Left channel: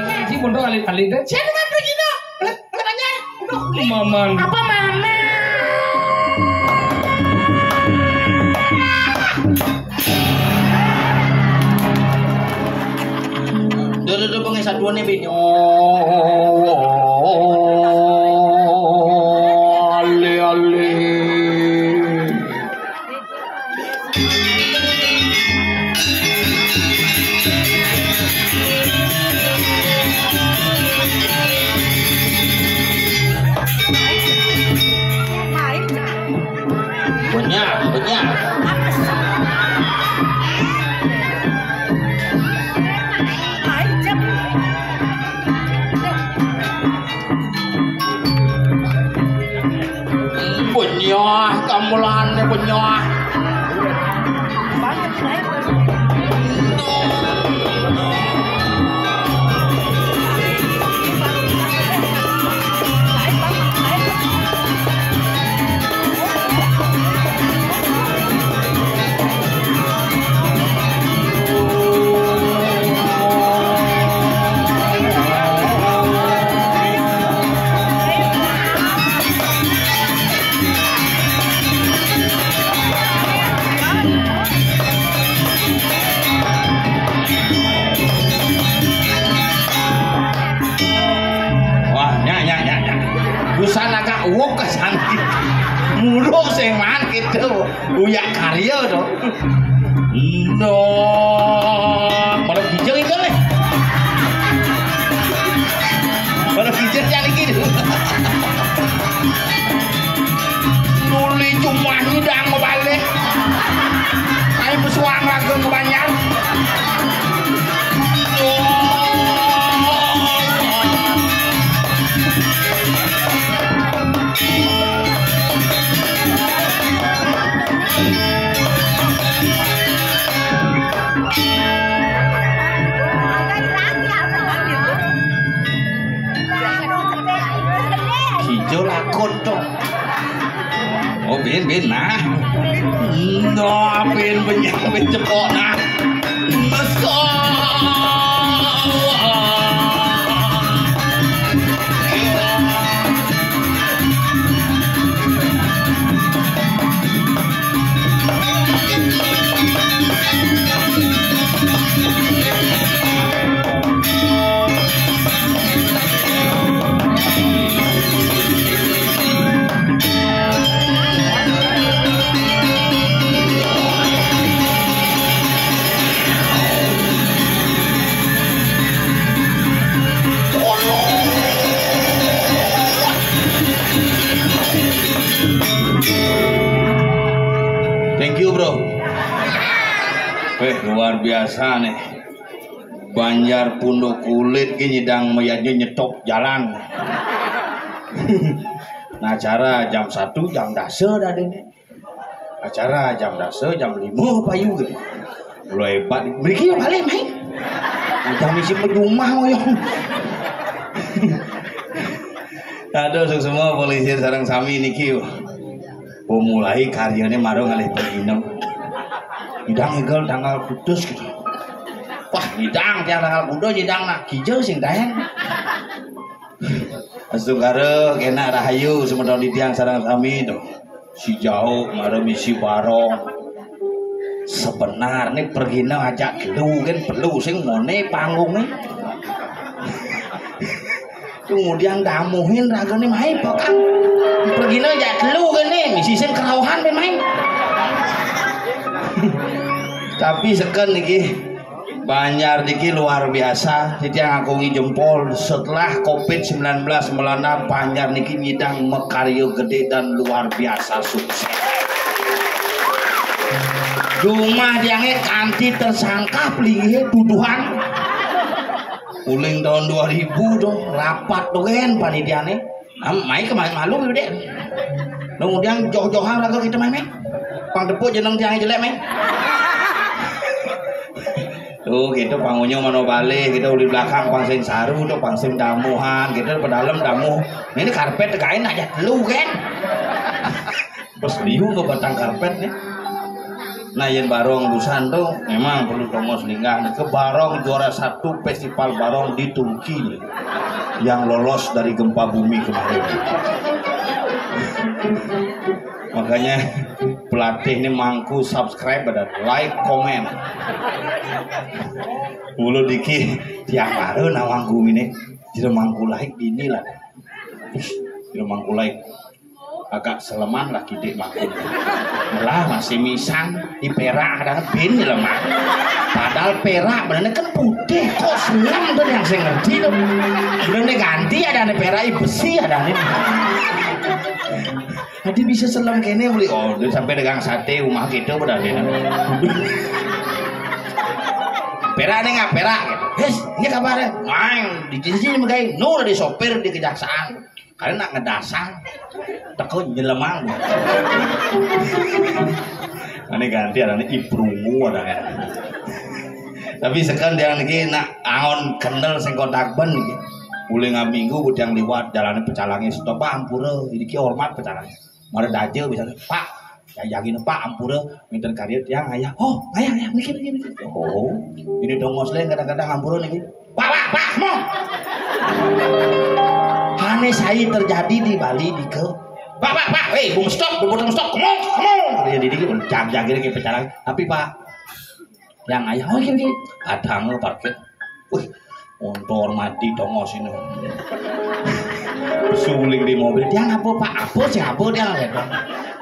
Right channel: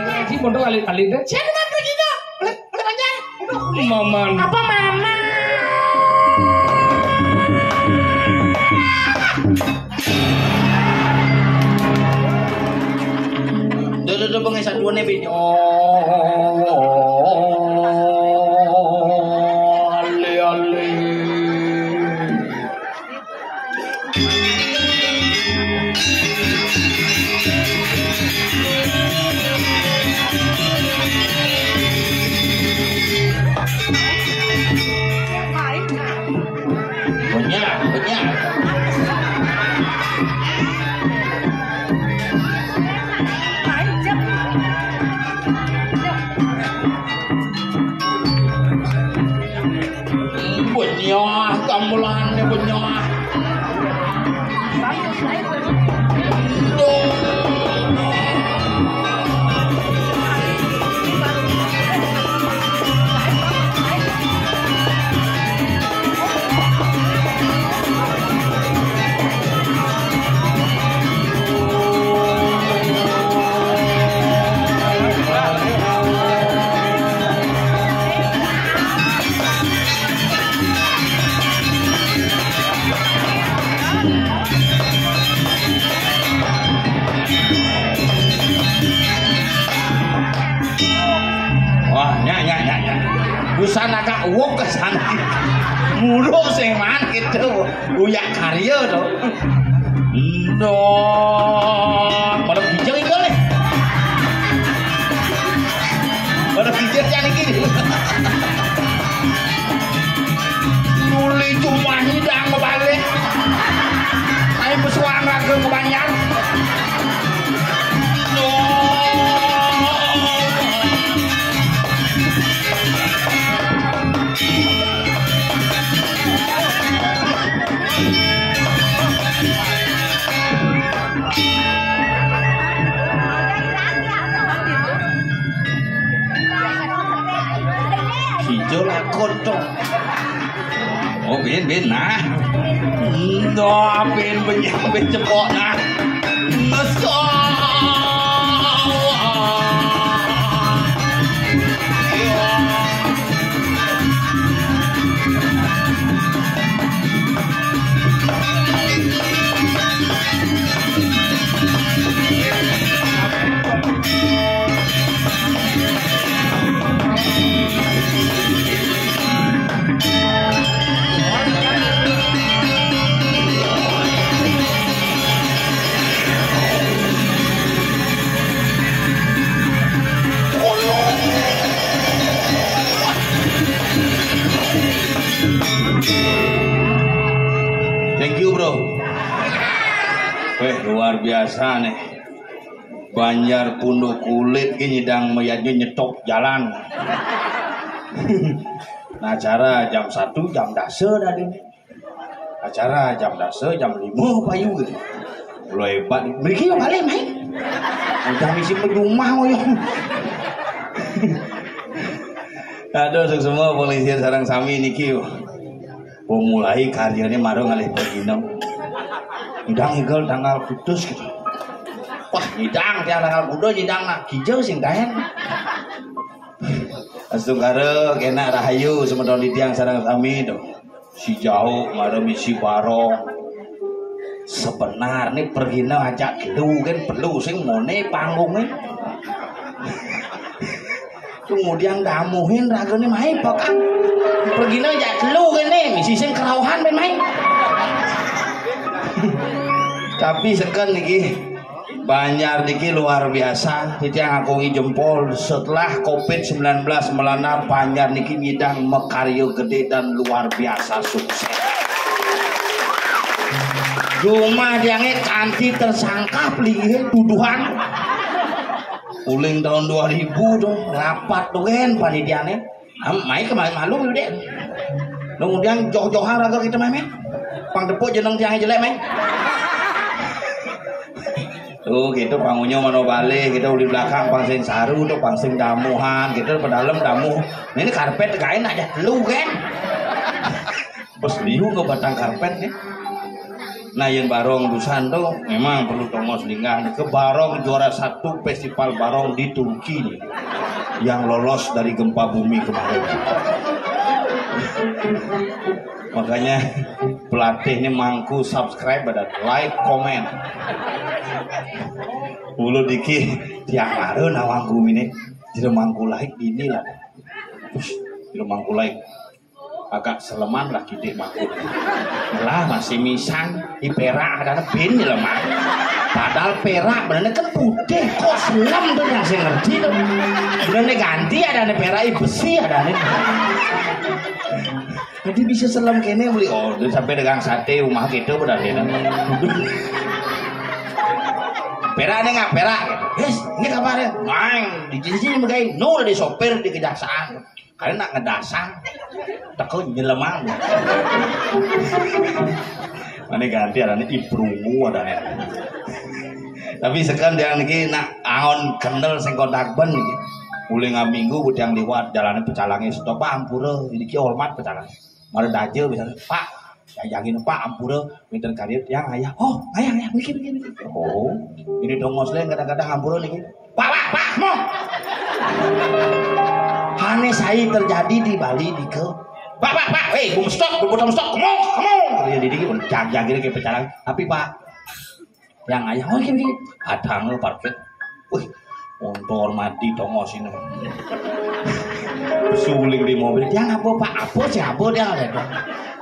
Ngaji pondok alit-alit dah. Siapa kan begini? Oleh banyak. Maman. Apa mama? Duh pengen satuan nih bin. Ale. Banyak. Punya gamelan punya. Busana agak uang ke sana mulu seman gitu uyak karya tuh no pada bijak itu nih pada bijak jadi gitu nuli cuma hidang ngebalik saya pesuang ragu ngebanyak hijau lakon dong. Oh bin nah. No bin cepok nah. Thank you bro. Luar biasa nih. Banjar Punduk Kulit ki nyidang mayatnya nyetok jalan. Nah acara jam 1 jam dasar ada nih. Acara jam dasar jam 5 payu gitu. Lo hebat. Beri balik main. Udah misi pejumah moyong. Aduh semua polisi sarang sami niki. Mulai karyanya marung alih berginam. Hidang egal tanggal putus gitu. Wah hidang tiang tanggal putus hidang nak hijau sing daeng. Astungkara kena rahayu semedon di tiang sarang sami tuh. Si jauh marung misi barong. Sebenarnya perginam ajak gelu kan perlu sing mone panggungnya. Kemudian damuhin ragone main pokan pergi aja lu kan nih misi sen kerauhan main tapi seken niki Banjar niki luar biasa titiang akungi jempol setelah COVID-19 melanda Banjar niki nyidang mekaryo gede dan luar biasa sukses rumah diangnya kanti tersangka pelinghe tuduhan uling tahun 2000 dong rapat tuh kan panitiane main kemarin malu deh kemudian joh-johan lagu kita main pang depuk jeneng tiang jelek main tuh gitu pangunya mau balik kita di belakang pangsing saru tuh pangsing damuhan kita di dalam damuh ini karpet kain aja lu kan bos liu ke batang karpet nih Nah yang Barong Busan tuh memang perlu tongos linggan ke Barong juara 1 festival Barong di Turki nih, yang lolos dari gempa bumi kemarin. Makanya pelatih ini mangku subscribe dan like comment. Ulu diki tiang baru nawang gumi nih tidak mangku like ini lah. Tidak mangku like agak seleman lah gede mangku. Lah masih misang di perak ada bin di lemah. Padahal perak benar kan putih kok selam tuh yang saya ngerti tuh. Ini ganti ada nih perak besi ada nih. Jadi bisa selam kene beli sampai dagang sate rumah kita udah nih. Perak nih nggak perak? Yes, ini kabarnya. Main di sini mereka nur di sopir di kejaksaan. Karena nak ngedasang, takut nyelemang. Ini ganti ada nih ibrungu ada nih. Tapi sekarang dia lagi nak angon kendel sengkodak ben nih. Mulai ngaminggu budang liwat jalannya pecalangnya stop ampura. Jadi ki hormat pecalangnya. Mari daje bisa Pak. Ya yakin Pak ampura minta karir yang ayah. Oh ayah mikir. Oh ini dongos lain kadang-kadang ampura nih. Pak mau. Aneh saya terjadi di Bali di ke Pak, bum stop, come on. Dia dikit jaga kayak pecalang. Tapi Pak, yang ayah, gini, ada nggak parkir? Wih, motor mati tongos ini. Suling di mobil, dia ngapa Pak? Apa siapa dia ada?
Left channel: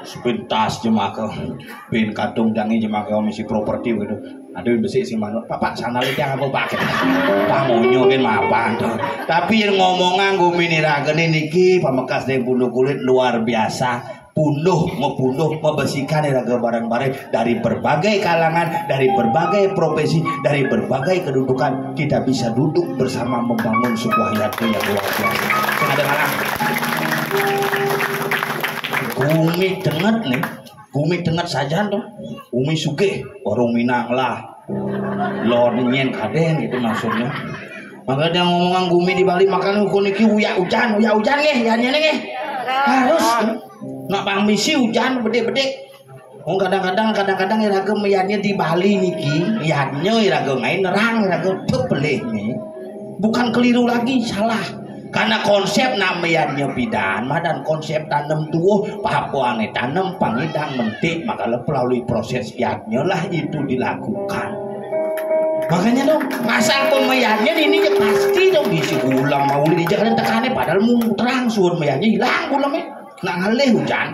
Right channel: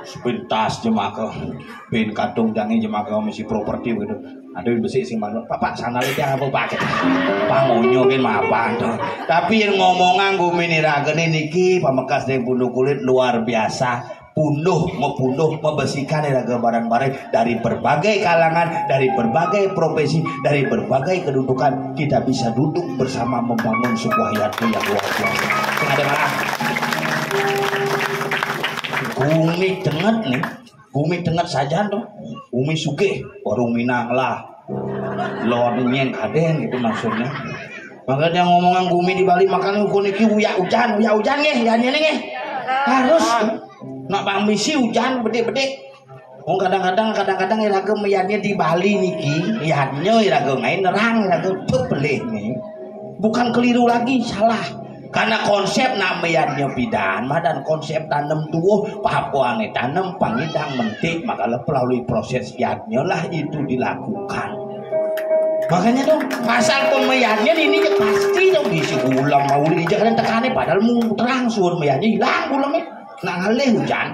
Sepintas jemaah, bin kadung jangan jemaah misi properti gitu. Aduh besi sih manut, Pak sana lihat yang apa Pak? Pak mau nyokin apa? Tapi yang ngomongan gue mini ragene niki pamekas dari bulu kulit luar biasa, membunuh, membersihkan raga barang-barang dari berbagai kalangan, dari berbagai profesi, dari berbagai kedudukan. Kita bisa duduk bersama membangun sebuah yaitu yang luar biasa. Sengaja malam. Gumi dengar saja tuh. Umi sugih warung Minang lah. Lor nyen kaden gitu maksudnya. Maka dia ngomongan gumi di Bali makan ukun iki uya hujan nih, nih. Harus nak pamisi hujan bede-bede. Kadang-kadang iraga meyane di Bali niki, lihatnya iraga main nerang iraga tebelih nih. Bukan keliru lagi, salah. Karena konsep namanya pidana dan konsep tanam tuh papuane tanam pangidang mentik maka melalui proses iatnya lah itu dilakukan. Makanya dong asal pun mayatnya ini pasti dong diisi ulam mau di jalan tekannya padahal mau terang suur mayatnya hilang ulamnya nggak ngalih hujan.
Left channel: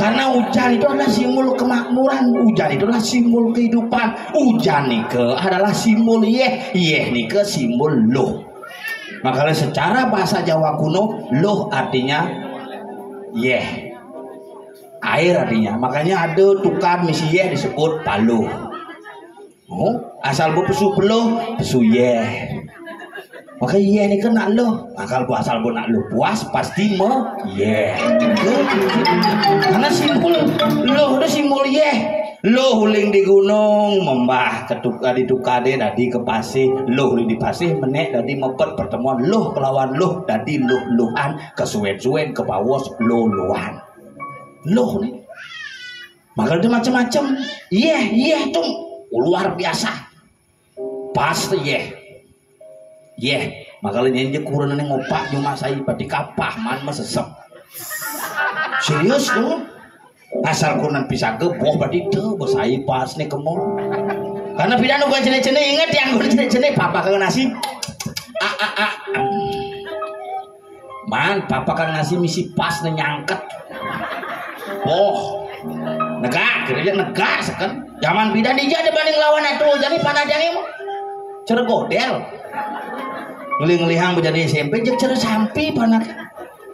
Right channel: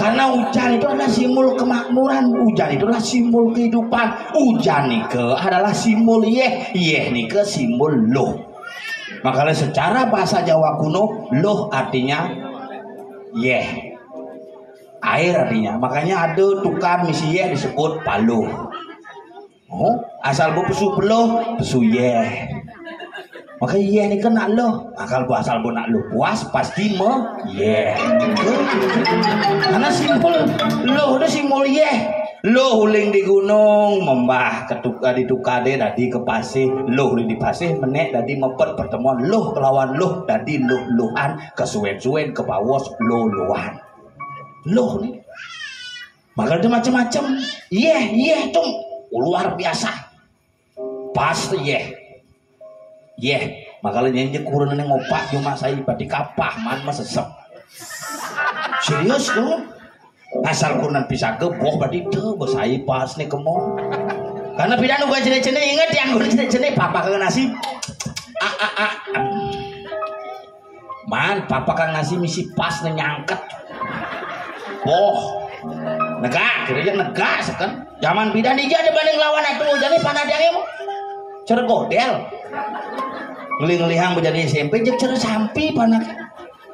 Karena hujan itu adalah simbol kemakmuran, hujan itu adalah simbol kehidupan, hujan nike adalah simbol nike simbol loh. Makanya secara bahasa Jawa kuno loh artinya air artinya. Makanya ada tukar misi disebut paluh. Asal bu pesu peluh pesu Maka ini kena loh. Akal bu asal bu nak loh puas pasti Karena simbol loh itu simbol Loh huling di gunung membah ditukade tadi ke pasih loh di pasih menek tadi mempet pertemuan loh kelawan loh tadi luhan kesuwen-suwen ke bawah luhan loh nih maka ada macam-macam tuh luar biasa pasti makanya nyanyi kurang ngopak cuma saya pati kapah man sesep serius tuh asal kurang bisa geboh berarti tuh bersai pas nih kemol karena pidana bukan cene-cene ingat yang gue cene-cene papa kagak nasi man papa kagak nasi misi pas nih nyangket negak kira-kira negak sekan zaman pidana dia ada banding lawan itu jadi pada dia cergodel ngeling-ngelihang menjadi SMP jadi cara sampi panak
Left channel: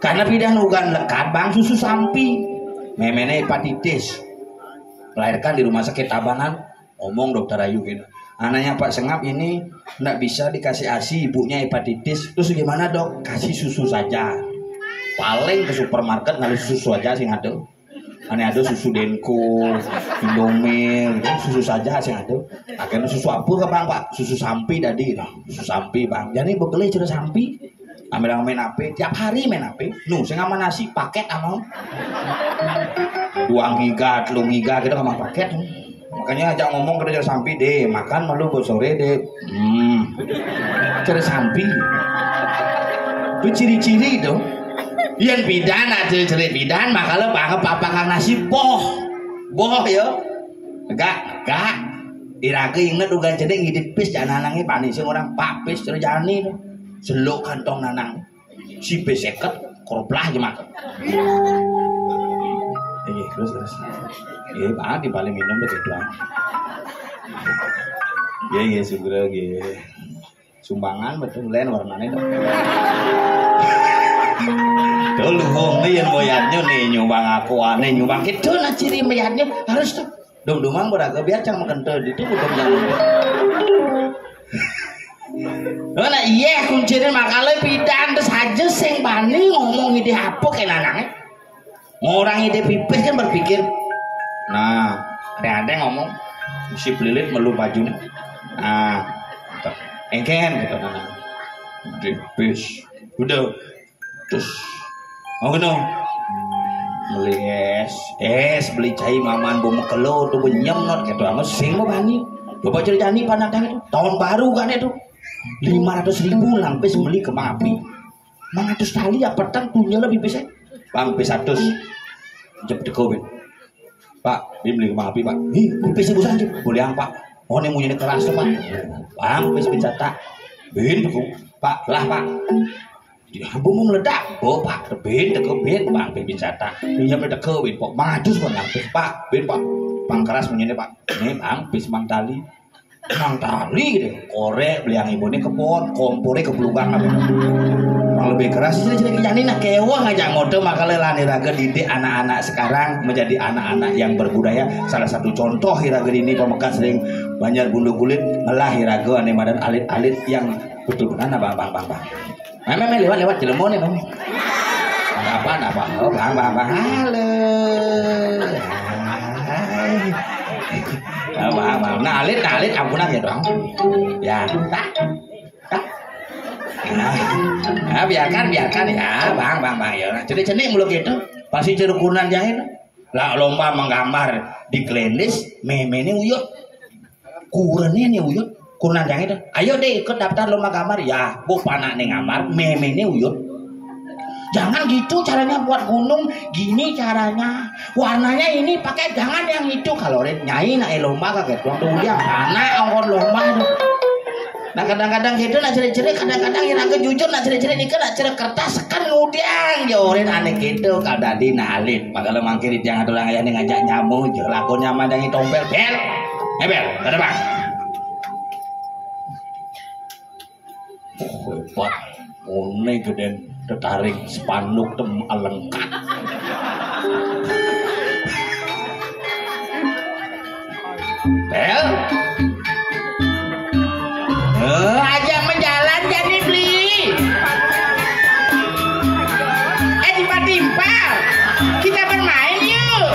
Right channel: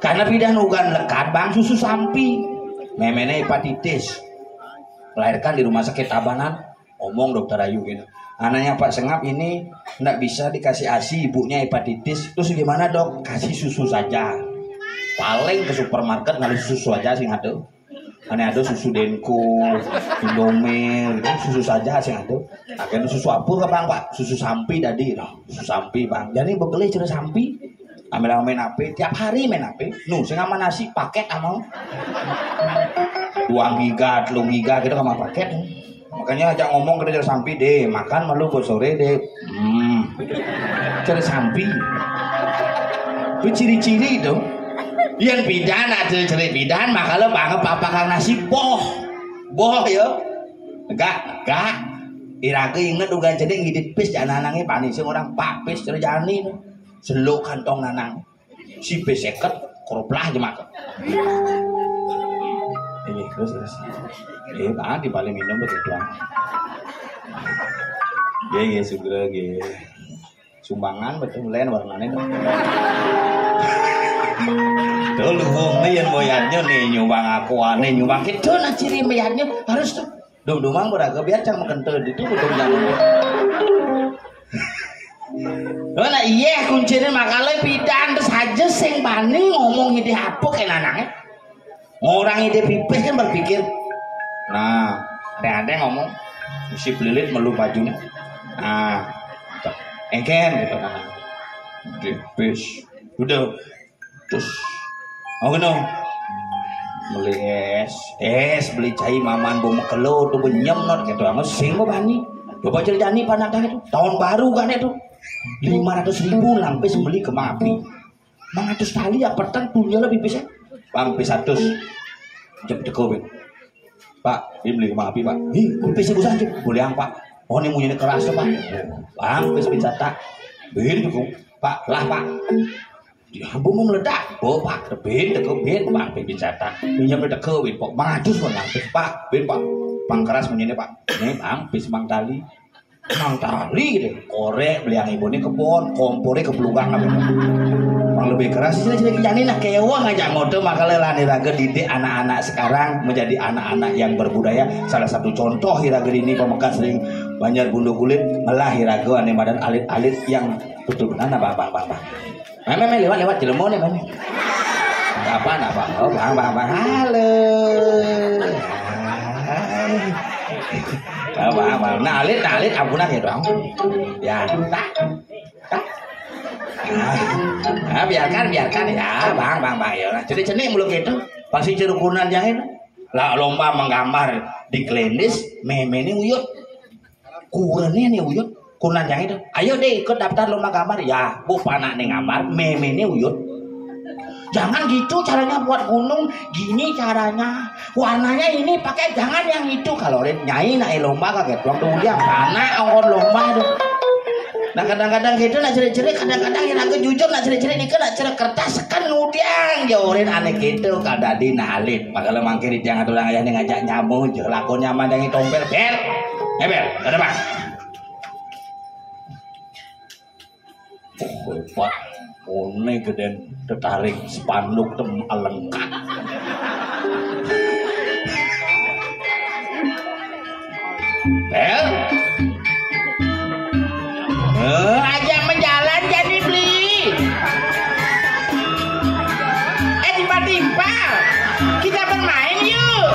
karena pidana ugan lekat bang susu sampi memene hepatitis melahirkan di rumah sakit Tabanan ngomong dokter Ayu gitu anaknya Pak Sengap ini nggak bisa dikasih ASI ibunya hepatitis terus gimana dok kasih susu saja paling ke supermarket ngali susu aja sih ada ada susu Denko Indomil susu saja sih ada akhirnya susu apa bang Pak susu sampi tadi susu sampi bang jadi bebeli cerita sampi ambil main HP tiap hari main HP saya nggak nasi paket amal 2 giga 3 giga kita sama paket makanya ajak ngomong ke dia sampai deh makan malu buat sore deh cari sampai itu ciri-ciri itu yang bidan ada ciri bidan maka lo panggap apa kang nasi boh ya gak iraga inget dugaan cedek ngidip pis jangan nanangnya panis orang pak pis cari jani seluk kantong nanang si pis seket koroplah aja makan terus pak di paling minum begitu doang segera sumbangan betul lain warnanya dulu nih yang moyatnya nih nyumbang aku aneh nyumbang itu nah ciri moyatnya harus tuh dom-domang beragam biar cang makan tuh itu udah jangan nah iya kuncinya makanya pidan terus aja sing bani ngomong ide apa kayak anaknya orang ide pipis kan berpikir nah ada ngomong si pelilit melu bajunya nah engken gitu anak pipis udah terus dong beli es beli cai maman bom kelo tuh benyem not gitu amat sing mau bani coba ceritani panadang itu tahun baru kan itu 500.000 lampis beli kembang api 500 tali ya petang punya lebih bisa bang bisa terus jep deko pak beli kembang api pak bisa busan boleh yang pak oh ini punya keras pak bang bisa tak bin pak lah pak bung meledak, pak, bin, bang, bin jatah, punya berdeka, bin, pak, maju semuanya, pak, bin, pak, pangkeras punya pak, ini bang, bis mang tali, gitu, korek, beli yang ibu ini kebon, kompornya kepelungan, bang lebih keras sih, jadi kijani nak kewa ngajak mode, maka lelani raga didik anak-anak sekarang menjadi anak-anak yang berbudaya. Salah satu contoh hiraga ini pemekan sering banyak bulu kulit, melah hiraga ane badan alit-alit yang betul-betul bang. Memang lewat Cilemon nih, apa? Oh, bang, halo. Bang, nah alit, ampunan ya dong. Ya, tak. Nah, biarkan ya, bang ya. Cenik mulu gitu, pasti cerukunan jahit. Lah lomba menggambar di Klendis, meme ini uyut, kurennya nih uyut. Kunan yang itu, ayo deh ikut daftar lomba gambar ya, bu panak nih gambar, meme ini uyut. Jangan gitu caranya buat gunung, gini caranya, warnanya ini pakai jangan yang itu. Kalau nyai naik lomba kaget doang tuh dia panak orang lomba tuh. Nah kadang-kadang gitu nak cerit-cerit, kadang-kadang yang agak jujur nak cerit-cerit ini kan nak cerit kertas kan udiang jauhin aneh gitu kada di nalit. Maka lemang kiri jangan tulang ayah nih ngajak nyamuk, lakonnya mandangi tompel bel, ada bang. Pak, one gede tertarik spanduk tem alengkap. Bel, ajak menjalan jadi beli. Timpa, kita bermain yuk.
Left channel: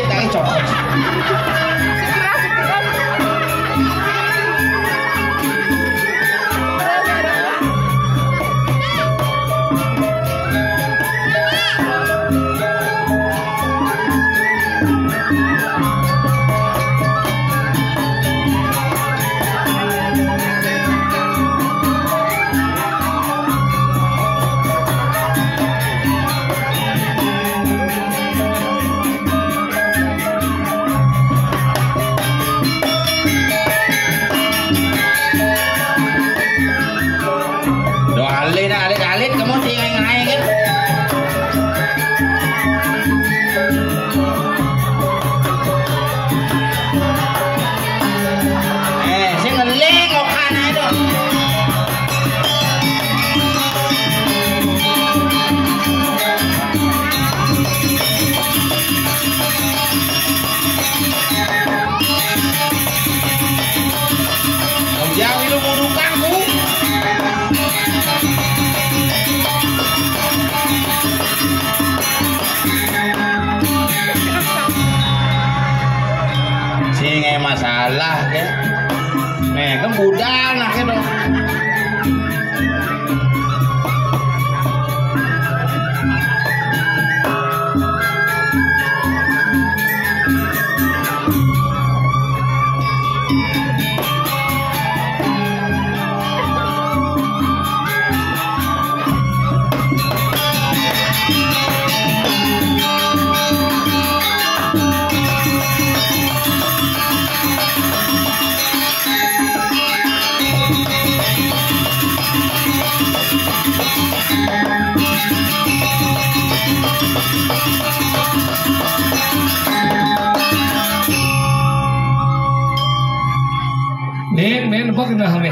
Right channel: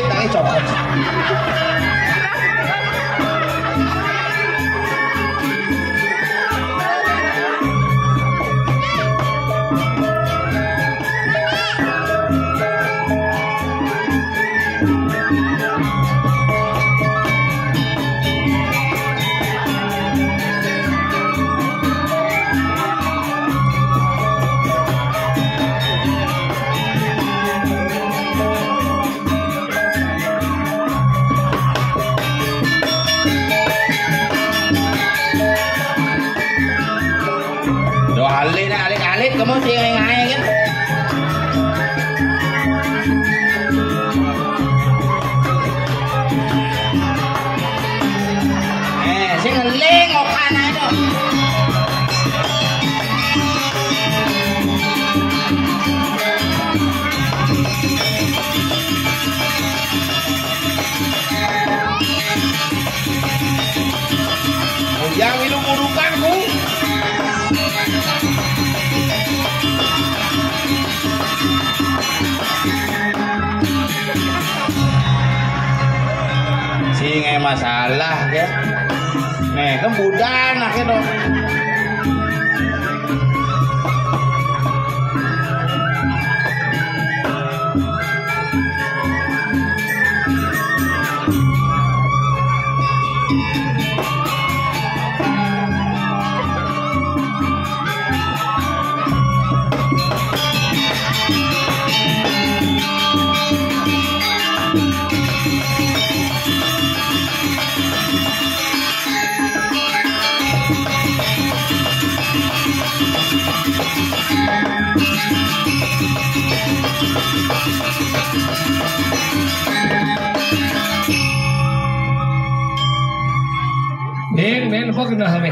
masjid lagi cokot. Masalah ya, kan budan akhirnya. Men apa kena hame?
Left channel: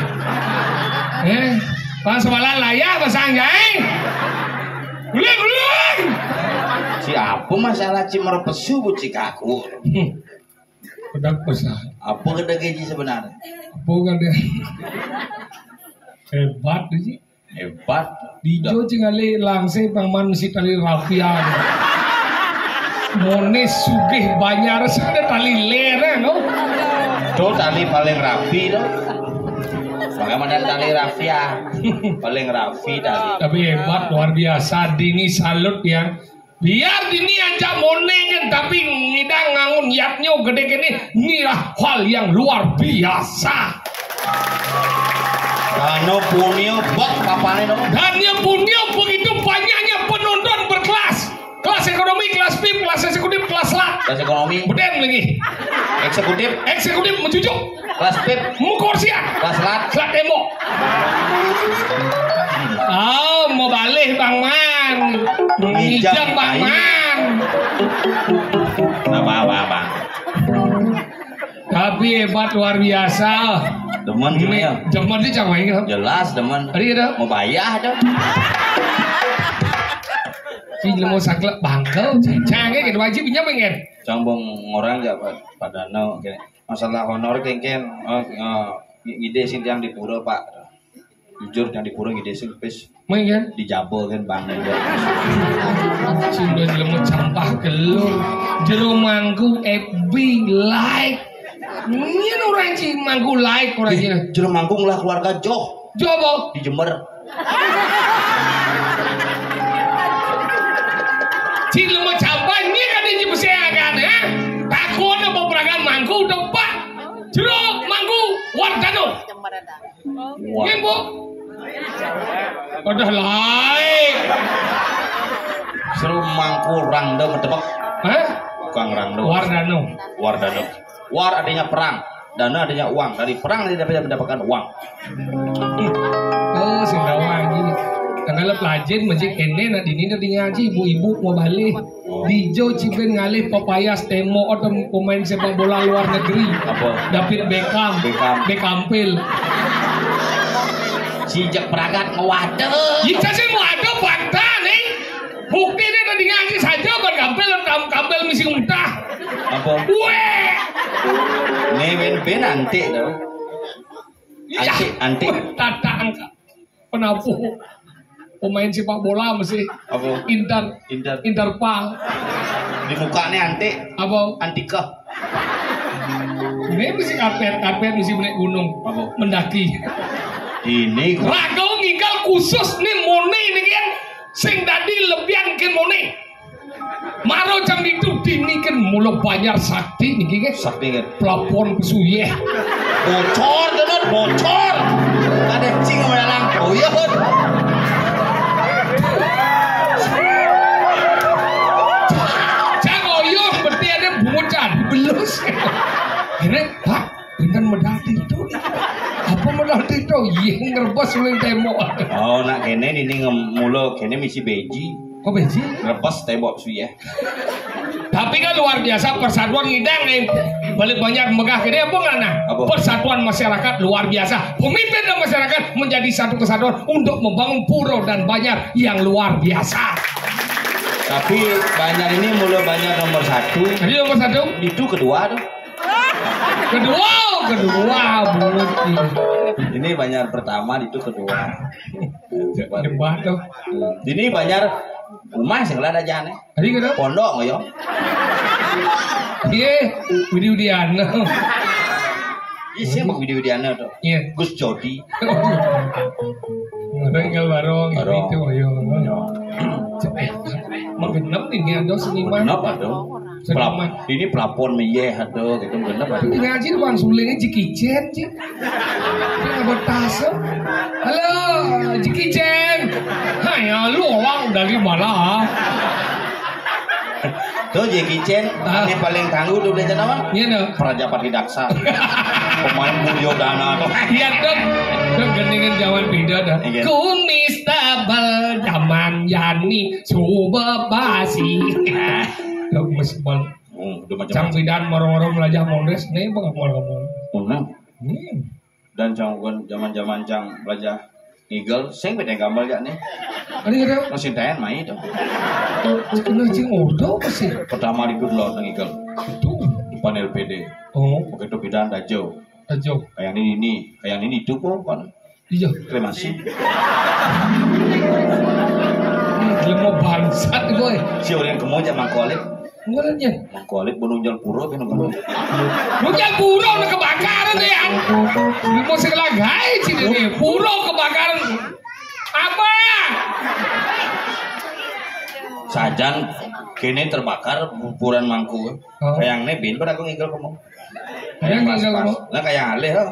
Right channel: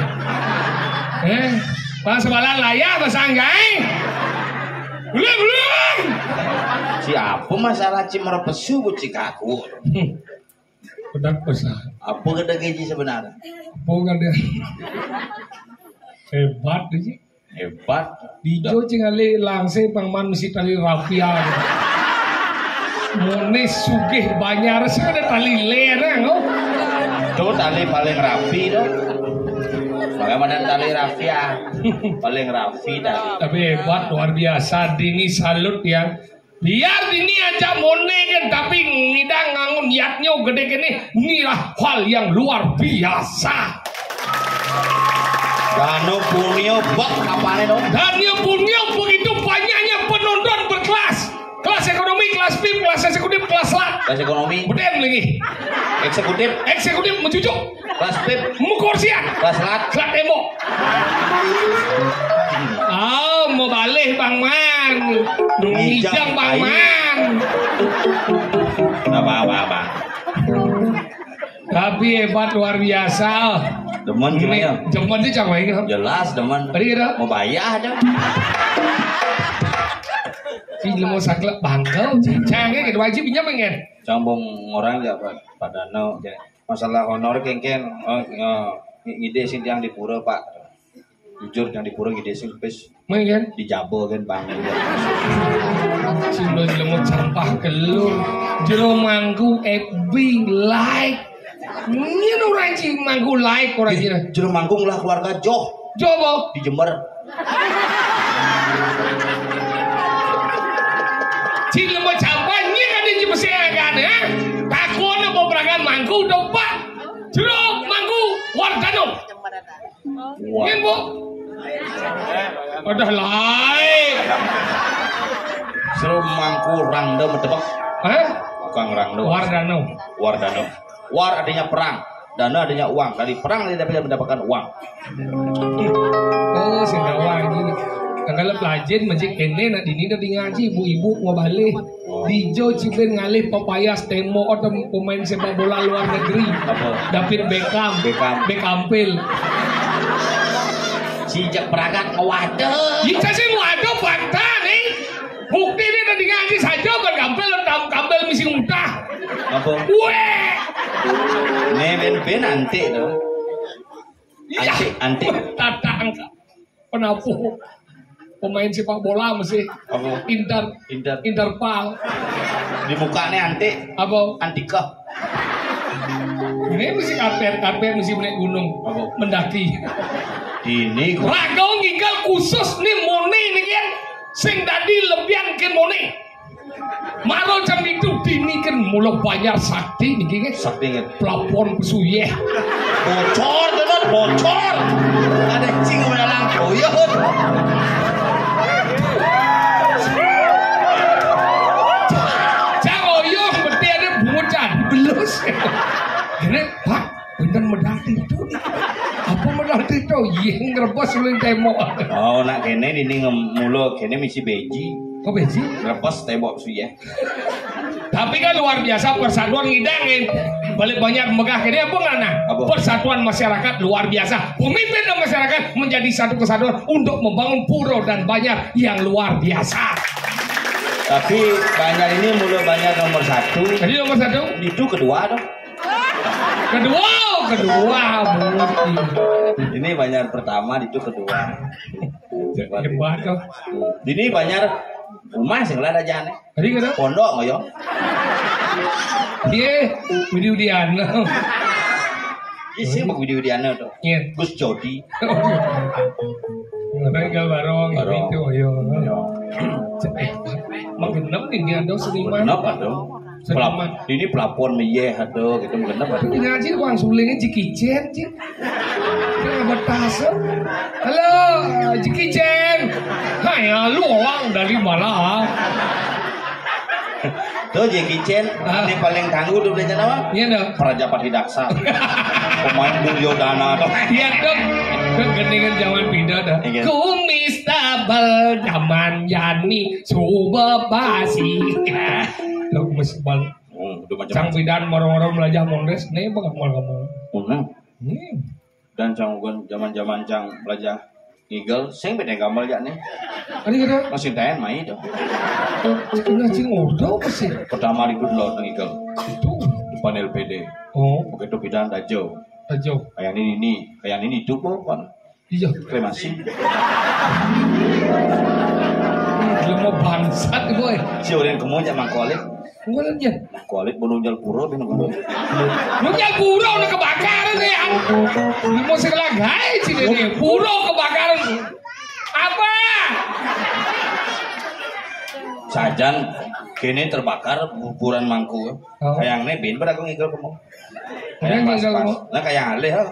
Pas sebalan layak pasang jai. Belum. Si apa masalah cimar pesu bucik aku? Pedak pesan. Apa kena gaji sebenarnya? Apa kena? Hebat sih. Hebat. Dijo cingale langsung pangman mesti tali rafia. Mones sugih banyar sana tali lereng. Tuh tali paling rapi dong. Bagaimana tali rafia? Paling rapi tali. Tapi hebat luar biasa. Dini salut ya. Biar dini aja monengen tapi ngidang ngangun yatnya gede gini. Inilah hal yang luar biasa. Dano punio bok papane dong. Dano punio begitu banyaknya penonton berkelas. Kelas ekonomi, kelas VIP, kelas eksekutif, kelas LAT. Kelas ekonomi. Beden lagi. Eksekutif mencucuk. Kelas VIP. Mukorsia. Kelas LAT. Kelas emo. Mau balik Bang Man. Ngijang Bang Man. Apa. Tapi hebat luar biasa. Demen gimana? Demen sih cang main. Jelas demen. Ada. Mau bayar aja. Si mau saklek bangkel, cangnya gitu wajib pinjam pengen. Cambung orang ya pada no, masalah honor kengken, ngide sih yang di pura Pak, jujur yang di pura ngide sih pes, main dijabel kan bang. Cindo jelemu campah kelur, jero manggu FB like, ini orang cing manggu like orang jero. Jero manggung lah keluarga Joh. Coba di Jember. Cil mau capai ini kan di Cipeseagan ya. Takutnya beberapa manggu dopak. Jeruk manggu Wardano. Ngembo. Udah lain. Seru mangku rangda medebek. Hah? Bukan rangda. Wardano. War artinya perang. Dana adanya uang. Dari perang dia dapat mendapatkan uang. Oh, singgawa ini. Kalau pelajar masjid ini nak dini dah ngaji ibu-ibu mau balik. Dijo cipen ngalih papayas temo atau pemain sepak bola luar negeri. Apa? David Beckham. Sijak peragat ngewade. Jika sih ngewade bantah nih. Bukti ini tadi ngaji saja kan kampel misi muntah. Apa? Weh. Nemen nanti tuh. Anti. Tata angka. Kenapa? pemain sepak bola mesti Apa? interpal. Di mukanya antik. Apa? Antika. Ini mesti karpet mesti naik gunung. Apa? Mendaki. Ini Ragau nginggal khusus nih mone ini kan sing tadi lebihan kin mone. Maro jam itu dinikin mulu banyak sakti nih kan. sakti kan. Plafon kesuye. Bocor tuh, bocor. Ada cing sama dalam kau ya. Jangoyong berarti ada bocah belus. Ini pak, bintang medal itu. Apa medal itu? Iya ngerebas lu tembok. Oh nak kene ini ngemulo kene misi beji. Kok beci? Lepas tembok su ya. Tapi kan luar biasa persatuan ngidang nih. Balik banyak megah ini apa nggak nah? Apa? Persatuan masyarakat luar biasa. Pemimpin dan masyarakat menjadi satu kesatuan untuk membangun pura dan banyak yang luar biasa. Tapi banyak ini mulai banyak nomor 1. Jadi nomor 1? Itu kedua dong. Kedua, Budi. Ini banyak pertama, itu kedua. Hebat dong. Ini banyak rumah sih lah aja nih. Tadi kata? Pondok nggak yo? Iya, Budi Udiana. Isi mak video Diana tuh. Iya. Gus Jody. Mereka barong Barong. itu ayo. Magenep nih ada seniman. Kenapa tuh? Ini pelapon meye ada gitu kenapa? Ini ngaji uang sulingnya Jikicen, Cik. Dia nggak tasnya. Halo, Jikicen. Hai, lu orang dari mana? Tuh Jackie Chan, ini paling tangguh tuh belajar apa? Iya dong. Prajapati Daksa. Pemain Duryodhana tuh. Iya dong. Itu gendingan zaman beda dah. Iya. Kumis tabel zaman Yani coba basi. Tuh mesbal. Udah Cang macam. bidan marong-marong melajah mondres nih bang ngomong. Dan canggun zaman-zaman cang belajar Eagle, sing beda gambar ya nih. Ada kira Masih tahan main itu. kena cing ordo pasti. Pertama ribut lo tentang Eagle. Itu. Depan LPD. Oh, Begitu bidan dajo. ajo. Kayak ini itu kok kan. Iya. Kremasi. Dia mau bangsat gue. Si orang kemudian mangkolik. Enggak aja. Mangkolik menunjal pura kan kan. Lu yang pura udah kebakaran deh ya. Lu mau segelagai sini nih. Pura kebakaran. Apa? Sajan kini terbakar kuburan mangku. Oh. Kayaknya bin pada aku ngigel kamu. Kayak mangga kamu. Nah kayak alih ha.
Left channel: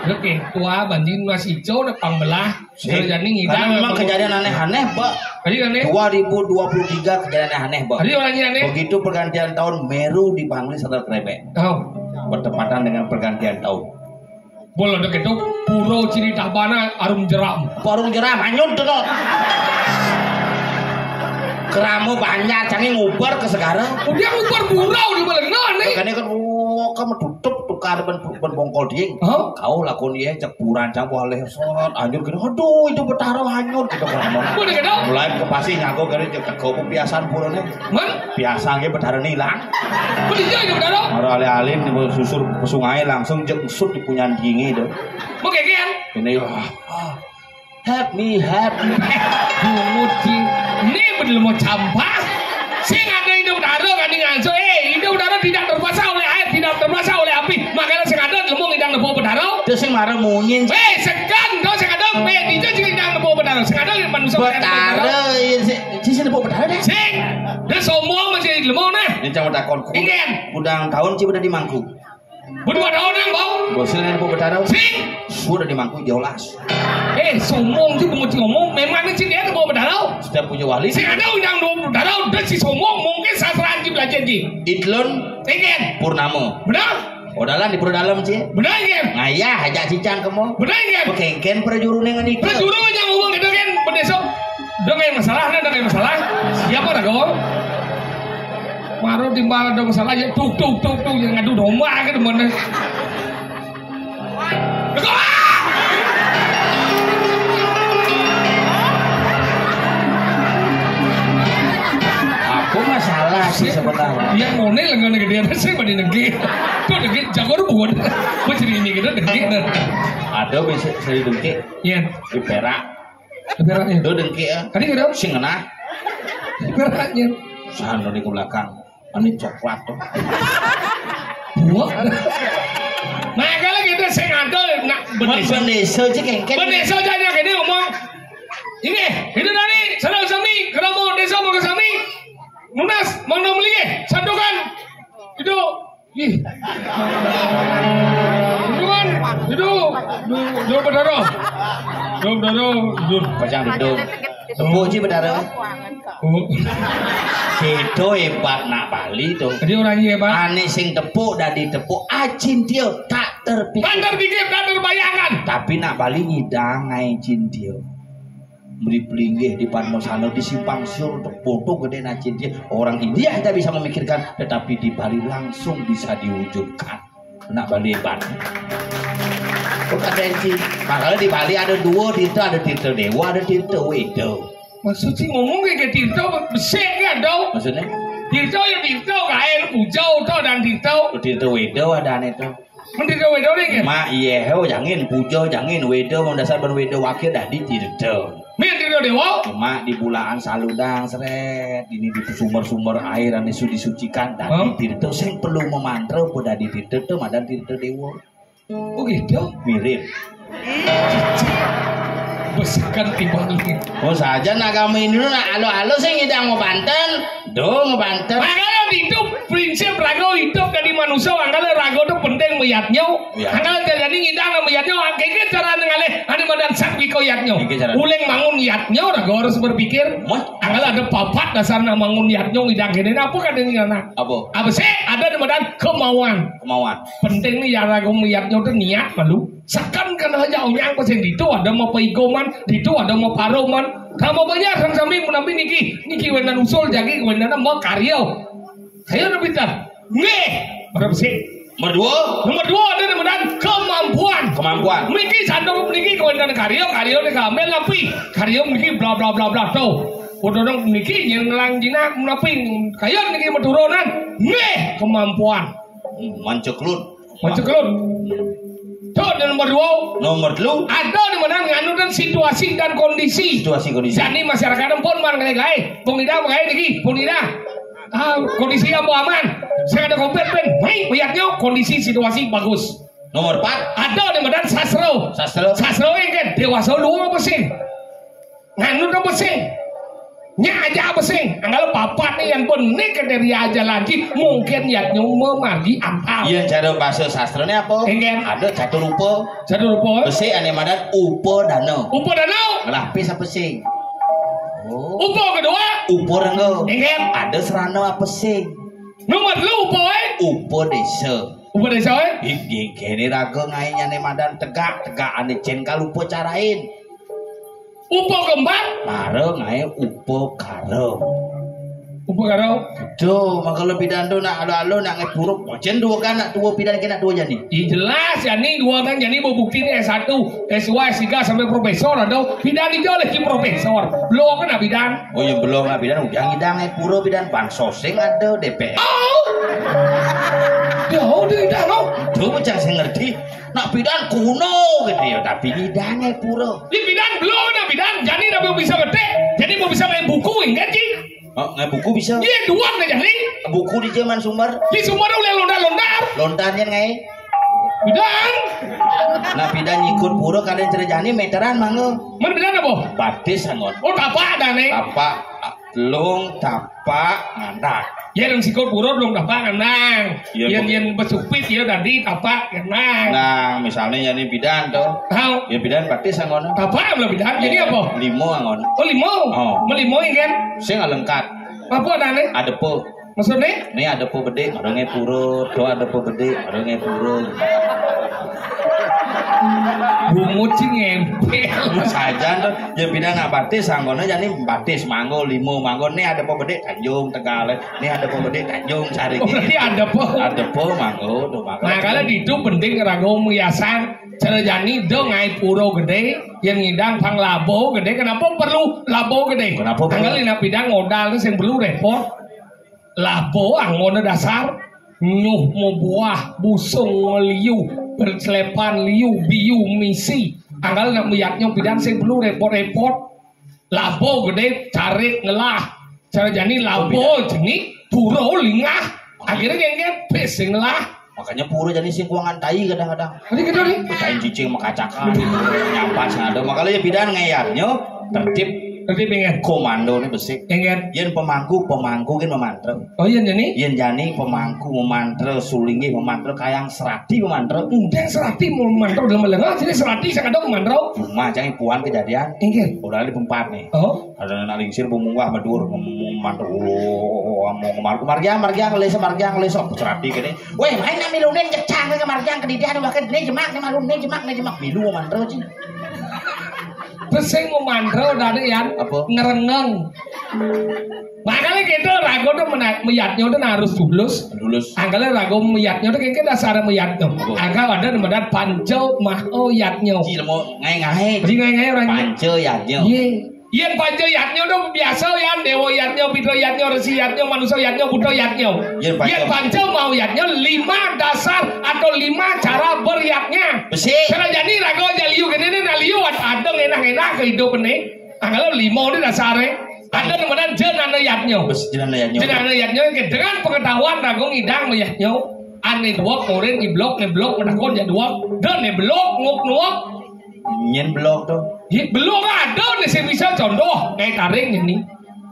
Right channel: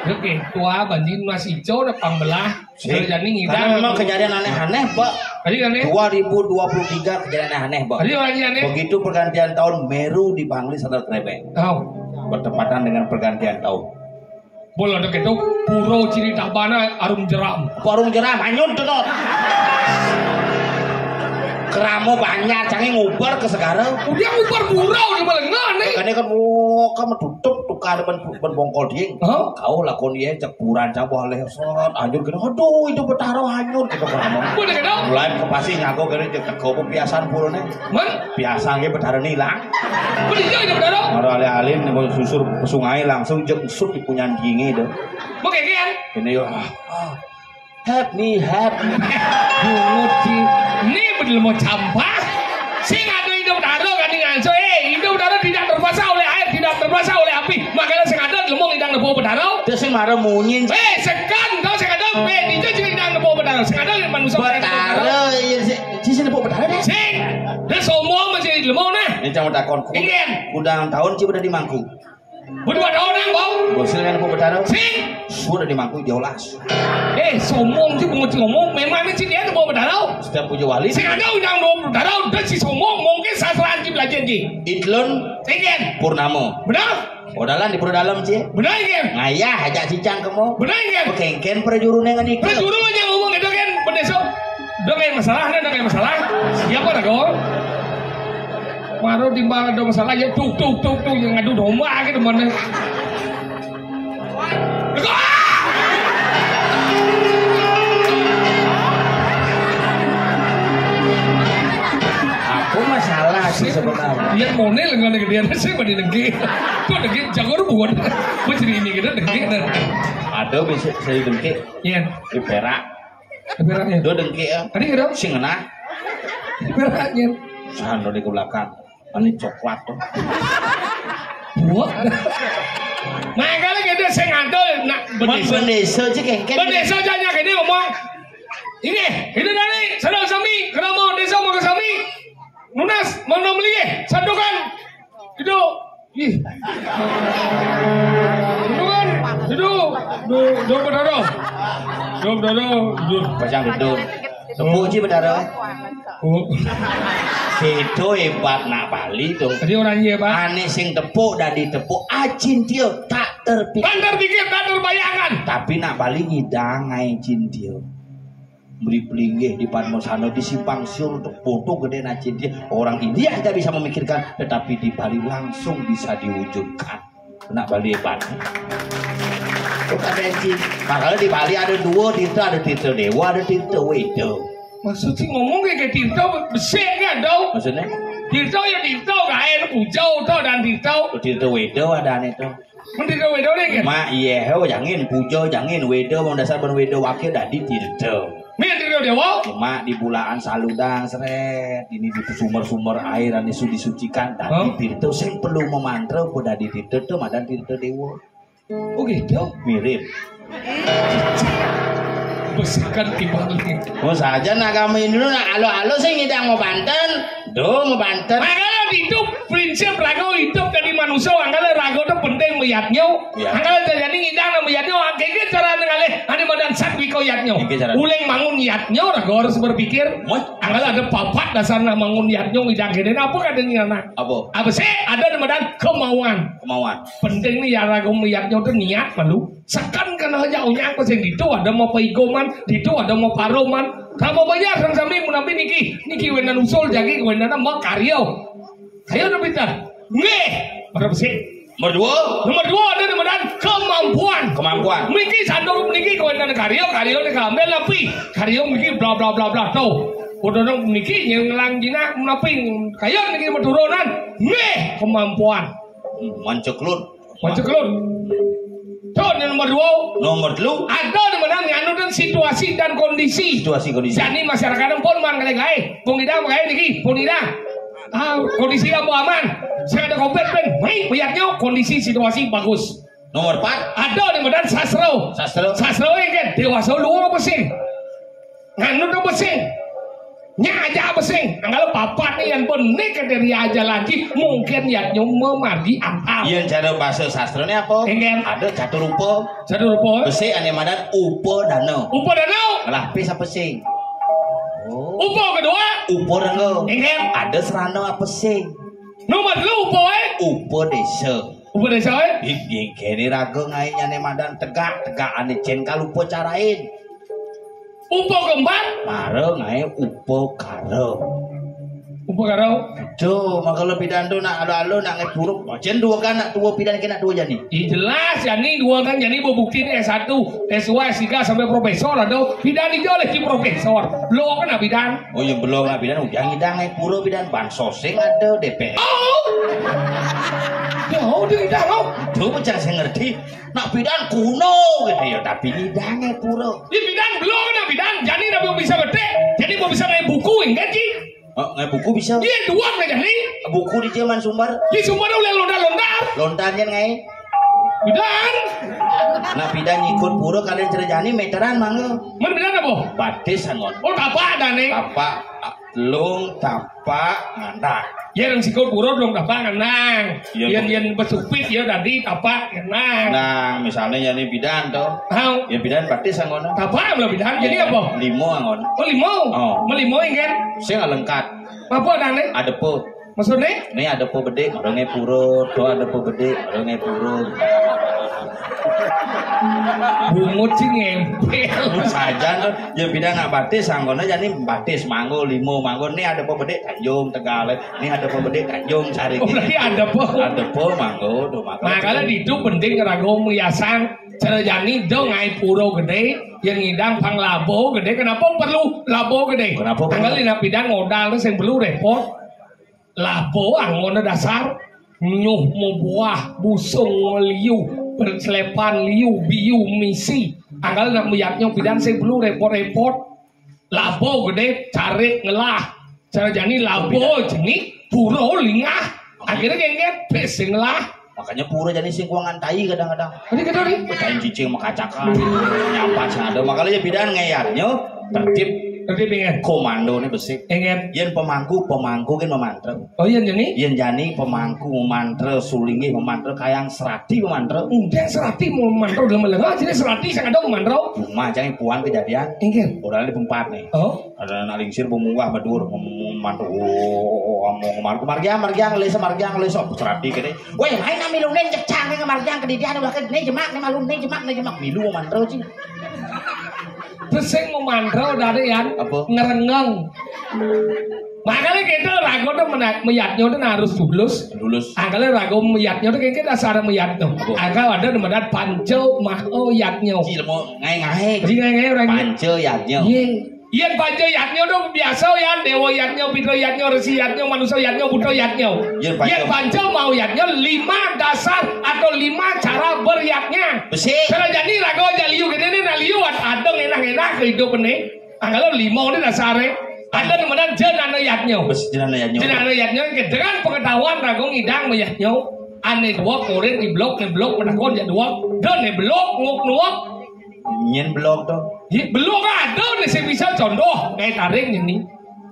Lu tua banjir masih hijau udah pambelah. Sudah jadi Karena ngidang. memang kejadian aneh-aneh, Pak. Tadi kan nih. 2023 kejadian aneh, Pak. Tadi orangnya nih. Begitu pergantian tahun Meru dipanggil sadar krepek. Oh. Bertepatan dengan pergantian tahun. Boleh udah gitu. Puro ciri tabana arum jeram. Porong jeram anyut tuh. Keramu banyak, canggih ngubar ke sekarang. Udah ubar burau udah balik nih. Makanya kan kamu tutup tukar ben bongkol dia. Hah? Kau lakon dia cekuran cabah leh sot anjur gini. Aduh itu betaro hanyut kita ngomong. Boleh gitu. Mulai pasti ngaku gini cek kau kebiasaan pulangnya. Man, Biasa ge betaro hilang. boleh jadi benar. Baru alih-alih nih susur ke sungai langsung jek usut di punya dingi itu. Mau kayak gini. Ini help me. Budi, ini betul mau campah. Sing ada hidup daro kan dengan so, hidup daro tidak terbasa oleh air, tidak terbasa oleh api. Makanya sing ada lemong hidang nebo bedaro. Terus yang marah munyin. Sekan kau sing ada itu sing hidang nebo bedaro. Sing ada manusia. Betaro, sih nebo betaro deh. Sing, dia semua masih lemong nah. Ini cuma takon. Ingin. Udang tahun sih udah di Mangku. Berdua tahun yang bang. Bosil yang nebo betaro. Sing, Sudah di Mangku Jolas. somong sih mau ngomong. Memang ini sih dia nebo bedaro. Setiap punya wali. Sing ada hidang nebo bedaro. Dan si somong mungkin sastra anjing belajar ji. Idlon Ingin. Purnamo. Benar? Odalan di perut dalam sih. Benar ingin. Ngayah ajak cincang kamu. Benar ingin. Kengken perjurune ngadik. Perjuru aja ngomong itu kan berdesok. Udah kayak masalah, ada kayak masalah. Siapa nak kau? Baru timbang ada masalah aja tuk yang ngadu domba ke mana? Aku masalah sih sebenarnya. Dia monel dengan negeri dia sih pada negeri. Tuh negeri jago buat. Kau jadi ini kita negeri. Ada bisa saya dengki Iya. di Perak. Beratnya. Do dengki ya. Tadi kira Sing ngena. beratnya. Sana di belakang. Ani coklat tuh. Buat. Nah kalau kita saya ngantor, nak Bendesa aja kengken. bendesa aja gini ngomong. Ini, itu tadi, sadar sami, kalau mau desa mau ke sami, lunas, mau beli, sandukan, itu, ih, sandukan, itu, do berdoa, Pasang duduk. Tepuk sih bedara. oh, Itu hebat nak Bali tuh. jadi orangnya apa? Ane sing tepuk dan ditepuk ajin dia tak terpikir. Kan terpikir, tak terbayangkan. Tapi nak Bali ngidang ngajin dia. Beri pelinggih di Parnosano di Simpang Siur untuk foto gede najin dia. Orang India kita bisa memikirkan, tetapi di Bali langsung bisa diwujudkan. Nak Bali hebat. Bukan Renci. Makanya di Bali ada dua Tirta, ada Tirta Dewa, ada Tirta Wedo. Maksudnya ngomong kayak Tirta besar kan dong? Maksudnya? Tirta ya Tirta, kain Pujau tuh dan Tirta. Tirta Wedo ada aneh tuh. Tirta Wedo nih kan? Mak iya, jangan Pujo, jangan Wedo, mau dasar ben Wedo wakil dari Tirta. Nih Tirta Dewa. Cuma di bulaan saludang seret, ini di sumber-sumber air yang disucikan. Dan Tirta sing perlu memantra pada di Tirta tuh, madan Tirta Dewa. Oh gitu? Mirip. Besarkan kembali. Mau saja nak kami ini nak alo-alo sing ngidang mau Banten, do mau Banten. Angkala hidup prinsip rago hidup dari manusia. Angkala rago itu penting melihatnya. Ya. Angkala jadi ngidang melihatnya. Angkala cara ngalih ada badan sakwi kau yatnya. Uleng mangun niatnya rago harus berpikir. Angkala ada papat dasar nak mangun niatnya ngidang gini. Apa katanya nak? Apa sih ada di badan kemauan. Penting nih ya rago melihatnya itu niat malu. Sekan kan aja unyang pesen itu ada mau paigoman, itu ada mau paroman. Kamu banyak sang sami menampi niki wenan usul jadi wenan mau karyo. Kayo nabi ta. Nge. Berapa sih? Nomor dua ada di badan kemampuan. Niki sandung niki wenan karyo ni kamel tapi karyo niki bla bla bla bla tau. Udah niki yang lang jina menapi kayo niki meturunan. Nge kemampuan. Manceklut. Tuh nomor dua ada di mana nganu dan situasi dan kondisi. Jadi masyarakat pun manggai pengidang niki pengidang. Kondisi kamu aman. Saya ada kompeten. Hei, lihatnya kondisi situasi bagus. Nomor 4 ada di mana sastra ini kan dewasa dua apa sih? Nganu apa sih? Nya aja apa sih? Kalau papat nih yang benih dari aja lagi mungkin ya nyung magi ampal. Iya cara bahasa sastranya apa? Enggak. Ada catur rupa. Besi ane madan upo danau. Lapis apa sih? Upo kedua. Upo danau. Enggak. Ada serana apa sih? Nomor lu upo Upo desa. Iki kene rago ngainya ane madan tegak ane cen kalupo carain. Upo kembang, mareng ae upo karo. Tuh, maka lebih dando nak alo nak ngepuruk. Jen dua kan nak dua pidan kena dua jadi. Jelas jadi dua kan jadi bukti S1, S2, S3 sampai profesor ada. Pidan itu oleh profesor. Belum kan pidan. Oh iya belum pidan udah ngidang puro pidan bansosing ada DPR. Ya udah ngidang lo. Tuh macam saya ngerti. Nak pidan kuno gitu ya tapi ngidangnya puro. Di pidan belum ada pidan. Jadi nabi bisa gede. Jadi mau bisa main buku enggak sih? Oh, nggak buku bisa? Iya dua nggak jadi. Buku di zaman Sumber. Di Sumber udah londar. Lontarnya nggak? Pidan. Nah pidan nyikut puro kalian cerjani meteran mangga. Mana pidan apa? Batis sangot. Oh tapak dah nih. Tapak, lung, tapak, ngandak. Ya yang sikut puro belum tapak nang. Yang besupit ya tadi tapak nang. Nah misalnya yani pidan tuh. Tahu? Ya pidan batis sangot. Tapak belum pidan. Jadi apa? Limo angon. Oh limo. Melimo kan? Saya nggak lengkap. Apa dah nih? Ada po. Maksudnya? Ini ada po gede, orangnya puro. Tuh ada po gede, orangnya puro. Bungut sih ngempel saja tuh ya beda nggak batis sanggona jadi batis manggo limo manggo nih ada po gede Tanjung Tegal nih ada po gede Tanjung Sari berarti ada po manggo tuh manggo. Nah kalau itu penting rago miasan cara jani dong ngai puro gede yang ngidang pang labo gede kenapa perlu labo gede? Kenapa perlu? Tanggal ina bidang modal yang perlu repot labo angon dasar nyuh mau buah busung liu berselepan liu biu misi anggal nak meyaknya bidang saya perlu repot-repot Labo gede cari ngelah. Cara jani labo jengi puro lingah. Akhirnya kengket pes ngelah. Makanya pura jadi sing kuangan tai kadang-kadang. Ini kedua nih. Kain cicing makacakan. Nyampas ada. Makanya bidan ngeyarnya tertib Nanti pengen. komando nih besik. Pengen. Yen pemangku kan memantre. Oh iya jani. Yen jani pemangku memantre sulingi memantre kayang serati memantre. Udah serati mau mantau dalam malam. Jadi serati saya kadang mantau. Cuma jangan puan kejadian. Pengen. Udah di pempat nih. Oh. Ada nalingsir pemunggah medur memantre. Mau margiang lesok serati gini. Weh main milunen cecang ke margiang kedidian bahkan nih jemak nih malun nih jemak milu memantre sih. Terus saya mau mantau dari yang ngerengeng. Makanya gitu rago tuh meyatnya tuh harus dulus. Angkanya rago meyatnya tuh kayaknya dasar meyat tuh. Angka ada namanya panco maho yatnya. Ji mau ngai-ngai. Ji ngai-ngai orang. Panco yatnya. Iya panco yatnya tuh biasa ya dewa yatnya, pitra yatnya, resi yatnya, manusia yatnya, buddha yatnya. Iya panco mau yatnya 5 dasar atau 5 cara beryatnya. Karena jadi rago aja liu gini nih liu ada enak-enak kehidupan nih. Angkanya 5 ini dasarnya. Ada namanya jenana yatnya. Jenana yatnya dengan pengetahuan rago ngidang meyatnya. Ane dua koren ngeblok menakon ya dua. Dan ngeblok nguk. Nyen blok tuh. Belum ada nih saya bisa contoh kayak taring ini.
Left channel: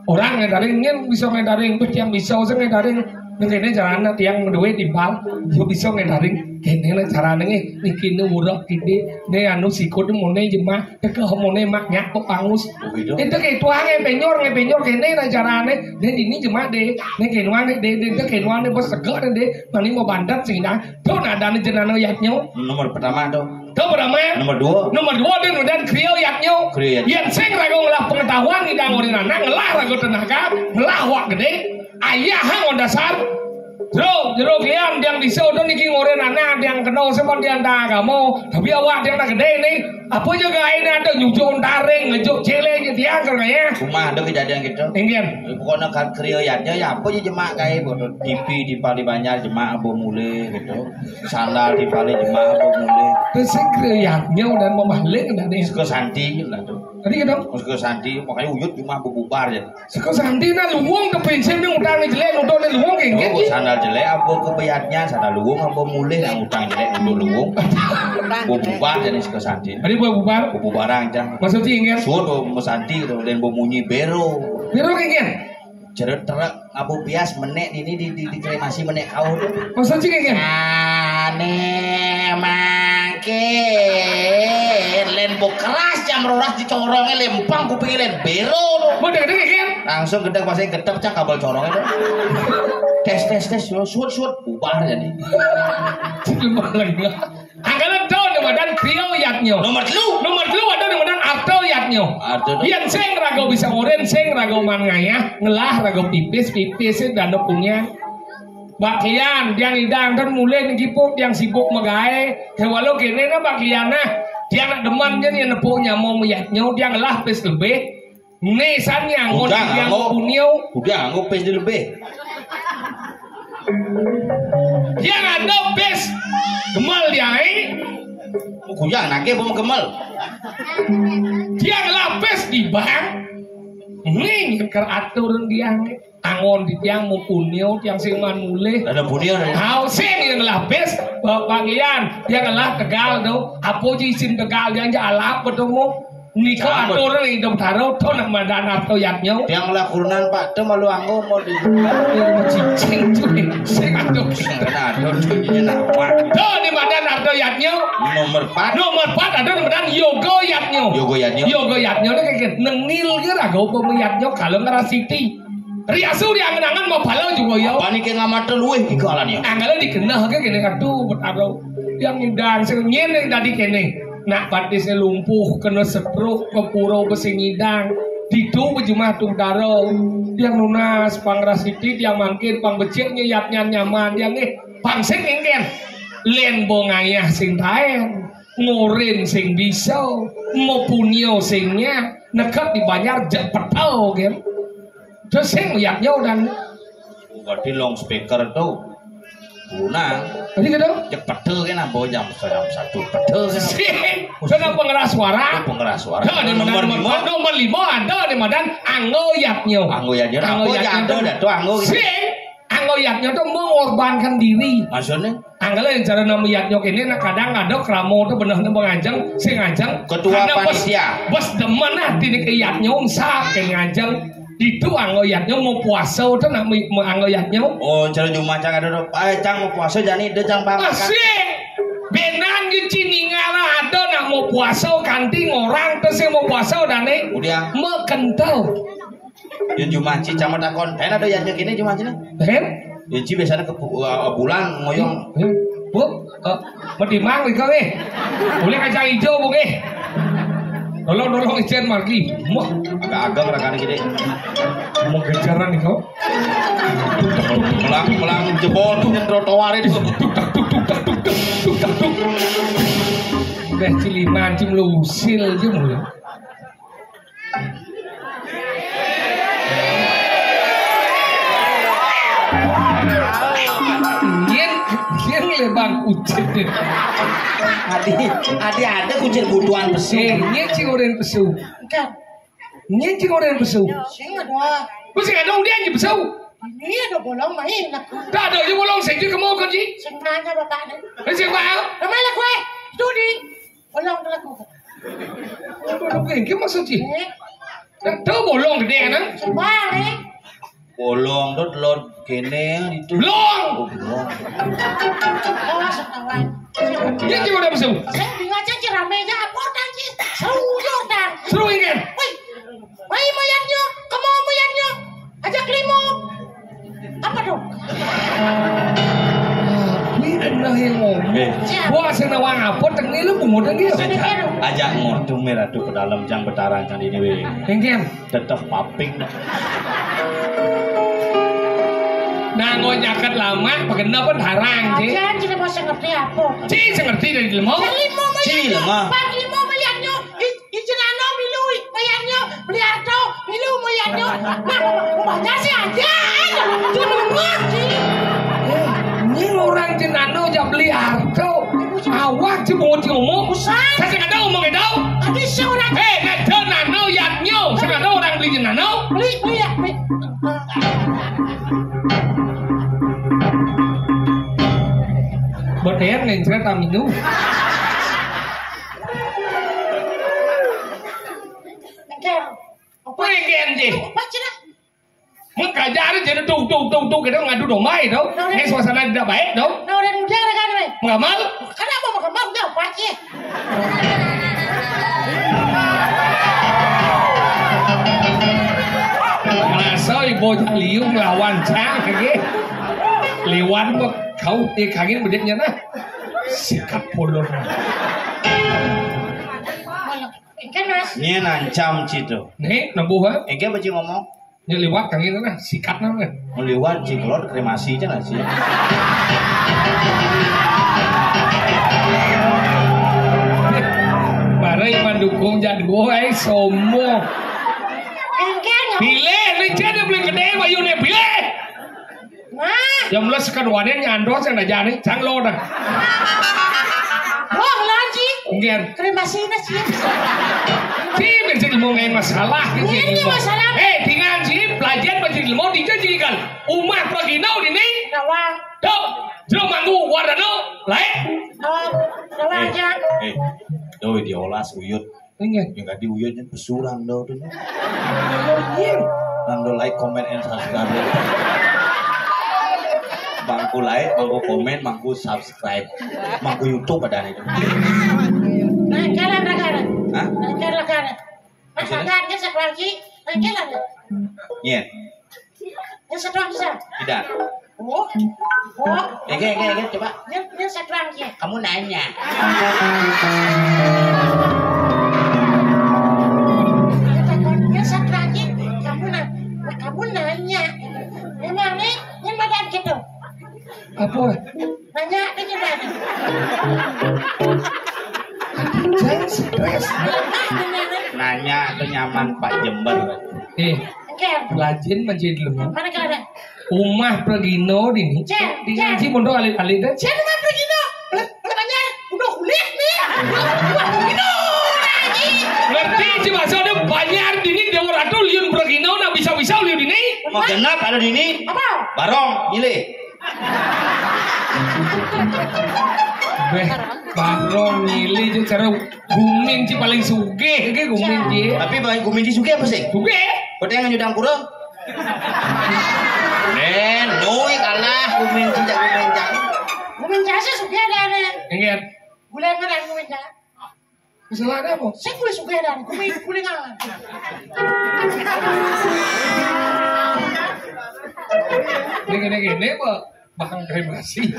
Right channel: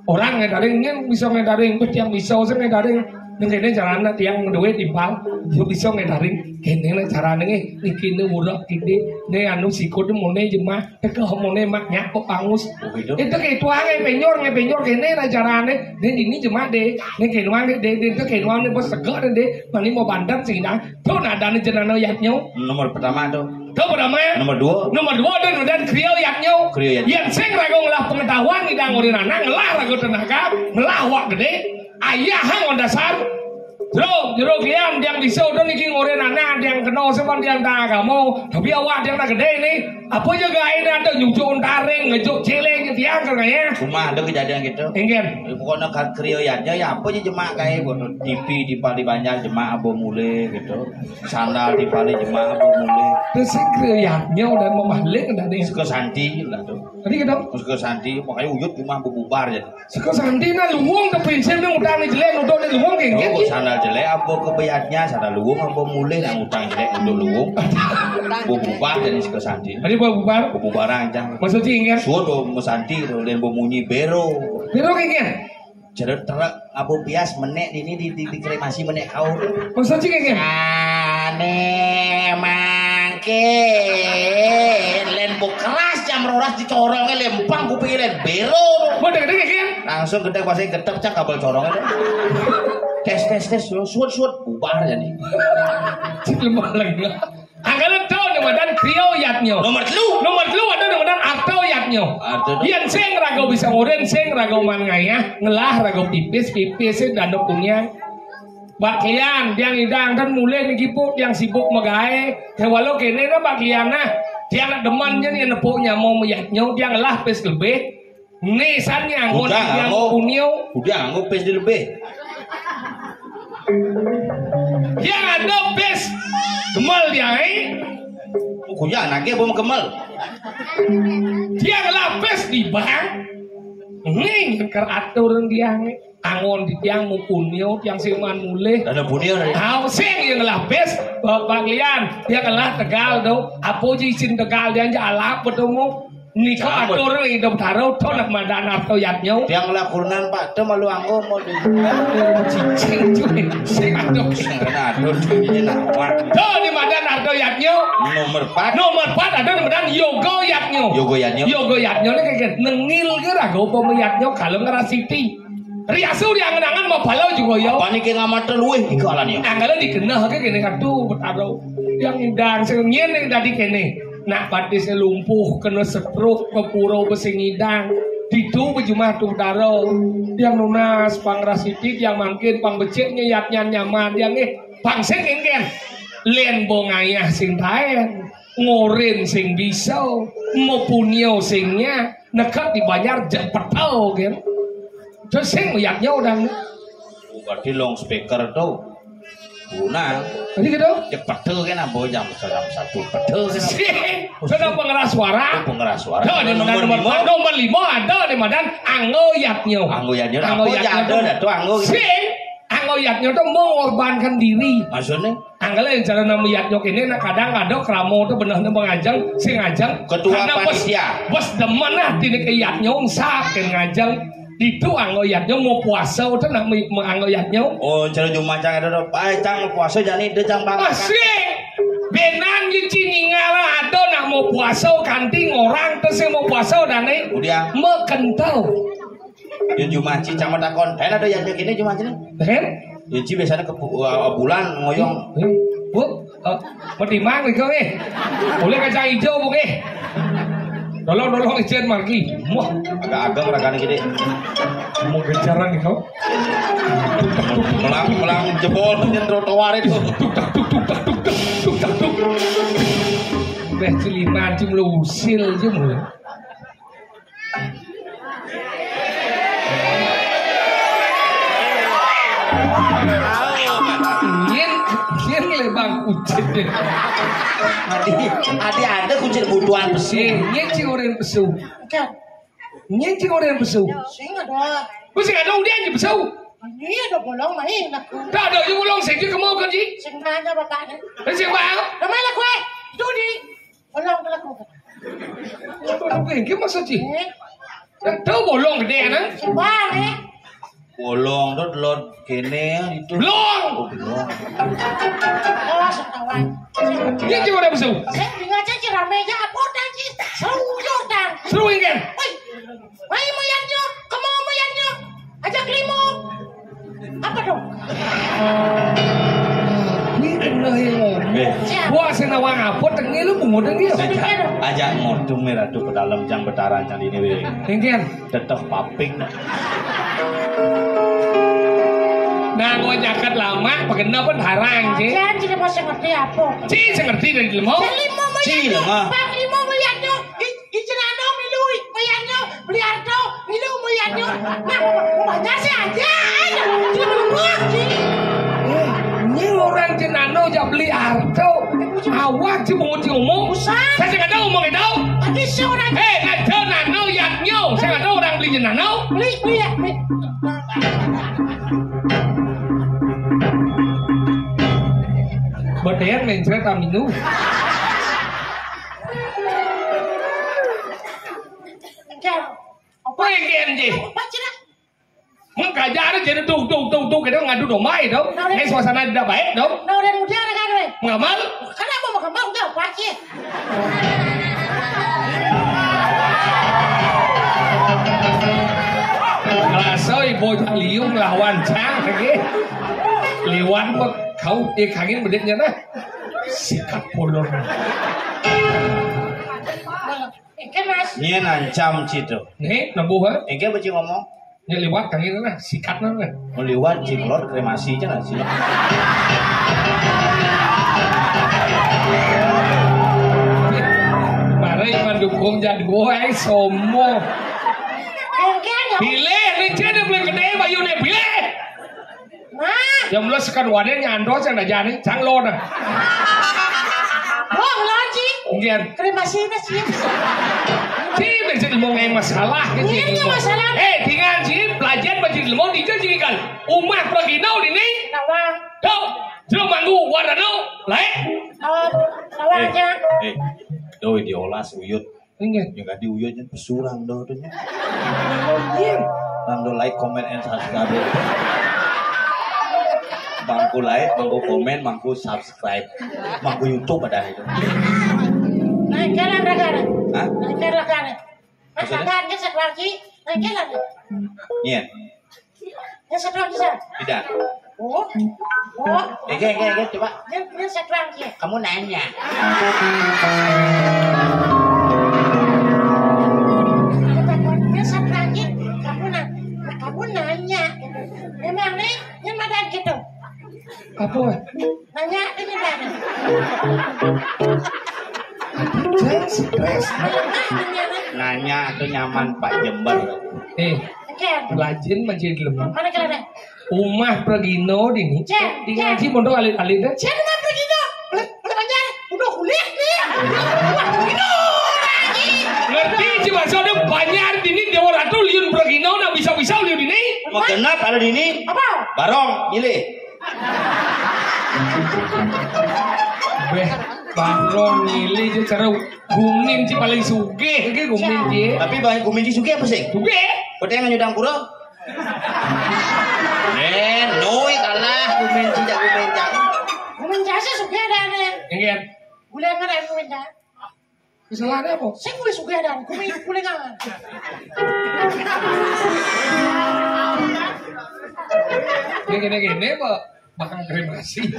Orang ngedaringnya bisa ngedaring tuh yang bisa usah ngedaring. Nengkene caranya tiang duwe timbal, yo bisa ngedaring. Kene lah caranya ini urap gede, nih anu sikut mone jemah, teke mone maknya kok pangus. Itu kayak tuang ngepenyor kene lah caranya. Dan ini jemah deh, nih kenuan deh, itu kenuan nih bos segar deh, nanti mau bandar sih nah. Tuh ada nih jenana yaknya. Nomor pertama tuh. Tuh pertama. Nomor 2 dia udah kriyo yaknya. Yang sing rago ngelah pengetahuan di danggurin anak ngelah rago tenaga, ngelah wak gede. Ayah hang dasar. Jero klian yang bisa udah niki ngoren anak yang kenal sama dia anda agama. Tapi awak dia udah gede nih. Apa juga ini ada nyucuk taring, ngejuk celeng gitu ya kan ya. Rumah ada kejadian gitu. Ingin. Pokoknya kan kriyoyatnya ya apa aja jemak kayak bodoh TV di Pali Banjar jemak abo mule gitu. Sandal di Pali jemak abo mule. Terus kriyoyatnya udah membalik dan nih. Seko santi lah tuh. Tadi gitu. Seko santi makanya uyut cuma bubar ya. Seko santi na luwung ke pensiun yang udah nih jelek udah nih luwung kayak gitu. Sandal jelek abo kebeyatnya sandal luwung abo mule yang utang jelek udah luwung. Bubar jadi seko santi. Tadi bubar. Bubaran aja. Maksudnya ingin. Suruh mau santi tuh dan mau munyi bero. Bero ingin. Jadi truk abu pias menek ini di kremasi menek kau. Maksudnya ingin. Ane mangke lembo keras jam roras dicorongnya lempang kupingin bero. Mau deg ingin. Langsung gedek pasang gedek cak kabel corongnya tuh. Tes suut bubar jadi. Lemah lagi. Anggalan tahun dan kriyoyatnya. Nomor 2 ada dan aktoyatnya. Yang sing rago bisa ngoren, sing rago mangaya, ngelah rago pipis dan punya. Bagian yang idang dan mulai ngipuk yang sibuk megae. Walau kene na bagiana dia nak deman jadi nepuknya mau meyatnya dia ngelah pis lebih. Nesannya ngon yang punya. Udah nggak pis lebih. Yang ada pis gemal dia Kuya anaknya belum kemal. Dia ngelapis di bang. Nih keratur dia angon di tiang mau punio tiang siman mulai. Ada punio nih. Tahu sih yang ngelapis bagian dia ngelah Tegal tuh. Apa jisin Tegal dia jalak betul mau. Niko atur hidup taruh tuh nak madan aktoyatnya. Yang lakukan Pak tuh malu anggo mau di. Cicing cuy. Sing atur. Atur cuy nama. Tuh di madan aktoyatnya. Nomor 4 ada kemudian yogoyatnya. Yogoyatnya ini kayak nengil kira gue pemiyatnya kalau ngerasiti. Riasu dia ngenangan mau balau juga ya. Panik yang amat luwih ikalannya. Anggalan dikenal kayak gini kartu bertaruh yang indang senyen yang tadi kene. Nak batisnya lumpuh kena sepruk ke purau besi ngidang. Didu bejumah tuh daro yang lunas pangrasiti yang mangkin pangbeceknya yapnya nyaman yang pangsek engken. Len bongayah sing taen ngorin sing bisa mau punio singnya nekat dibayar jepetau kan terus sing yaknya udah berarti long speaker tuh Guna. Tadi gitu. Cek pedel kan ambo jam 1 pedel kan. Sudah pengeras suara. Pengeras suara. Ada di nomor 5 ada di Medan anggoyatnya. Anggoyatnya ada tuh anggo. Anggoyatnya tuh mengorbankan diri. Maksudnya? Anggala yang cara namanya ini kadang ada kramo tuh bener ngajeng, si ngajeng. Ketua panitia. Bos demen lah diri keyatnya sak ngajeng. Itu anggoyatnya mau puasa tuh nak anggoyatnya. Oh, cara cuma cang ada cang puasa jadi dia cang banget. Masih. Benan di Ciningara ada nak mau puasa kanting orang terus mau puasa dan udah mekentau. Yang cuma cama takon, ada yang gini cuma cina. Ya ci biasanya ke bulan ngoyong. Bu, medimang nih kau boleh kacang hijau bu Tolong ijen margi. Agak-agak rakan gini. Mau kejaran nih kau. Melang jebol tuh trotoar itu. Udah ciliman cim lusil aja mulai. Yen lebang ucit deh. Adi ada kucing butuhan pesu. Yen cing orang pesu. Yen cing orang pesu. Sing ada. Kucing ada dia aja pesu. Ini ada bolong main aku. Tak ada je bolong sih je kamu kerja. Sing mana bapak ni? Sing mana? Ramai kue. Studi. Bolong ke aku. Bolong ke maksudnya? Tahu bolong gede kan? Sing mana ni? Bolong tuh telur kene itu. Long. Oh, setawan. Dia cuma ada pesu. Saya bingung aja ramai je apa dah je. Seru dah. Seru kan? Woi, moyangnya, kamu moyangnya. Ajak limo. Apa dong? Ini kena ngomong. Wah, senawang apa? Tengah lu bungut dia. Ajak motor merah tuh ke dalam jang betaran jang ini we. Engken. Tetap paping. Nah, ngoi jaket lama, pagenda pun harang sih. Jangan kita masih ngerti apa. Cing, saya ngerti dari lemo. Limo moyangnya. Bang limo moyangnya. Ijenano milui moyangnya. Beliardo milu moyangnya. Nah, baca sih aja. Kita menunggu. Ini orang jenano jam beli arto. Awak sih mau ngomong. Saya nggak tahu ngomong itu. Tapi seorang. Nggak tahu nano yaknyo. Saya nggak tahu orang beli jenano. Beli ya. Berdean nggak cerita minum. Apa yang sih? Baca dah. Mengkajar jadi tuh kita ngadu domai tau. Ini suasana tidak baik tau. Nah udah udara kan we. Mengamal? Kenapa mau kembang udah baca. Ngerasa ibu liung lawan cang lagi. Lewat mah kau kagin bedetnya nah. Sikap polon. Kan mas. Ini nancam citu. Nih, nambuh ha? Engke baca ngomong. Ya lewat kagin nah, sikat nah. Meliwat ciklor kremasi aja nggak sih? Marai mendukung jadwal somo. Pilih, lincah dia beli gede bayunya pilih. Nah. Yang mulai sekarang wadah nyandor saya nggak jadi, canglo dah. Oh, lagi. Mungkin. Kremasi nasi. Tidak jadi mau ngai masalah. Ini masalah. Dengan sih pelajar belajar ilmu tidak jadi kan. Umat pergi nau ini. Rawang. Tuh, jauh manggu wadah nau, lain. Rawang aja. Doi diolah uyut. Enggak. Yang gak diuyutnya pesurang do tuh nya. Rang like, comment, and subscribe. Mangku like, mangku komen, mangku subscribe, mangku YouTube pada itu. Nah, kalah. Hah? Kalah. Masakan ke sekelaki, kalah. Iya. Ya sekelaki sah. Tidak. Oh. Coba. Dia sekelaki. Kamu nanya. Dia sekelaki, kamu nanya. Memang nih, yang badan gitu. Apa? Nanya ini mana? Saya stres. Nanya atau nyaman Pak Jember. Oke. Lajin menjadi lemah. Mana kalau ada? Umah Pregino dini. Cek, Di ngaji pondok alit-alit dah. Saya dengan begitu. Katanya udah kuliah nih. Udah Pregino lagi. Ngerti sih maksudnya banyak dini Dewa Ratu liun Pregino nak bisa-bisa liun dini. Mau genap ada di ini. Apa? Barong, milih. Beh, barong milih je cara gumin si paling sugih ke gumin je. Tapi baik kuminci suka apa sih? Sugih. Kau yang nyudang pura? Noi kalah kuminci tak kuminci. Mencari suka ada. Ingat. Boleh kan aku mencari. Salah ada apa? Saya boleh suka ada. Boleh nggak? Gini Pak. Bakang kremasi.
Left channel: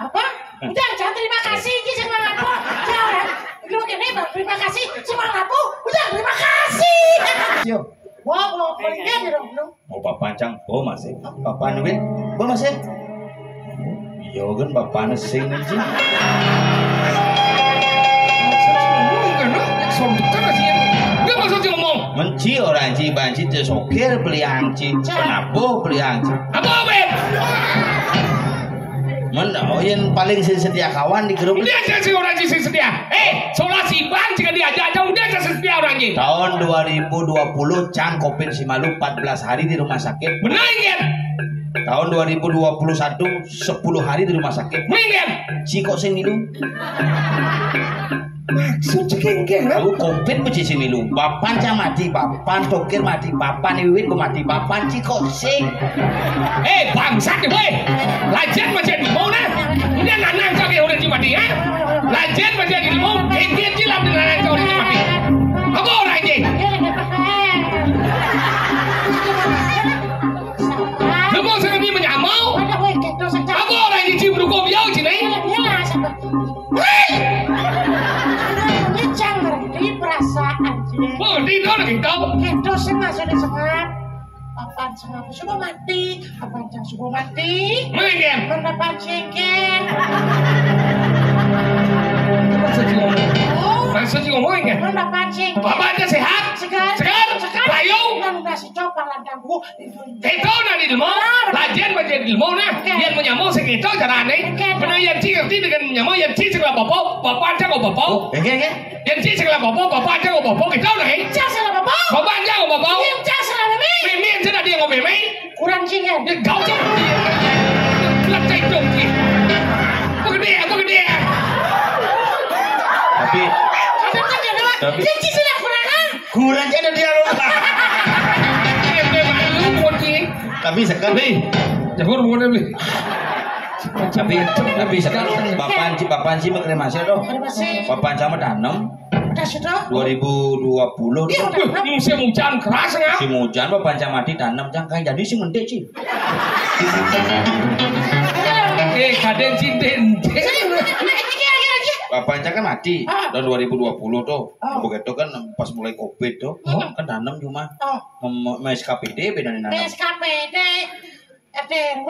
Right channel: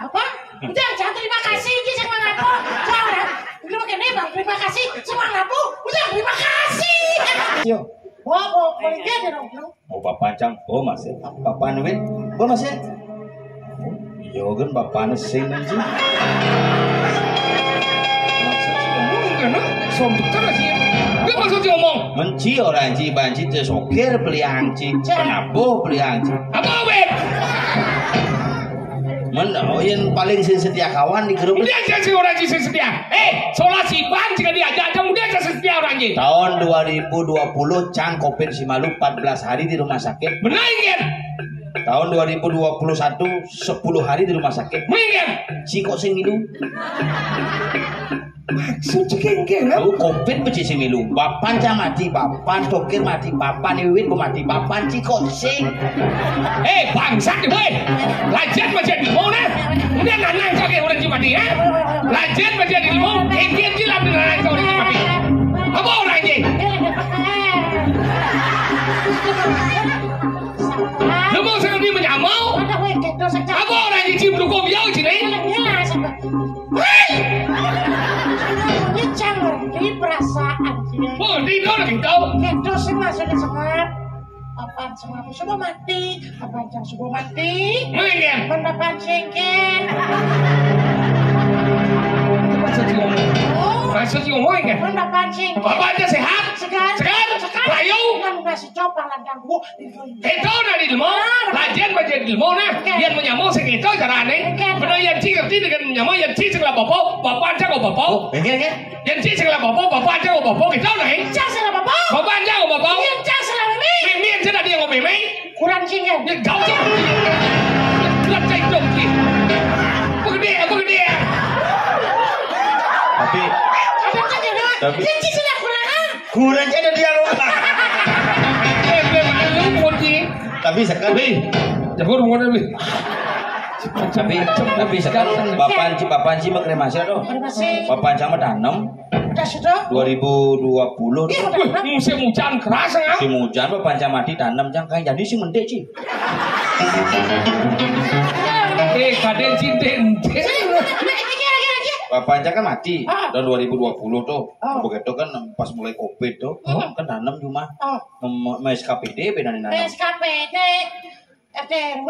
Apa? Udah, jangan terima kasih ini sama aku. Jangan. Lu kene bang, terima kasih sama aku. Udah, terima kasih. Yo. Wah, boleh dong, lu. Oh papa cang, oh masih. Papa nuwit, oh masih. Iya kan papa nesing anjing. Menci orang ci banci tu sokir beli hangci. Kenapa beli hangci? Apa weh? Yang paling setia kawan di grup. Udah saya orang ci setia. Solah si bang jika diajak udah saya setia orang ci. Tahun 2020 Cang Covid Simalu 14 hari di rumah sakit. Benar ingat? Tahun 2021 10 hari di rumah sakit. Ingat? Ciko sing milu. Maksud cekeng Aku Covid beci sing milu. Bapan Cang mati, bapan Tokir mati, bapan Iwit ku mati, bapan Ciko sing. Bangsat ni boy. Lajan macam ni mau nah. Ini anak cakap orang cuma mati ya. Lajan macam ni mau. Kian jilam dengan anak orang cuma mati. Apa orang ni? Lemau sangat ni menyamau. Apa orang ni cium dukung biau sini? Oh, di mana kita? Kita semua sudah semangat. Apaan semua sudah mati? Apaan yang sudah mati? Mengen. Pendapat cengkel. Masa sih ngomong kan? Pendapat cengkel. Bapak ada sehat? Sehat. Sehat? Layu? Nang nasi coba landang bu. Itu nak di ilmu. Lajian macam di ilmu nah. Yang menyamau segitu cara ni. Kena yang cik ngerti dengan menyamau yang cik segala bapak. Bapak aja kau bapak. Yang cik segala bapak. Bapak aja kau bapak. Kita ni. Cak salah bapak. Bapak aja kau bapak. Yang cak salah mami. Mimi yang cina dia kau mimi. Kurang cingin. Yang kau cak. Kelap cak dong cik. Apa gede? Tapi Tapi cik sudah kurang. kurang ada dia lupa. Lu kunci. Tapi sekali. Jangan rumah ni. Tapi sekarang bapan sih kremasi dong. Bapan sama tanam Dah sudah. 2020 Iya, tuh. udah. Musim hujan keras kan? Si hujan bapan sama mati tanam jang kan jadi si mendek sih. Kadang cinten. Bapan kan mati tahun 2020 tuh. Begitu kan pas mulai Covid tuh kan tanam cuma SKPD beda nih. SKPD FDW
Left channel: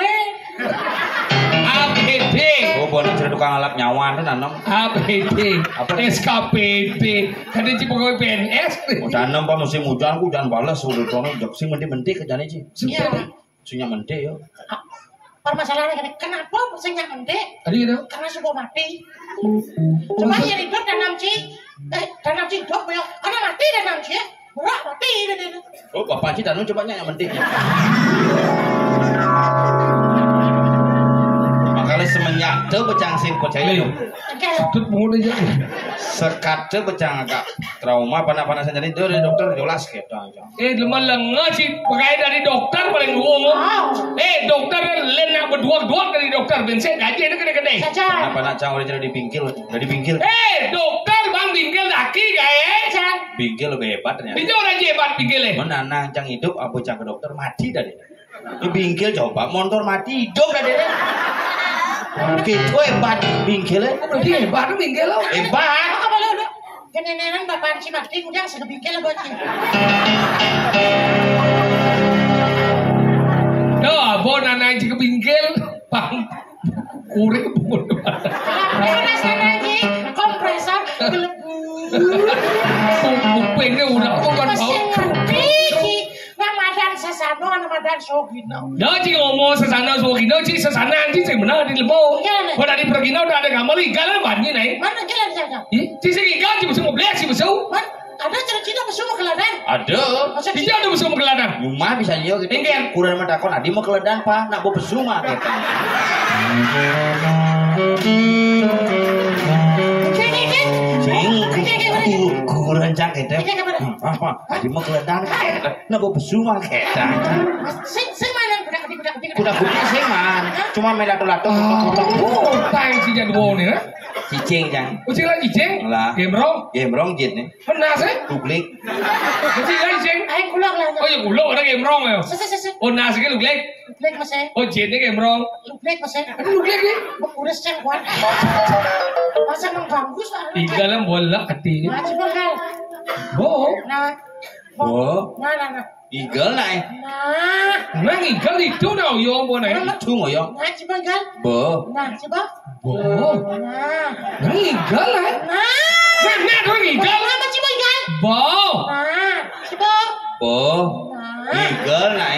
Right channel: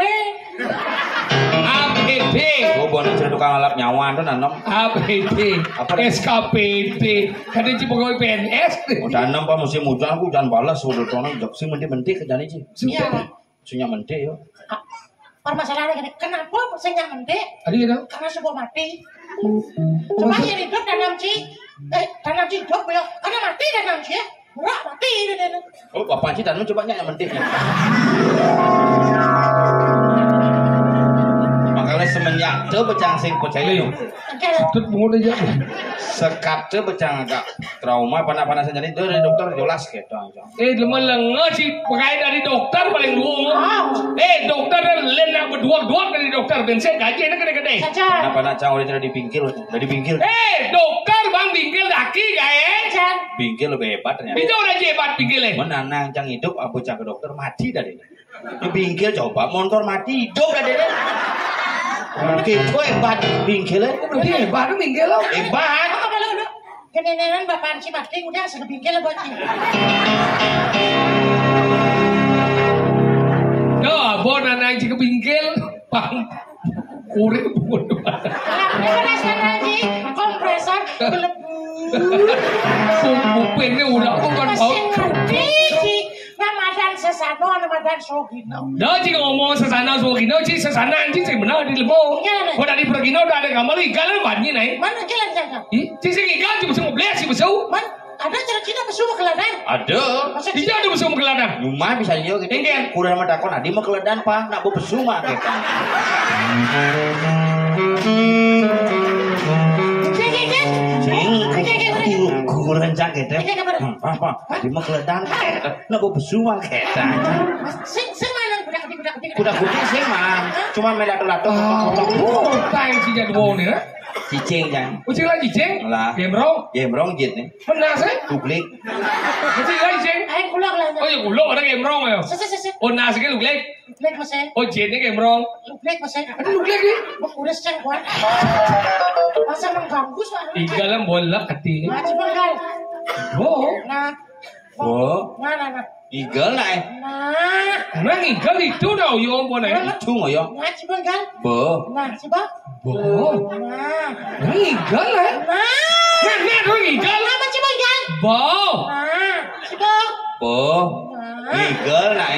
APD. Oh, bukan cerita tukang alap nyawa tuh nanam. APD. SKPD. Kadang cipu gue PNS. Oh, tanam pas musim hujan ku hujan balas udah tono jaksi mendik kerjanya sih. Iya. Sunya mendik yo. Permasalahannya kenapa saya mendek? Tadi kan? Karena sudah mati. Coba yang hidup tanam cik hidup ya. Karena mati tanam cik. Murah mati. Oh, bapak sih tanam coba nyanyi mendik. Makanya semenjak itu becang sing percaya yo. Tut pungut aja. Sekat itu becang agak trauma panas-panasan jadi itu dari dokter jelas gitu. Lemah lengah sih pakai dari dokter paling luang. Dokter lain yang berdua-dua dari dokter bensin gaji itu gede-gede. Kenapa nak cang udah jadi bingkil? Dokter bang bingkil daki gaya. Bingkil lebih hebat ternyata. Itu orang hebat bingkilnya. Mana nang cang hidup apa cang ke dokter mati dari. Di bingkil coba motor mati hidup dari. Gitu hebat bingkilnya. Dia hebat bingkil lo. Hebat. Apa lo udah? Kenenenan bapak si mati udah sudah bingkil buat cik. Bon anak cik bingkil. Pang. Kurek bodoh. Kalau rasanya cik kompresor gelebu. Kupingnya udah bukan Mesin ngerti cik. Ramadan sesano Ramadan kelan sogino. Đó chứ ngomong sesana sogino chứ sesana chứ sih benar di lemo. Iya, Pada di pergi udah ada kamar ikan lah banyak nih. Mana kelan jaga? Ci sih ikan cuma semua belas sih besau. Man, ada cerita mesum keladan. Ada. Masa Tidak ada besau menggeladang. Cuma bisa yo gitu. Engken. Kurang mah takon adi mah keledan Pak, nak bawa besu mah gitu. Sing kurang cak gitu. Apa? Adi mah keledan gitu. Nak bawa besu mah gitu. Sing mana budak. Kuda kuda sih mah. Cuma melato-lato. Oh, time si jadwal nih. Cicing jang. Ucil lagi ceng. Lah. Gemrong. Gemrong jit nih. Benar sih. Duplik. Ucil lagi ceng. Ayo pulang lah. Oh iya ulo ada gemrong ya. Se. Oh nasi kan uglek. Lek masih. Oh jetnya gemrong. Lek masih. Aduh uglek nih. Udah secang kuat. Masa mengganggu soalnya. Igalam bola kati. Nah, coba kan. Oh. Nah. Oh. Nah. Igal lah. Nah. Nang igal itu dah yo bo nih. Itu ngoyo. Nah, coba kan. Bo. Nah, coba. Bo. Nah. Nang igal lah. Nah. Nah nang igal. Nah, coba kan. Bo. Nah, coba. Bo. Nah. Igal lah.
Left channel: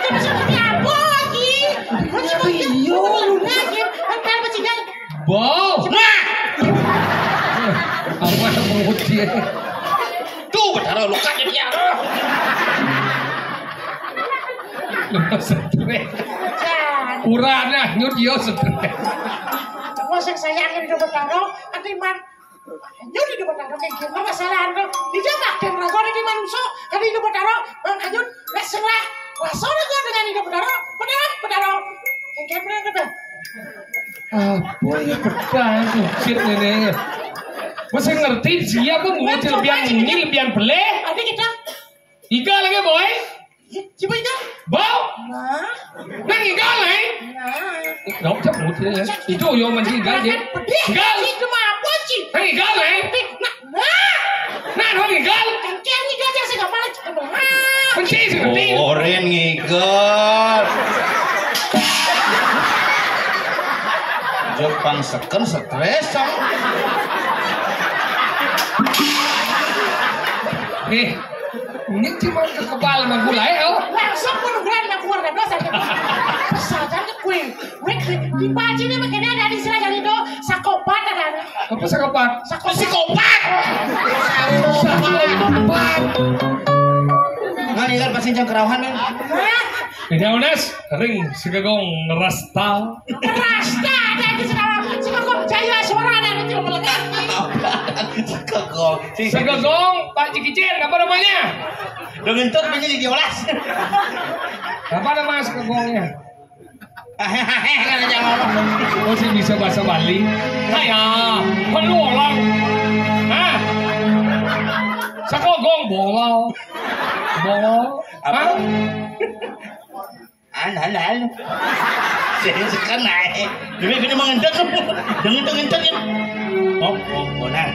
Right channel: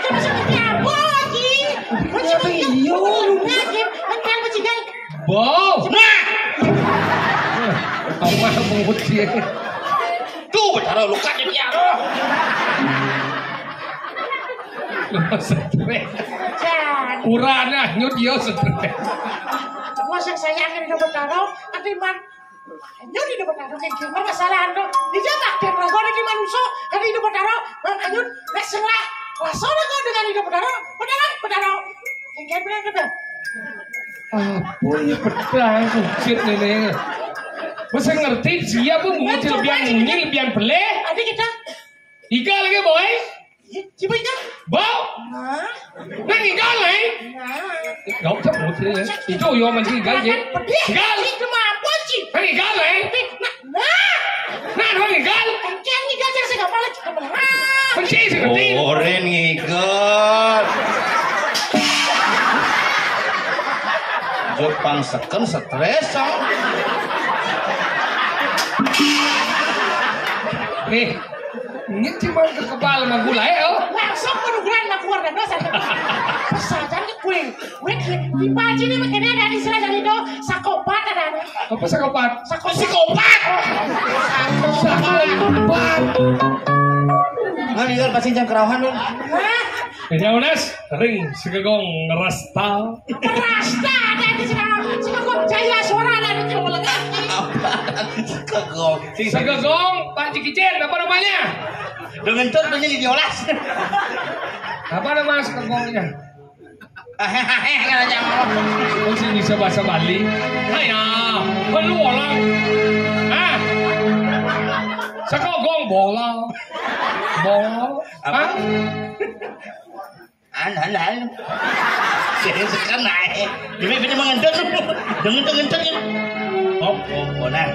Coba seperti apa lagi? Coba iyo. Lagi. Kan macam kan. Bo. Nah. Tahu mah mulut dia. Tuh, benar luka dia dia. Stres. Jangan. Urana nyut yo stres. Masa saya akan hidup bertaruh, nanti man. Nyut hidup bertaruh kayak gimana masalah anda? Dijabak dan ragu di manusia, kan hidup bertaruh, nyut nggak salah. Rasa ragu dengan hidup bertaruh. Kayak gimana kita? Apa ini pedang sucit ini? Masa ngerti siapa ngucil biang nyil biang peleh? Ada kita. Igal lagi boy? Coba kita. Bau? Nah. Nang igal lagi? Nah. Gak usah ngucil ya. Itu yo man igal je. Igal? Itu mah apa sih? Nang igal lagi? Nang igal? Kan igal saya nggak balik. Kunci seperti. Oren ngigal. Jepang seken stres sang. Nih, ini cuma ke kepala magulai oh. Langsung program nak keluar dan dosa. Saja ni kue. Di baji ni makanya ada di sini dari itu sakopat ada. Apa psikopat? Psikopat. Psikopat. Ngan igal pasti jang kerawahan kan. Ini Unes, ring segegong rasta. Rasta ada di sana. Sekarang jaya suara ada di sini. Kegol. Segegong Pak Cikicen, apa namanya? Dengan tot punya diolas. Apa nama segegongnya? Hehehe kan aja ngomong. Masih bisa bahasa Bali? Ayah, perlu orang. Ah, segegong bola. Apa? Ah, Hal. Saya sekarang naik. Demi mengendut. Dengan ini. Oh, nah.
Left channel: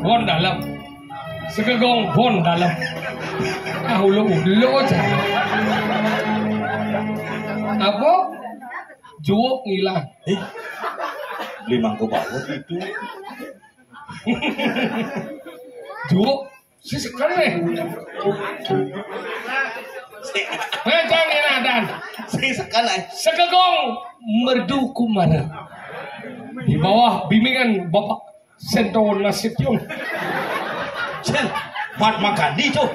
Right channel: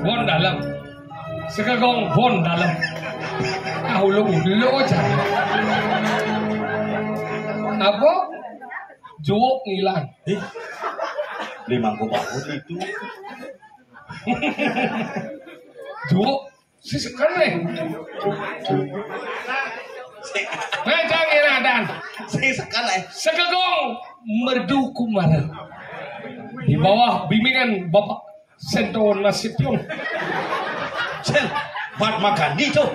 bon dalam. Segegong bon dalam. Ah, ulo aja. Apa? Juok ngilang. Beli mangkuk bagus itu. Juok. Sekarang nih. Macam ni dan Saya sekarang Segegong merdu kumara di bawah bimbingan Bapak Sento Nasution. Sen, Mahatma Gandhi tuh.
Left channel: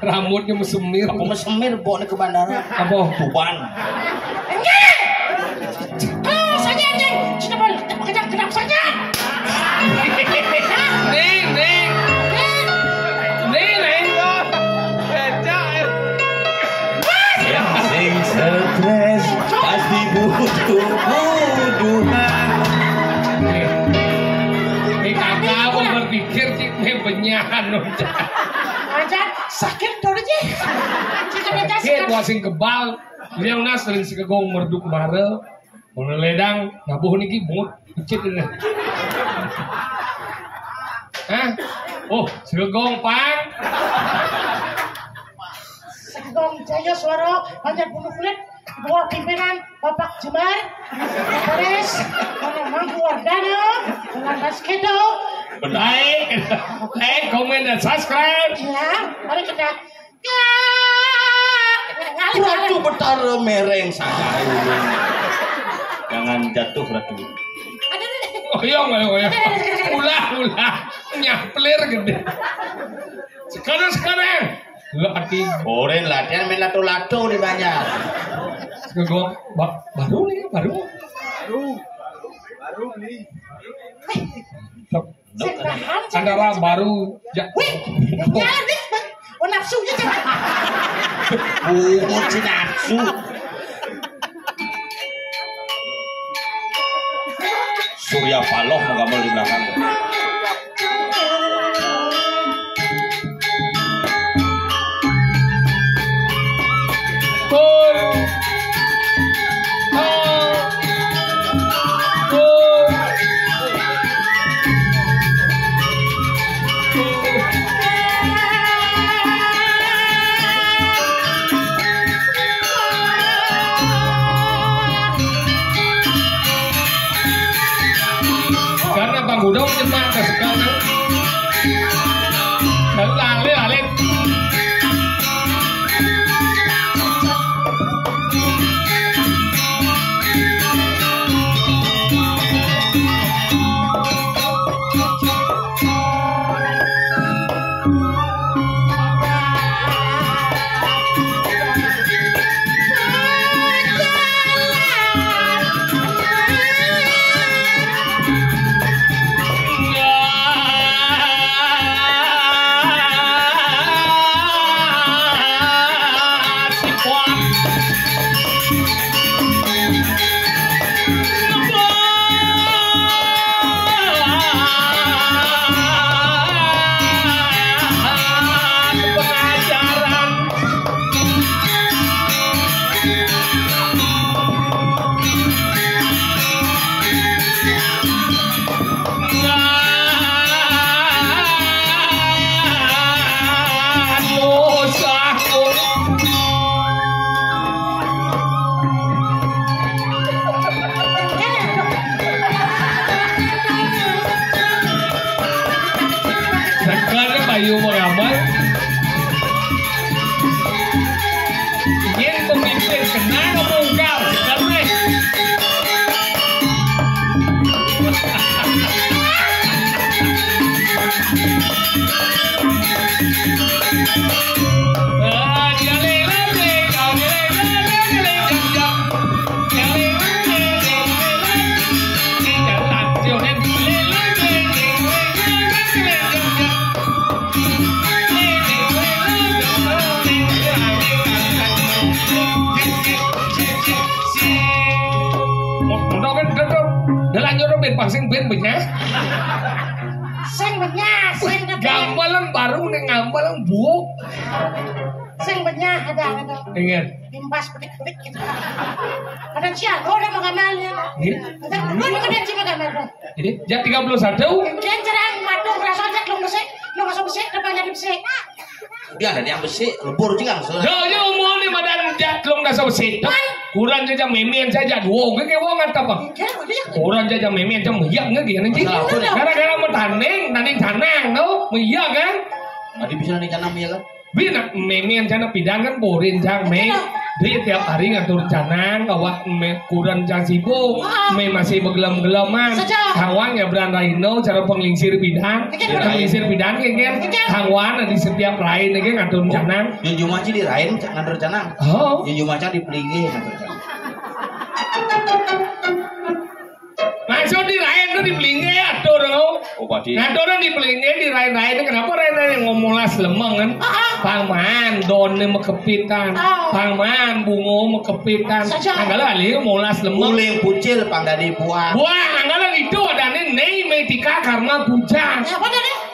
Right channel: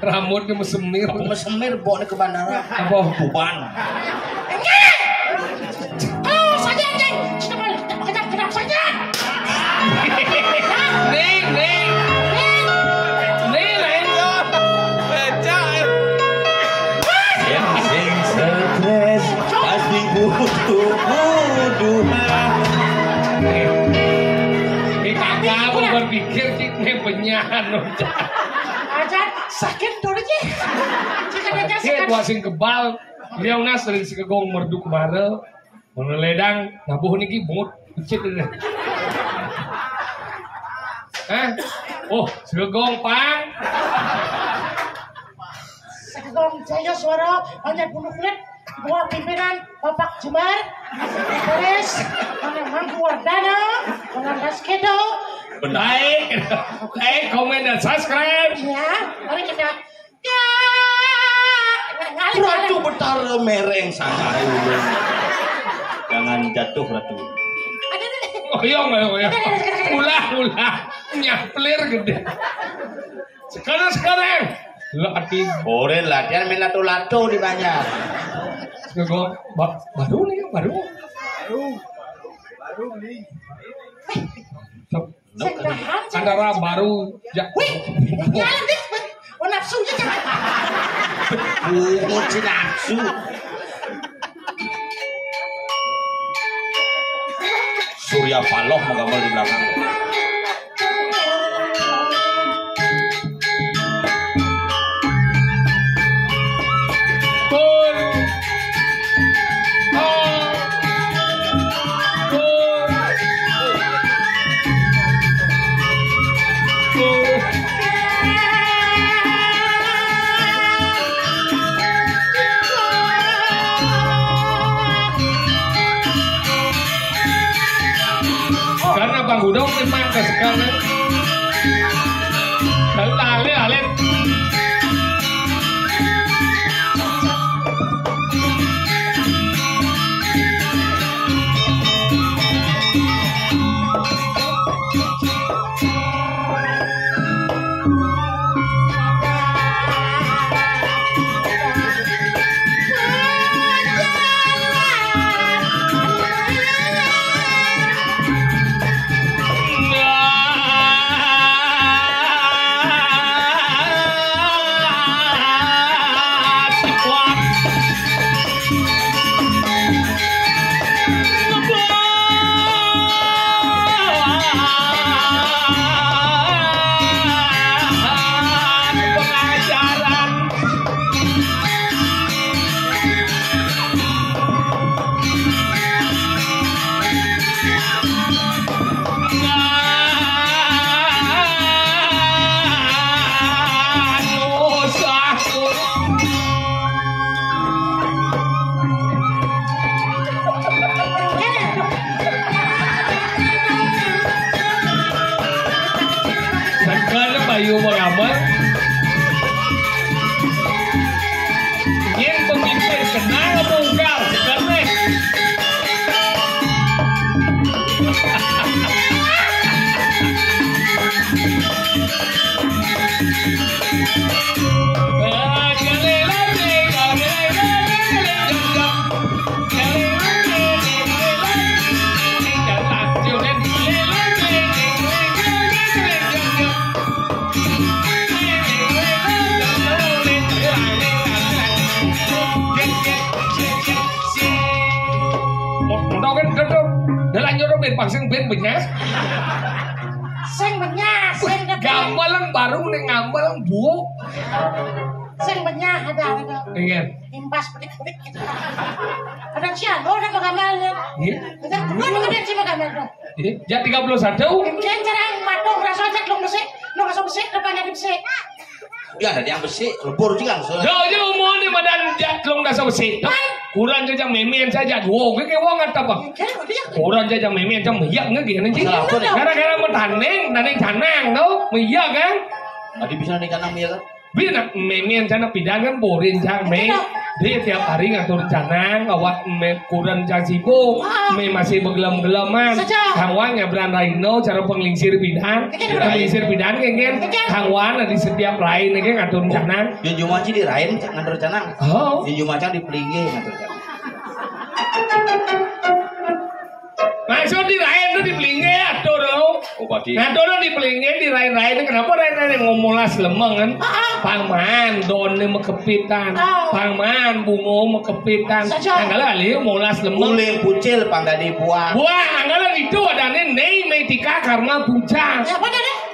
Rambutnya mesemir. Aku mesemir bawa ke bandara. Apa? Tuban. Saja ni. Kita balik. Kenapa saja? Nih. Yang sing stres pasti butuh. Kakak aku berpikir ini penyahan. Ajar sakit dulu je. Kita wasing kebal. Leonas sering segegong merdu kumara. Meneledang nabuh niki bungut icit ini. Hah? Oh, segegong pang. Segong Jaya Suara banyak bunuh kulit buah pimpinan Bapak Jemar Beres Mangku Wardana dengan Basketo. Like, komen dan subscribe. Ya, mari kita Ratu Betara mereng santai ulun. Jangan jatuh Ratu. Oyong. Ulah. Nyaplir gede. Sekarang. Latih. Oren latihan main lato-lato di banyak. Baru beli. Antara baru. Wih, jalan deh. Oh nafsu aja jangan. Si nafsu. Surya Paloh menggambar di belakang. Karena Bang Gudong memang kesekarang lale. Ayo meramat. Yang pemimpin kenal bongkar karena Pasang ben banyak. Sing benyah, sing Gambalan baru nih ngambalan buuk. Sing benyah ada. Ingat. Impas pelik-pelik gitu. Kadang siang, udah mengamalnya. Iya. Kadang sih mengamalnya. Ya 31. Kemudian cerang matung rasanya belum besik, belum masuk besik, depannya besik. Dia ada yang besi, lebur juga. Yo mau nih badan jatlong dah sausi. Kurang saja memian saja. Wow, kayak wong apa apa? Kurang saja memian jam miyak nggak gini sih. Gara-gara mau taneng tanang, no, miyak kan? Tadi bisa nih tanam miyak kan? Bina memian jana pidan kan borin jang me. Dia tiap hari ngatur canang, bawa me kurang jang sibuk, me masih begelam-gelaman. Kawan ngebran Raino cara penglingsir pidan, penglingsir pidan kan kawan di setiap lain kan ngatur canang. Yang Jumaci di Rain ngatur canang. Oh. Yang Jumaci di Pelingi ngatur canang. Maksud di Rain tuh di Pelingi atur lo. Oh pasti. Nah orang di Pelingi di Rain kenapa Rain ngomolas lemeng kan? Pangman don nih mekepitan, pangman bungo mekepitan. Anggala ali molas lemeng. Uling pucil panggadi buah. Buah anggala itu ada nih metika karma puja.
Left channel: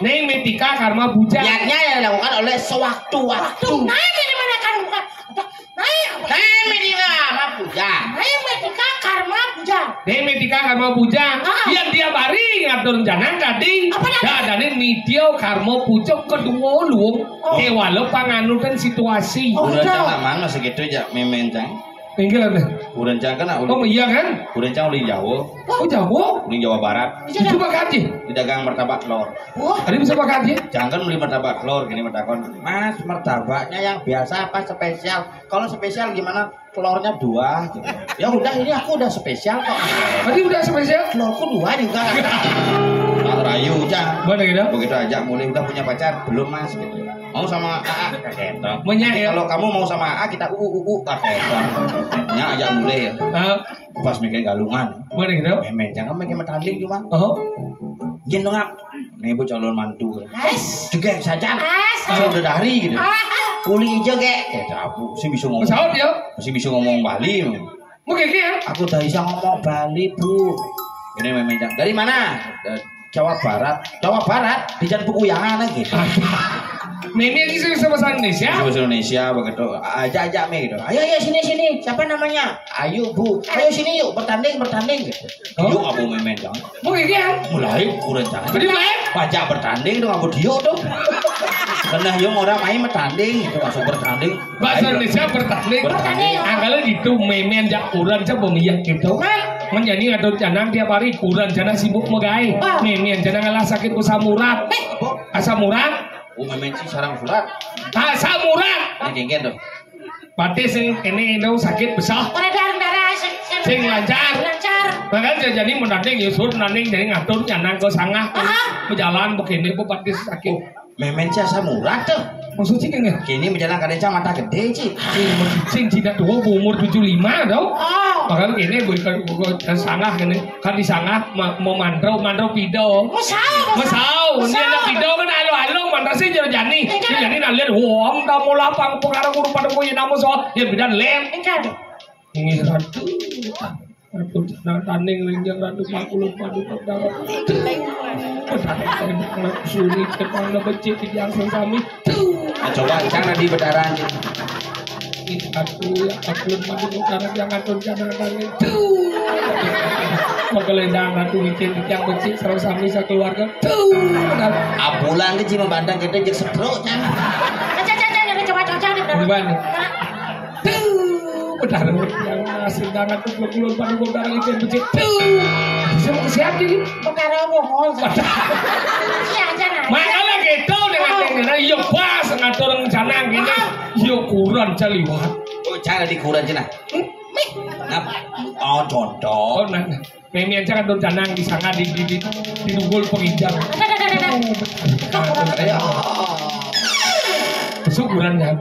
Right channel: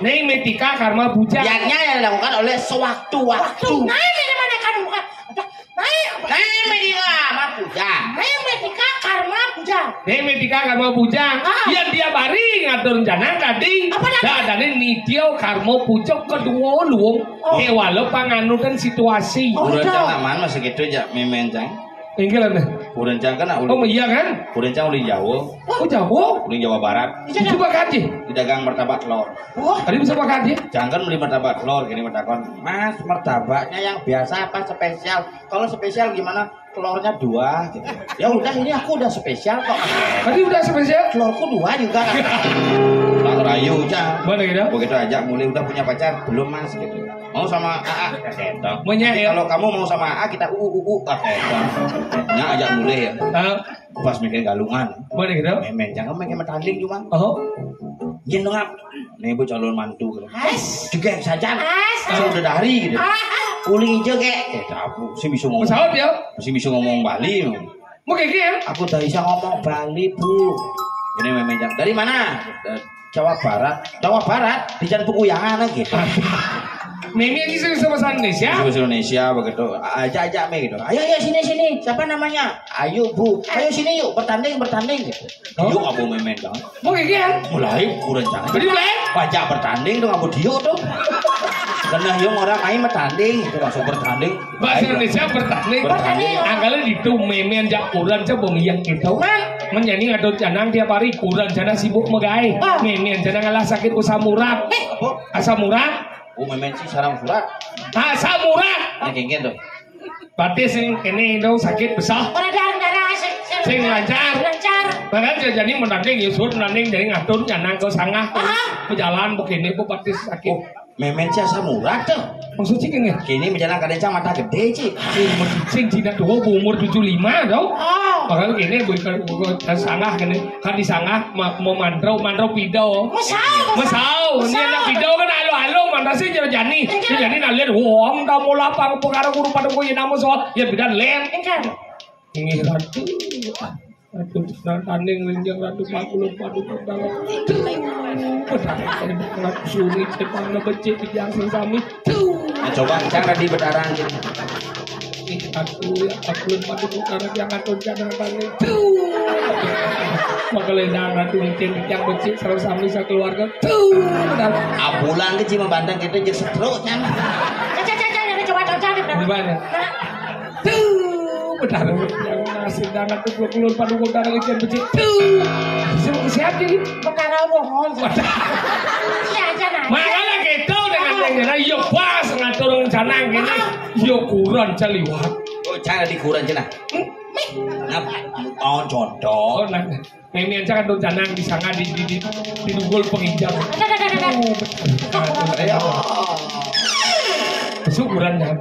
Nih metika karma puja. Yaknya yang dilakukan oleh sewaktu-waktu. Nah, dari mana kan bukan? Metika puja. Metika karma puja. Nih metika karma puja. Yang dia bari ngatur jangan tadi. Ada nih nitio karma puja kedua luang. Walau panganukan situasi. Udah jangan mana segitu aja memencang. Inggil deh. Kurencang kan Oh iya kan? Kurencang ulin Jawa, Oh Jawa. ulin Jawa Barat. Coba kaji. Di dagang martabak telur. Wah, Tadi bisa makan kaji. Jangan beli martabak telur, gini martabak. Mas, martabaknya yang biasa apa spesial? Kalau spesial gimana? Telurnya 2. Gitu. Ya udah, ini aku udah spesial kok. Tadi udah spesial. Telurku 2 juga. Tak rayu aja. Mana gitu? Begitu aja mulai udah punya pacar belum mas gitu. Mau sama AA gitu. Banyak ya. Kalau kamu mau sama AA kita gitu. Nya ajak mulai ya. Pas mikir galungan. Mana gitu? Memen jangan main tanding cuma. Oh. Jen dong. Nih bu calon mantu. As. Juga saja. As. Saya udah dari gitu. Uli hijau kek. Aku sih bisa ngomong. Pesawat dia. Masih bisa ngomong Bali. Mau kayak ya? Aku tak bisa ngomong Bali bu. Ini memen dari mana? Jawa Barat. Jawa Barat di Jalan Peguyangan lagi. Mimi ini sama bahasa Indonesia. Bahasa Indonesia begitu. Ajak me gitu. Ayo sini. Siapa namanya? Ayo bu. Ayo sini yuk bertanding gitu. Oh. Yuk aku memen dong. Mau kayak ya? Mulai kurang jangan. Jadi mulai? Baca bertanding dong aku dia tuh. Karena yang orang main bertanding itu langsung bertanding. Bahasa Indonesia bertanding. Bertanding. Anggalnya itu meme jak kurang coba ngiyak gitu. Menyanyi ngadon canang tiap hari kurang canang sibuk megai. Meme canang ngalah sakit asam urat. Asam urat. Oh memen sih sarang surat. Asam urat. Ini dingin tuh. Berarti sing ini itu sakit besar. Peredaran darah Sing lancar. Bahkan jadi menanding Yusuf menanding dari ngatur canang ke sangah. Berjalan begini kok berarti sakit. Memen sih asam urat tuh. Maksudnya kan ya? Kini berjalan kadang mata gede sih. Sing tidak tua umur 75 dong. Oh. Makanya ini bukan sangah kan di sangah mau mantrau pido. Masau. Ini anak pido kan halo mantra sih jadi nalian wong kamu lapang pengaruh guru pada punya nama soal ya beda lem. Ini ratu. Ratu tanding rinjang ratu 40 padu pedang. Suni cepang becik yang sesami. Coba jangan di bedaran. Aku padu pedang yang atur jangan tanding. Makelendang ratu yang becik sesami sekeluarga. Apulan ke cima bandang kita jadi setruk kan. Di mana? Benar yang masih jangan keluar padu pedang itu yang becik. Semua siap jadi. Perkara bohong. Makanya gitu dengan yang yuk pas ngatur canang gini yuk kurang caliwat. Oh jangan dikuran cina. Oh contoh. Oh nah, yang jangan canang di sana di dugul penginjam. Syukuran dah.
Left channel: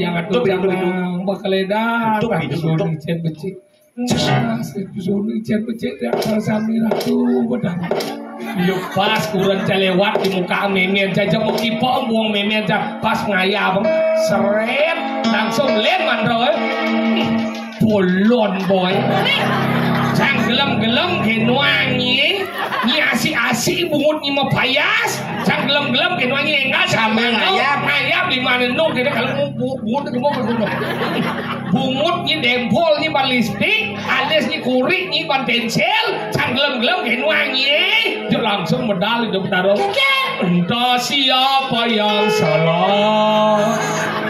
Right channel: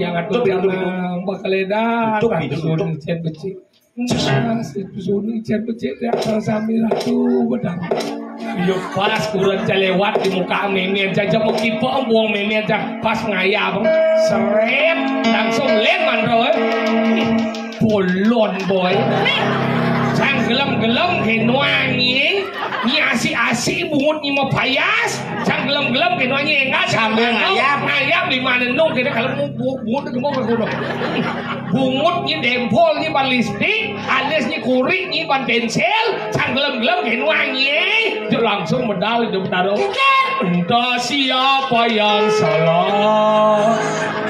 Yang ngatur canang bakaledah. Tutup cen becik. Suni cen becik ya sami ratu benar. Yuk pas kurang lewat di muka memian jajak mau kipok buang memian pas ngaya bang seret langsung leman bro bolon boy sang gelem genuangi ni asik bungut ni mau payas sang gelem genuangi enggak sambil ngayap di mana nong kita kalau mau bungut itu mau berdua bungut ni dempol ni balistik alias ni kurik ni ban pensel sang gelem genuangi langsung medal itu bertaruh. Entah siapa yang salah,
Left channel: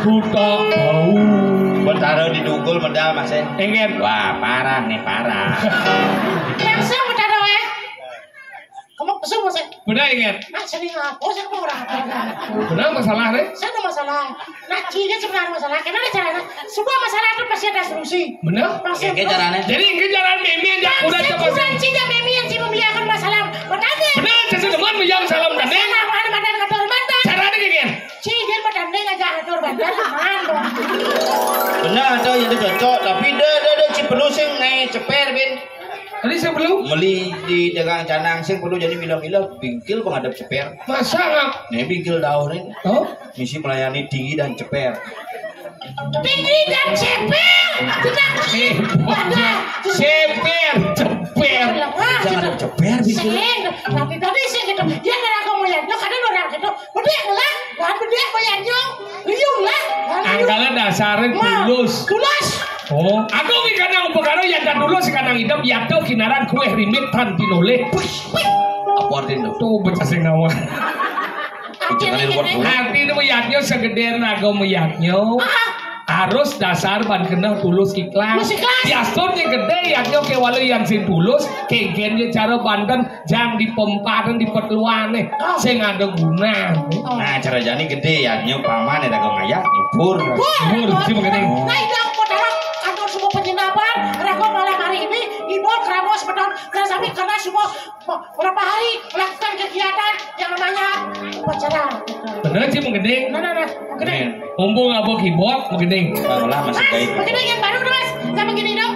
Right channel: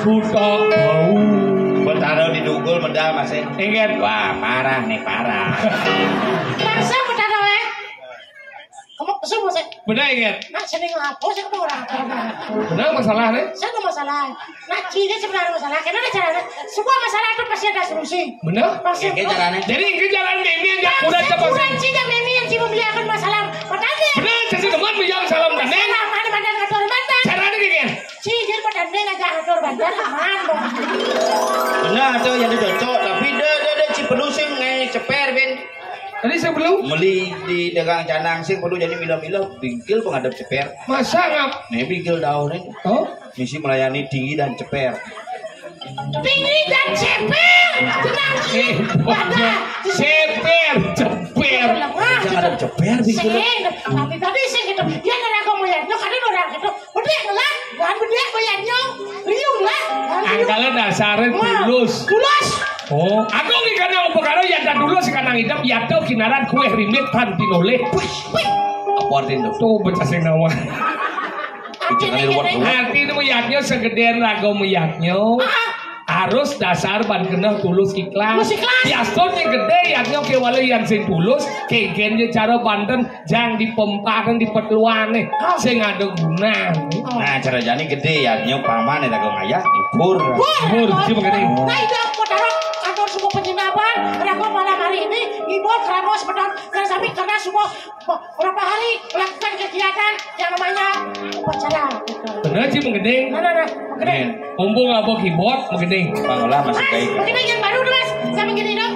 ku tak tahu. Bertaruh di dugul medal mas ya. Ingat? Wah parah nih parah. Langsung bertaruh ya. Kamu pesan mas ya? Benar ingat? Nak sering apa? Saya kamu orang benar masalah nih? Saya ada masalah. Nak ciga sebenarnya masalah. Karena ada caranya. Semua masalah itu pasti ada solusi. Benar? Oke caranya. Jadi ini jalan memi yang udah coba sih. Bukan ciga memi yang cuma membiarkan masalah. Makanya. Benar, saya teman yang salam dan neng. Ada badan ngatur badan. Caranya gini. Ciga badan neng aja ngatur badan. Aman dong. Benar tuh yang cocok tapi dia ciperu sing ngai ceper bin. Tadi saya belum. Meli di dagang canang sing perlu jadi milah-milah bingkil penghadap ceper. Masa ngap? Nih bingkil daun ini. Oh? Misi melayani tinggi dan ceper. Tinggi dan ceper. Tenang. Ceper. Jangan ada ceper bingkil. Tapi tadi sih gitu. Dia kena aku melihatnya kadang orang gitu. Bediak lah. Bukan bediak melihatnya. Liung lah. Angkala dasarnya tulus. Tulus. Oh, aku ki kadang perkara ya dan dulu sekarang hidup ya tuh kinaran kue rimit tan tinole. Apa artinya tuh? Tuh baca sing nawa. Artinya Arti itu meyaknya segede rago meyaknya. harus dasar ban kena tulus ikhlas. Tulus ikhlas. Biasanya gede yang oke walau yang sing tulus kegennya cara banten jangan dipempakan di petluane sing ada guna. Nah cara jani gede ya nyo paman eta kok ngayak nyubur. Nyubur, sih begini. Nah itu aku dalam kantor semua penginapan. Aku malam hari ini ngibul keramos beton dan sampai karena semua berapa hari melakukan kegiatan yang namanya upacara. Bener sih menggeding. Nah, gede. Mumpung abok keyboard menggeding. Malah masih Mas, baik. begini yang baru nih mas, sama gini dong.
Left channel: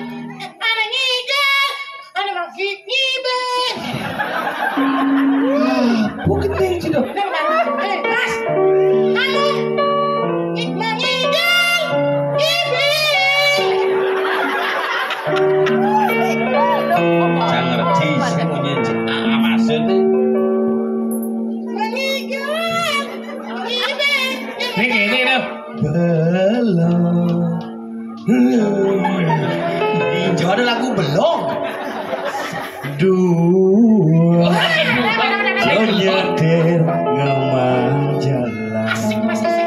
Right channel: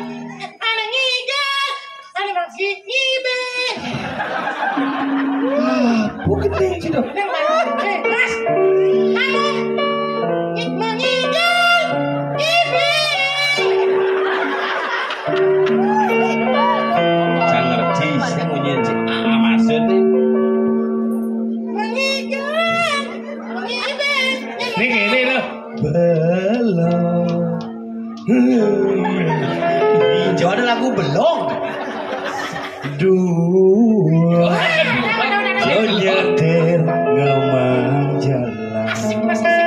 Anak ngidel, anak ngibel. Oh gede sih dong. Yang baru, mas. Ayo, ngidel, ngibel. Jangan ngerti sih mau nyicip apa maksudnya. Ngidel, ngibel. Ini gini loh. Belum. Hijau ada lagu belum. Dua nyetir ngemang jalan Asik mas, asik.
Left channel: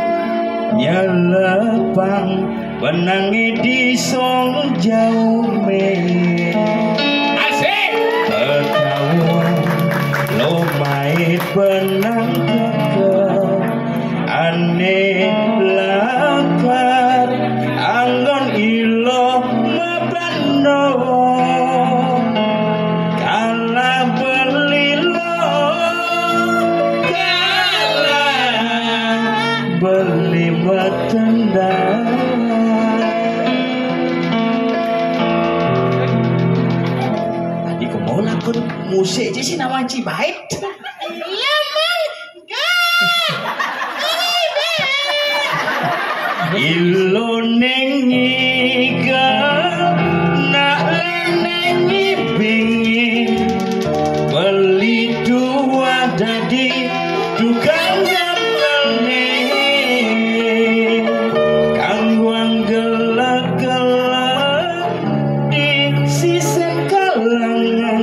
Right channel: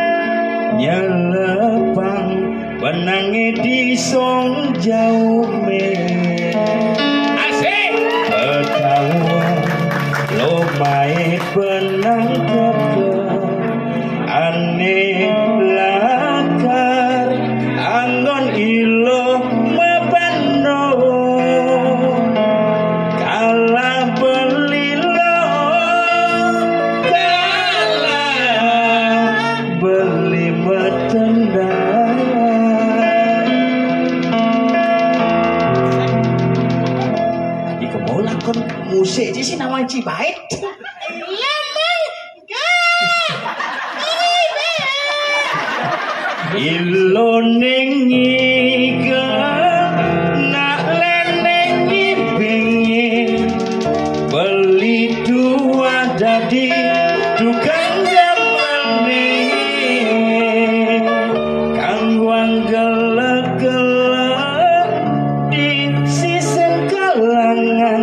nyelepang menangi di song jauh me Asik. ketahuan lo main benang keker aneh lakar anggon ilo mabano kalah belilo kalah beli metendang di kemana kan musik aja sih nama Cibait. Iya mang, Ilo nengiga nak lenengi bingin beli dua dadi tukang gamane kang wang gelek-gelek di sisen kalangan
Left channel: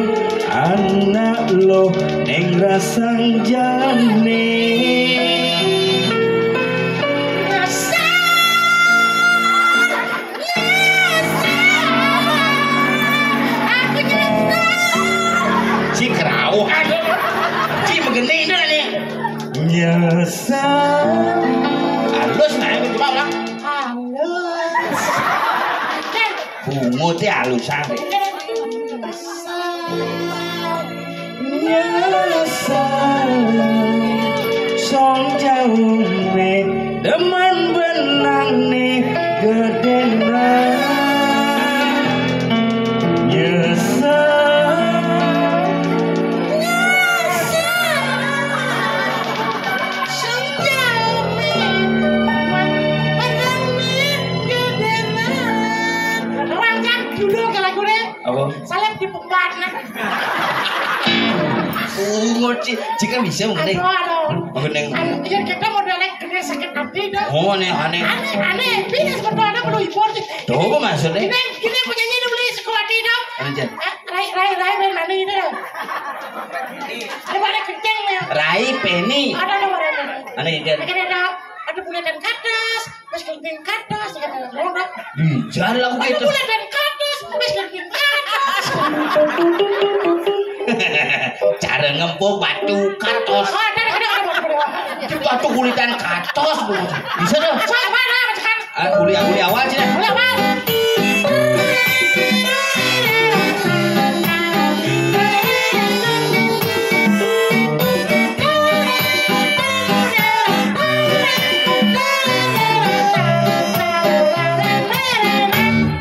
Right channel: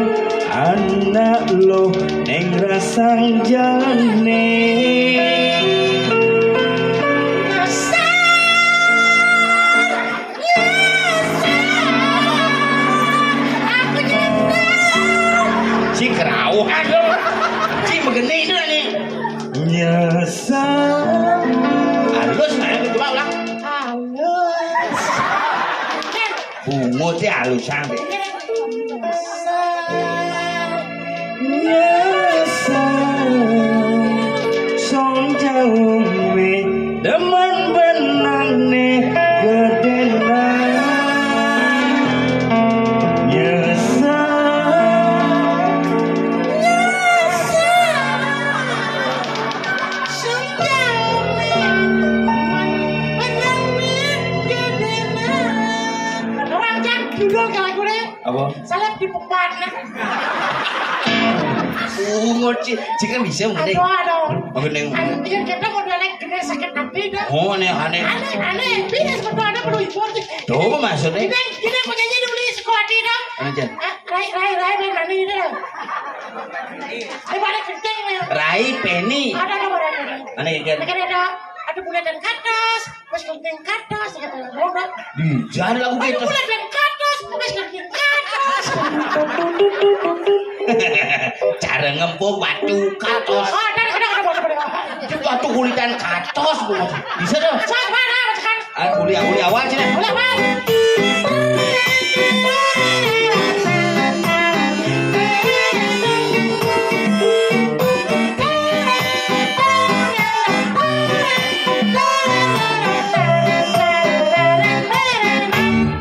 anak lo neng rasang jalane. Si kerau aduh si begini itu nih nyesal halus nah itu coba ulang halus. bungut ya halusan nyesal song jauh me demen benang nih gedena nyesal apa? Salep di pembana. Bungut sih jika bisa mengenai Aduh. mengenai Iya kita mau naik gede sakit hati dah. oh nih aneh Aneh, bisnis betul perlu impor. tuh maksudnya Gini penyanyi dulu di sekolah tidak. Anu, Jan. Rai nani itu. Ada kenceng ya. Rai Penny Ada dong orang ini. aneh kan Ada bulan dan katas, mas kenceng katas, ada roda. di jalan lagu Ada gitu bulan dan katas, mas kenceng katas. cara ngempuk batu katos Oh, ada. itu batu kulitan katos bisa dong Sama ada macam. kuliah awal sih dah Boleh, Bang.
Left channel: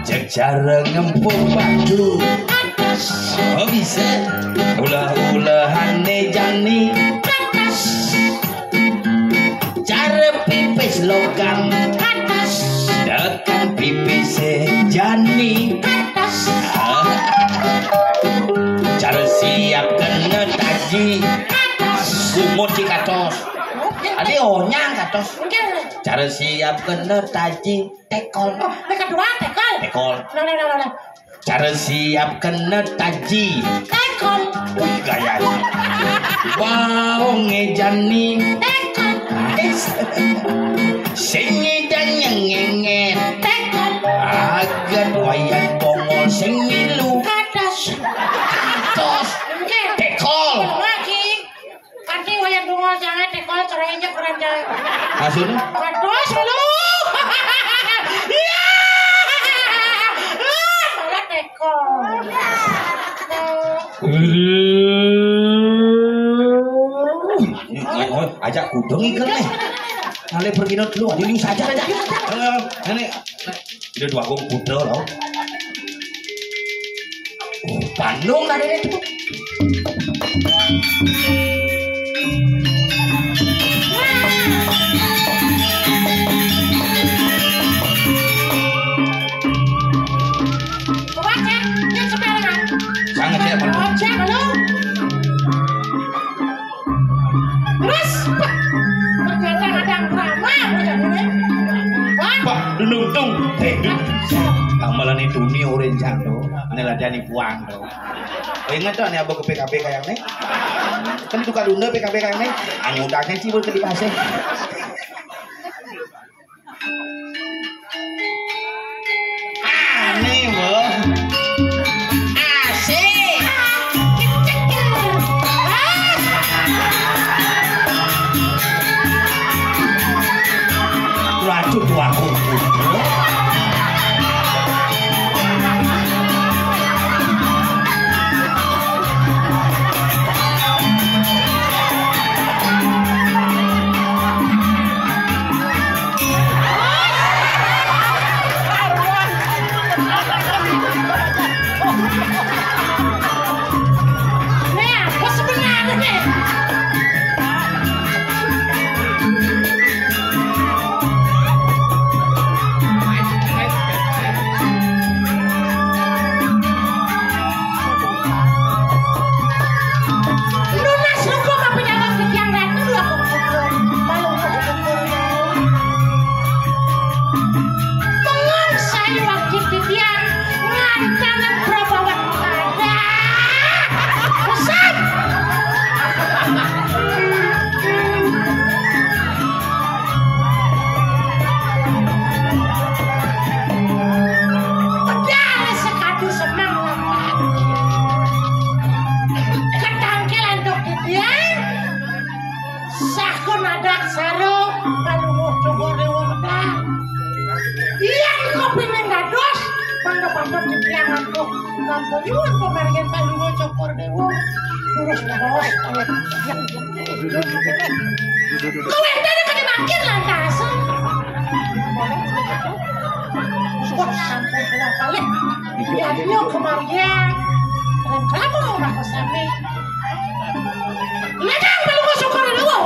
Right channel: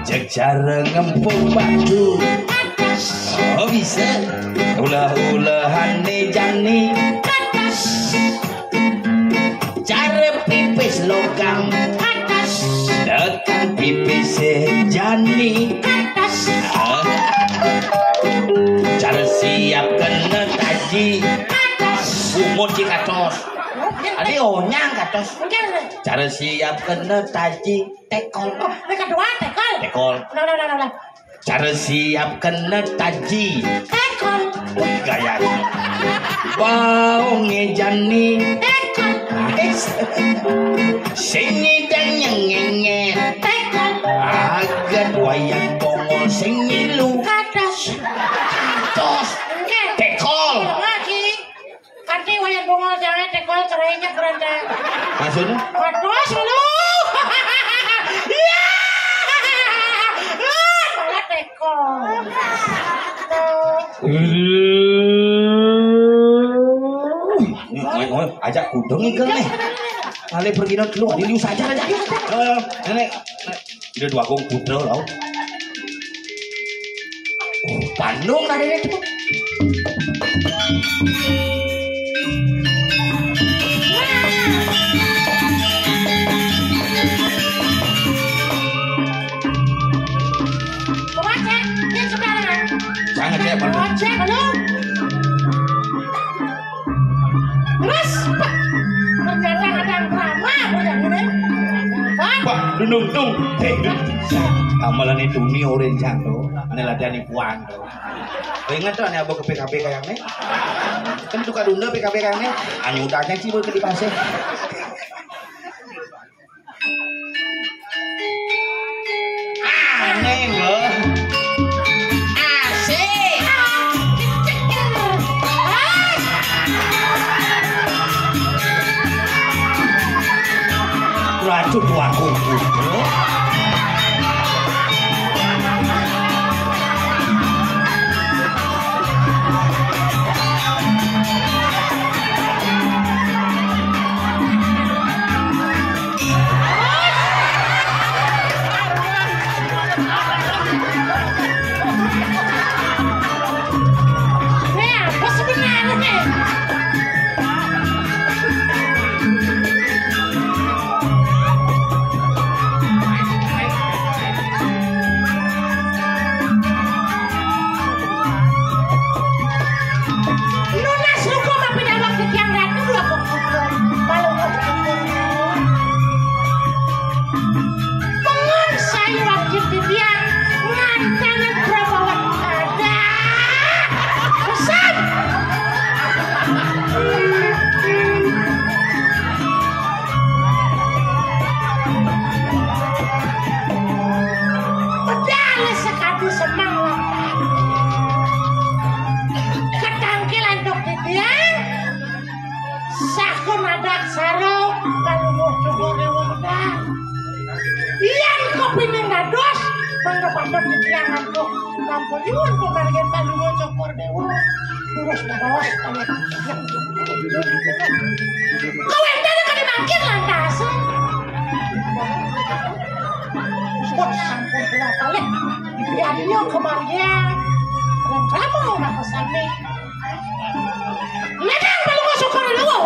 cek cara ngempuk batu oh bisa ulah-ulahan jani cara pipis logam dekat pipis jani cara siap kena taji umur si katos adi ohnya katos cara siap kena taji tekol Dekat dua, tekol. tekol Nah. cara siap kena taji Tekol. gaya bau ngejani Tekol. sing dan nyengenget Maksudnya? Kados lu. Iya. Malah teko. Ajak kudung ikan nih. Ale pergi dulu, diliu saja aja. Nenek, udah dua gong putra loh. Bandung ada itu. Sangat ya, Pak. Cek lu. Terus, ternyata ada yang ramah udah ini. Pak, dung. Amalan itu nih orang jatuh, ane latihan puang tuh. Ingat tuh ane abang ke PKP kayak nih. Kan itu kadunda PKP kayak nih. Ane udahnya sih ke di pasir. Aneh loh. Ratu tua kuku. Nah, apa sebenarnya nih? Lunas lupa apa penyawak di tiang ratu aku malu pengen saya waktu di tiang ngantangan perempuan ada pesan pedale sekali senang ketangkilan dok di tiang sakun adat saro kalau coba rewudah iya di kopi nang dados pandok-pandok di tiang aku nampu nyuwun pemargen palungo cokor dewo terus dados kau tadi kan makin lantas sudah sampai dua kali ya dia kemarin dan kamu mau kesana ledang palungo cokor dewo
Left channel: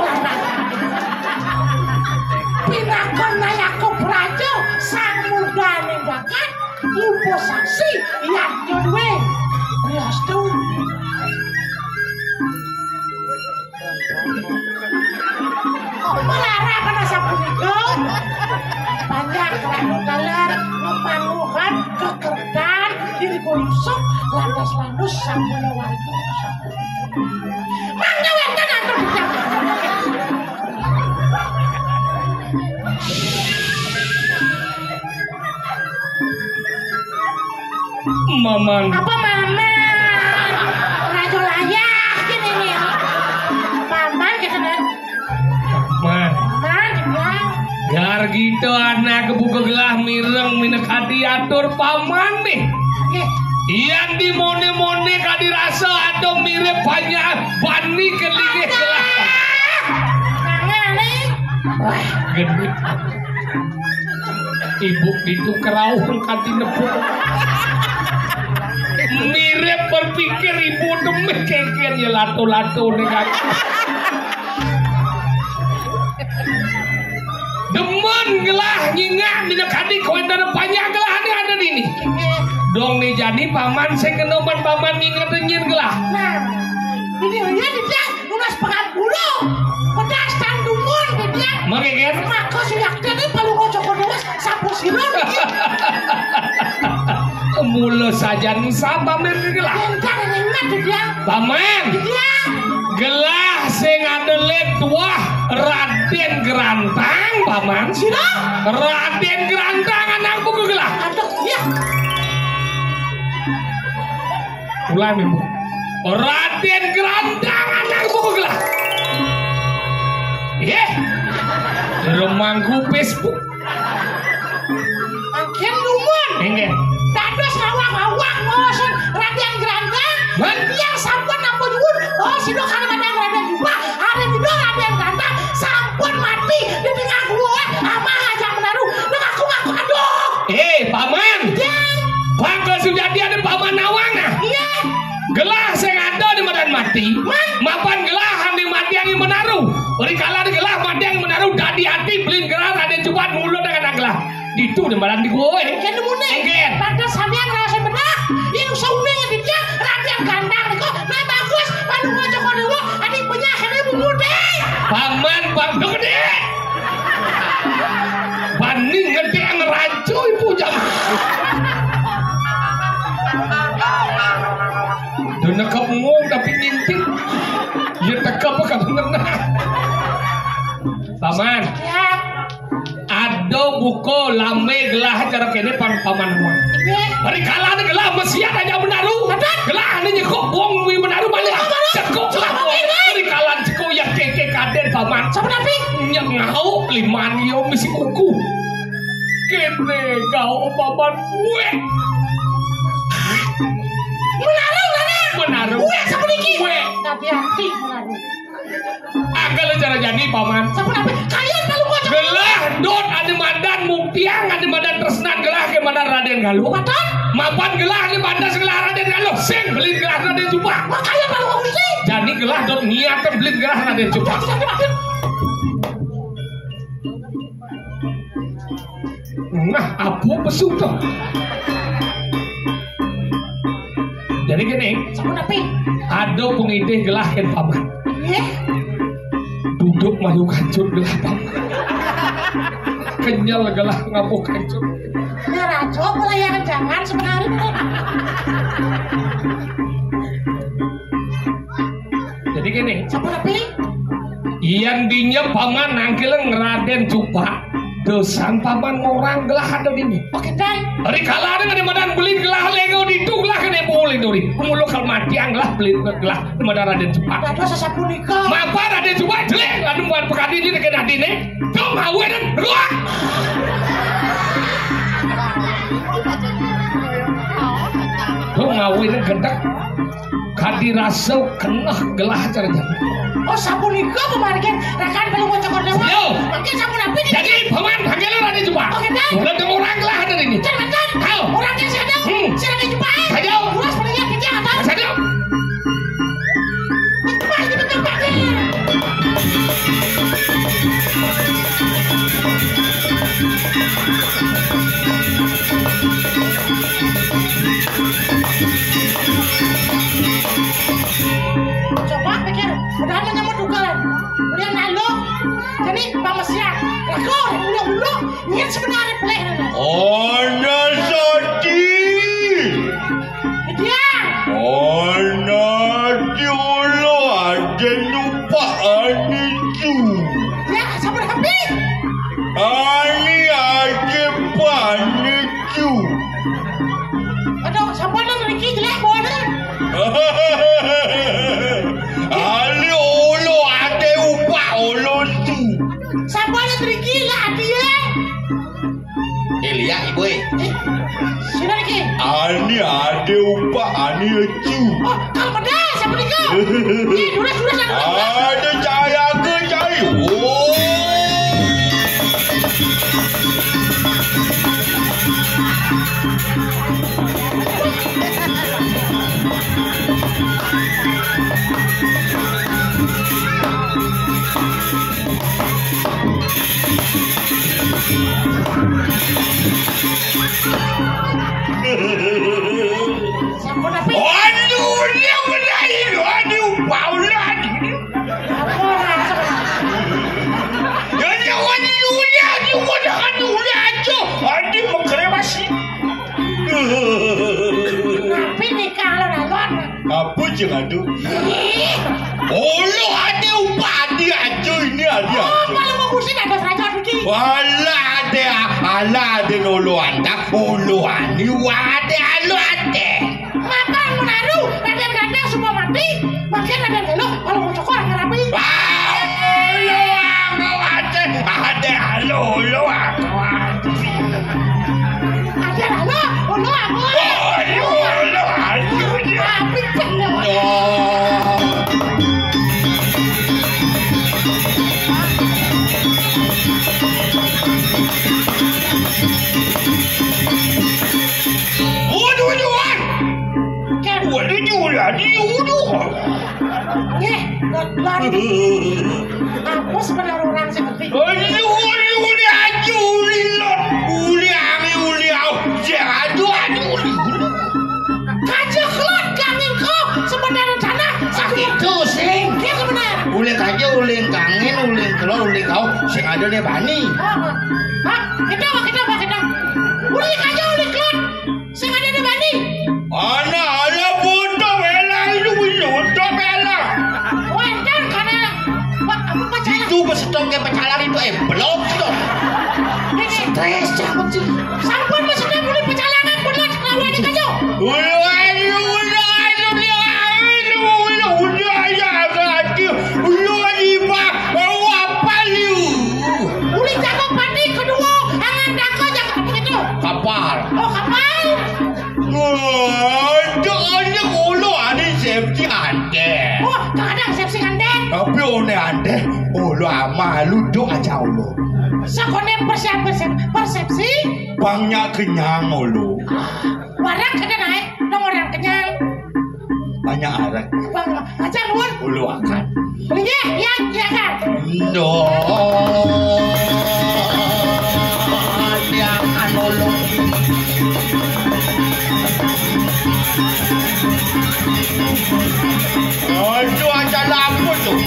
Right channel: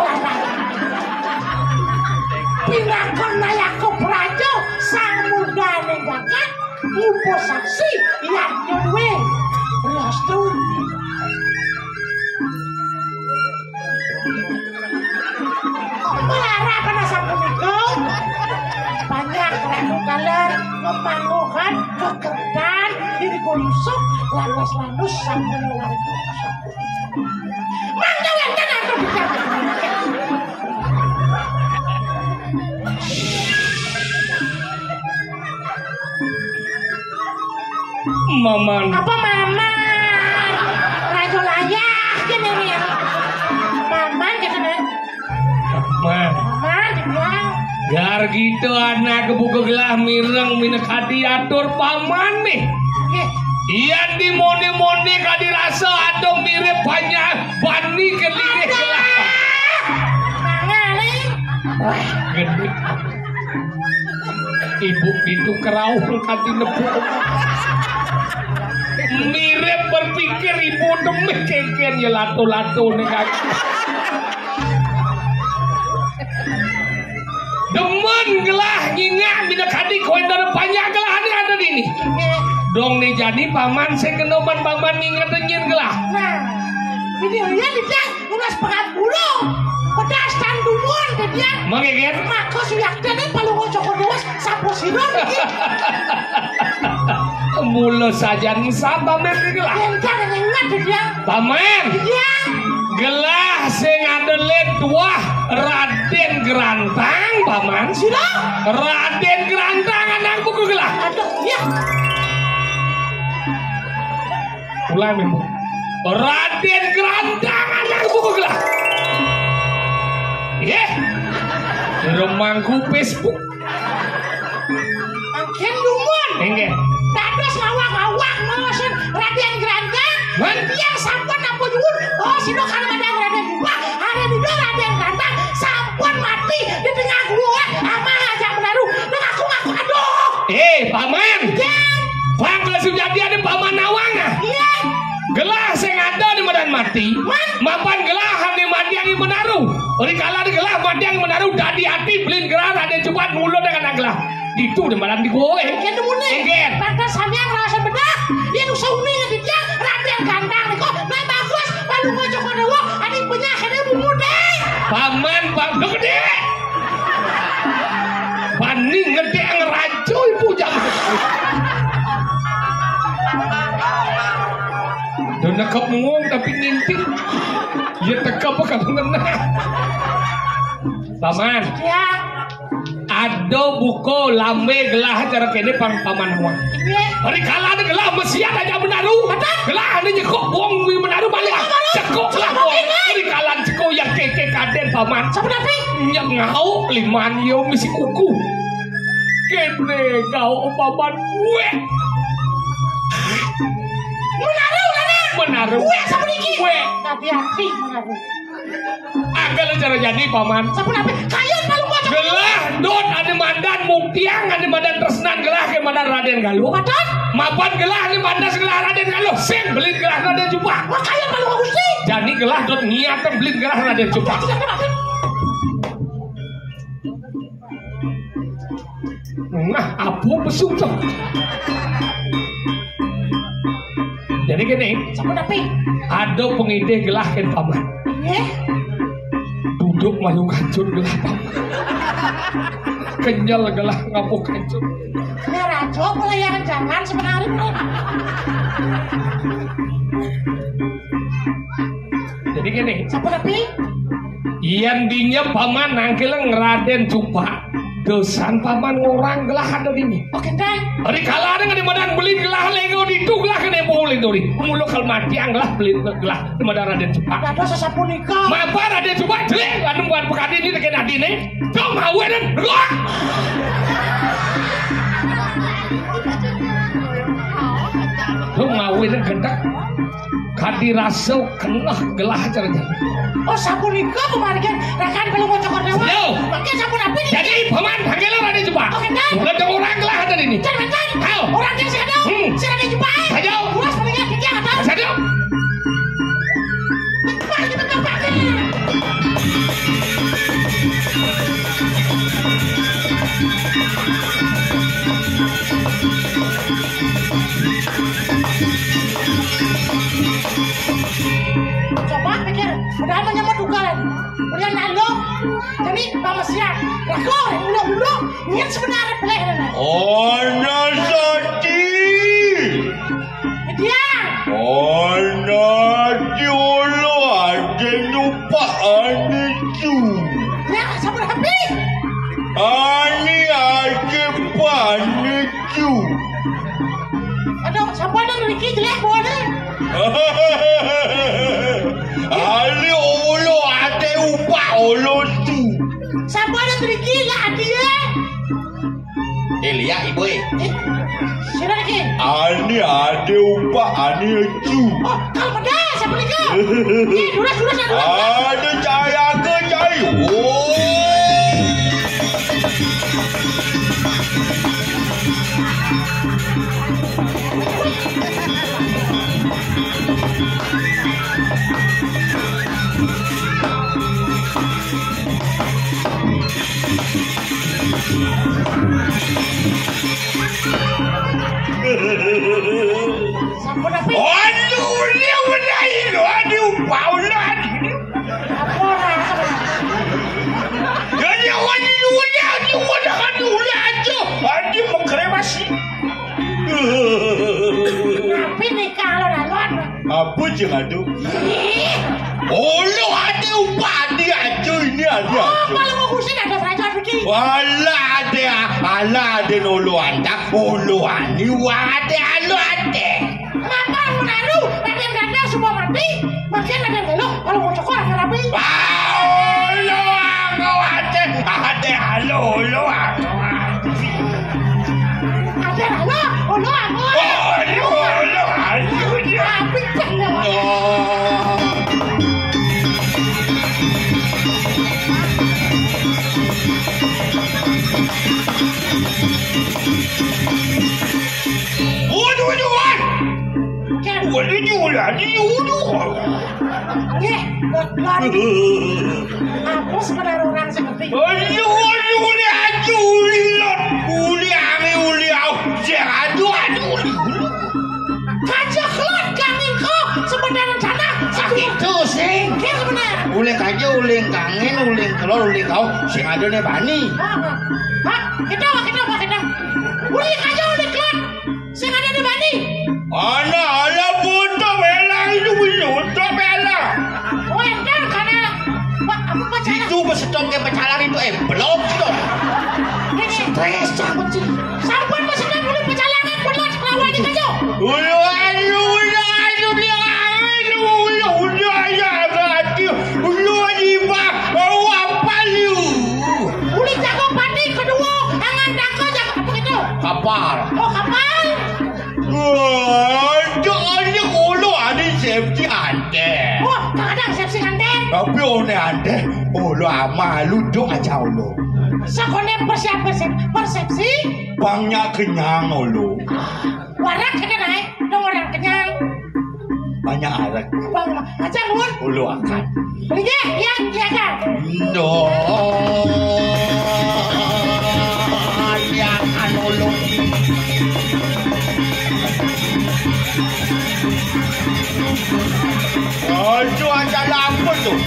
pinakon nayaku prajo sang muda nendakan lumpo saksi yang nyodwe restu melara pada sapunika banyak kerana dalar mempanguhan kekerdan diri koyusuk landas-landus sampun warga mangga wenten aku bicara Maman. apa mama rajo layak gini nih mama gitu nih Man. mama dibilang Gar gitu anak kebuka gelah mireng minek hati atur paman nih. Iyan di mondi kadi rasa ada mirip banyak bani kelingih gelah. Wah, gede. Ibu itu keraung hati nepuk. Mirip berpikir ibu demik kengken ya lato-lato nih kan. Demen gelah nyingak minek hati koin dari banyak gelah ada di ini. Dong nih jadi paman saya kenoban paman ingat nyin gelah. nah ini dia dia lunas pengabulo pedas tandungun dia Mengeket. maka sudah tadi palu ngocok dewas sapu sirong Mula saja nusa paman gelah. yang jangan ingat dia Paman dia gelah sing adelet wah Raden Gerantang paman. sudah Raden Gerantang anakku gelah. aduh ya Ulang ibu. Raden Gerantang anakku gelah. Ye. Remangku Facebook. Agen lumun. Enggak. Dados ngawak-ngawak mosen Raden Grandang. Yang sampun ampun nyuwun. Oh sino kan ada Raden juga. Ada di Raden Grandang sampun mati di tengah gua. Ama aja menaruh. Nek aku ngaku aduh. Paman. Ya. Bangga Sujati ada Paman Nawang nah. Iya. Gelah sing ada di medan mati. Mapan gelah di mati yang menaruh. Ori kala di gelah mati yang menaruh dadi hati belin gelah Raden cepat mulut dengan gelah. Itu di badan di gue. Agen lumun. Enggak. Pada sampean rasa benar. Yang saune dia Raden Grandang niku nah bagus. Palu ngojo kono adik punya hari muda. Paman bang gede. Paning ngerti yang rajo ibu jam. Dan nekap ngomong tapi ngintip. Ya tekap apa bener. Paman. Ya. Ada buku lame gelah cara kene paman uang. Hari kala ada gelah mesiat aja menaruh. Gelah ada nyekok buang mi menaruh balik. Cekok lah. Hari kala cekok yang keke kaden paman. Siapa tapi? Yang ngau liman yo misi kuku. Kene kau paman gue. Menaruh. Gue siapa niki? Gue. Hati-hati menaruh. Kalau cara jadi paman. Siapa tapi? Kalian palu ngojo. Gelah dot ada mandan muktiang ada mandan tresnan gelah ke mandan Raden Galuh. Madan? Mapan gelah di mandan gelah Raden Galuh. Sing beli gelah Raden Cupa. Makanya palu ngojo. Jadi gelah dot niatan beli gelah Raden Cupa. Nah, apa pesumpah? Jadi gini, Siapa tapi? ada pengide gelah kan paman. Iya. Duduk maju kancur gelah paman. Kenyal gelah ngapuk kancur. Ya rajo pelayanan jangan sebenarnya. Jadi gini, Siapa tapi? yang dinya paman nangkeleng Raden Cupa. Dosan paman ngorang gelah ada di ini. Oke dan. Hari kala ada di madan beli gelah lego di itu gelah kena boleh dori. Mulu kalau mati yang gelah beli gelah di madan Raden Cupa. Dados sapunika. Mapa Raden Cupa jelek lalu buat pekadi ini dekat adine. Dong hawe dan ruak. Dong hawe dan gendak. Kadi rasa kena gelah caranya. Oh sapunika pemargian rekan palu ngojo kono. Yo. Oke siapa tapi? Jadi paman panggilnya Raden Cupa. Oke dan. Udah ada orang gelah ada ini. Jangan. Halo. Orangnya saya ada. Saya ada jumpa. Saja. Luas pendengar dia ada. Saja. Pagi betul-betul. Coba pikir, udah menyemut dugaan, udah lalu, jadi bang Mesian, rekor, ulung-ulung, ingin sebenarnya peleh. Ana Sati. Dia, Ana Jolo ada lupa anitu. dia sama habis. Ani aja panitu. Aduh, siapa yang Ricky jelek boleh? Ali olo ada upah olo tu. Siapa yang Ricky lah dia? Lihat ibu. Sini lagi. Ani ada upah ani tu. Oh, kalau pada siapa lagi? Ini sudah siapa? Ada cara ke cari. Oh. Siapa tapi? Aduh, dia berdaya. Aduh, paulan. Apa macam? Jadi awak ni dunia, dia wadah dunia aja. Aduh, mengkremasi. Tapi ni kalau lawan. Apa je aduh? Oh, lo ada upah dia aja ini ada. Oh, kalau mau kusin ada saja Ricky. Wala ada nolo anda. Olo ani wade alo ade. Maka menaruh, Raden Ganda semua mati. Bagian Raden Galuh kalau mau cokor rapi. Olo ade. Ulu aku. Ada halo, ulu aku. Ulu Aku sebenarnya orang seperti kajeklot kangingku sebenarnya sana sakit sing. Iya benar. Uling kaje, uling kangen, uling telur, uling kau sing ada ne bani. Hah? Kita. Uling kaje, uling kelot. Sing ada di bani. Ana buta belang itu buta belang. Oh, entar karena apa pacaran? Itu besetok ke pacaran itu blok tuh. Stres cabut sih. Sampun maksudnya boleh pecalangan belas lawan di kajo. Uling jago padi kedua, angan dako jago begitu. Kapal. Oh, kapal. Ada kolo ada safety ande. Oh, kadang sepsi gandeng. Tapi one ande, lo ama lu dong aja lo. Sakone persepsi. Bangnya kenyang lo. Warang kena naik, dong orang kenyang. Banyak arak. Bang, aja nuwun. Lo akan. Belinya, iya kan. No. Yang anolong. Itu ada lampu tuh.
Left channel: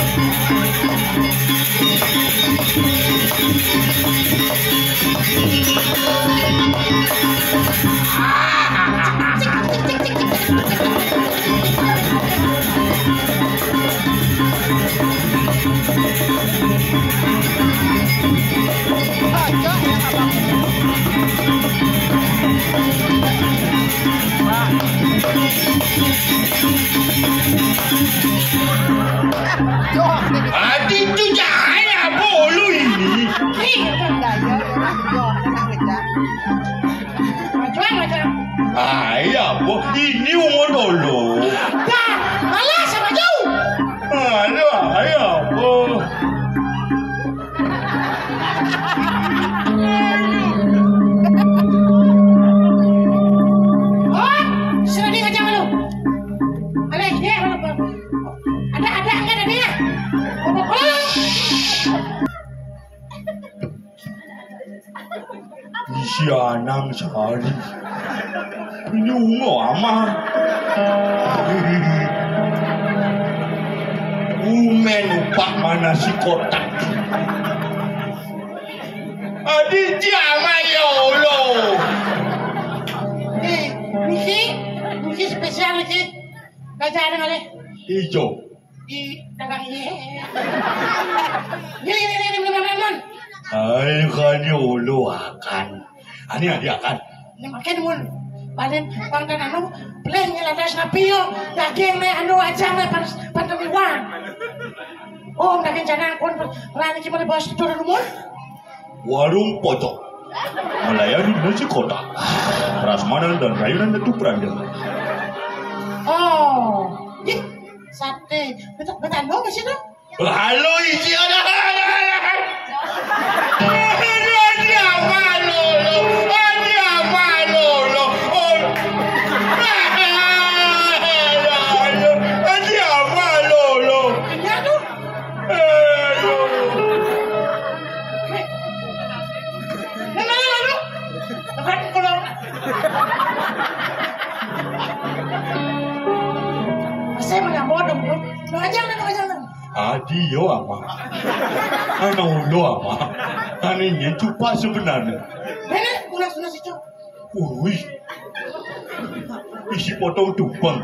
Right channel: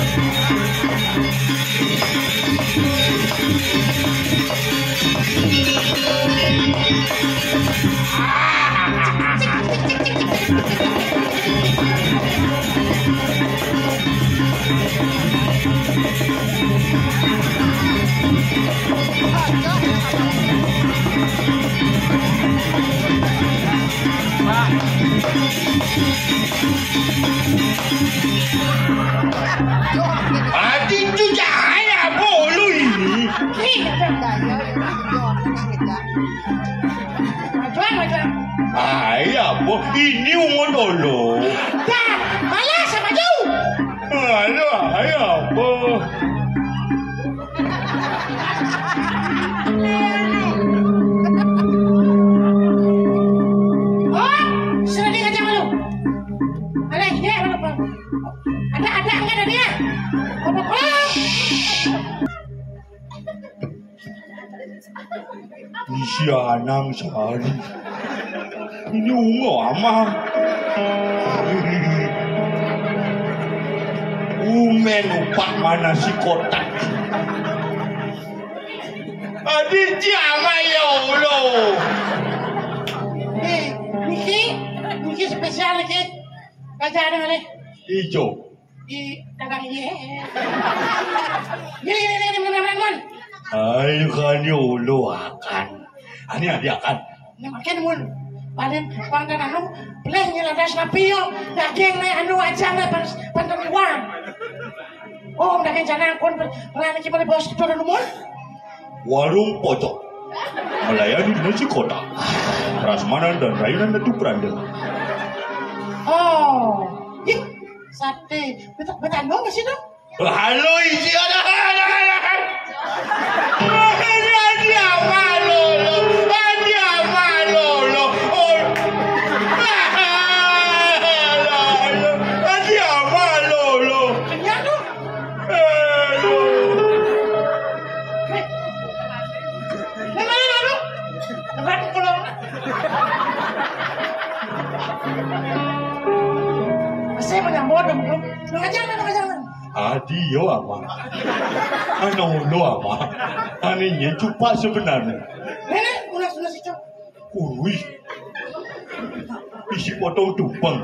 Itu cahaya bolu ini. Ayah, ini umur dulu. Malah sama jauh. Aduh, ayah, Oh, sudah dia ngajak lu. Alah, dia ada enggak ada dia? Si Anang Sari. Ini ungu ama. Umen upak mana si kotak. Adi jama ya Allah. Niki spesial niki. Baca ada mana? Ijo. Di dagang ini. Ini. Ay kan yolo akan. Ani akan. Ini makin mun. Paling anu pleh nyeladas napio daging ne anu aja ne pananiwan. Oh, daging jangan kon rani ki boleh bos turun mun. Warung pojok melayani nasi kotak, prasmanan dan layanan itu beranda. Oh, sate. Betul dong di sini. Halo isi anak. Saya banyak bodoh, jangan. Adio ama, anak lo ama, anehnya cupa sebenarnya. Nenek, ulas itu. Wih, isi potong tumpeng.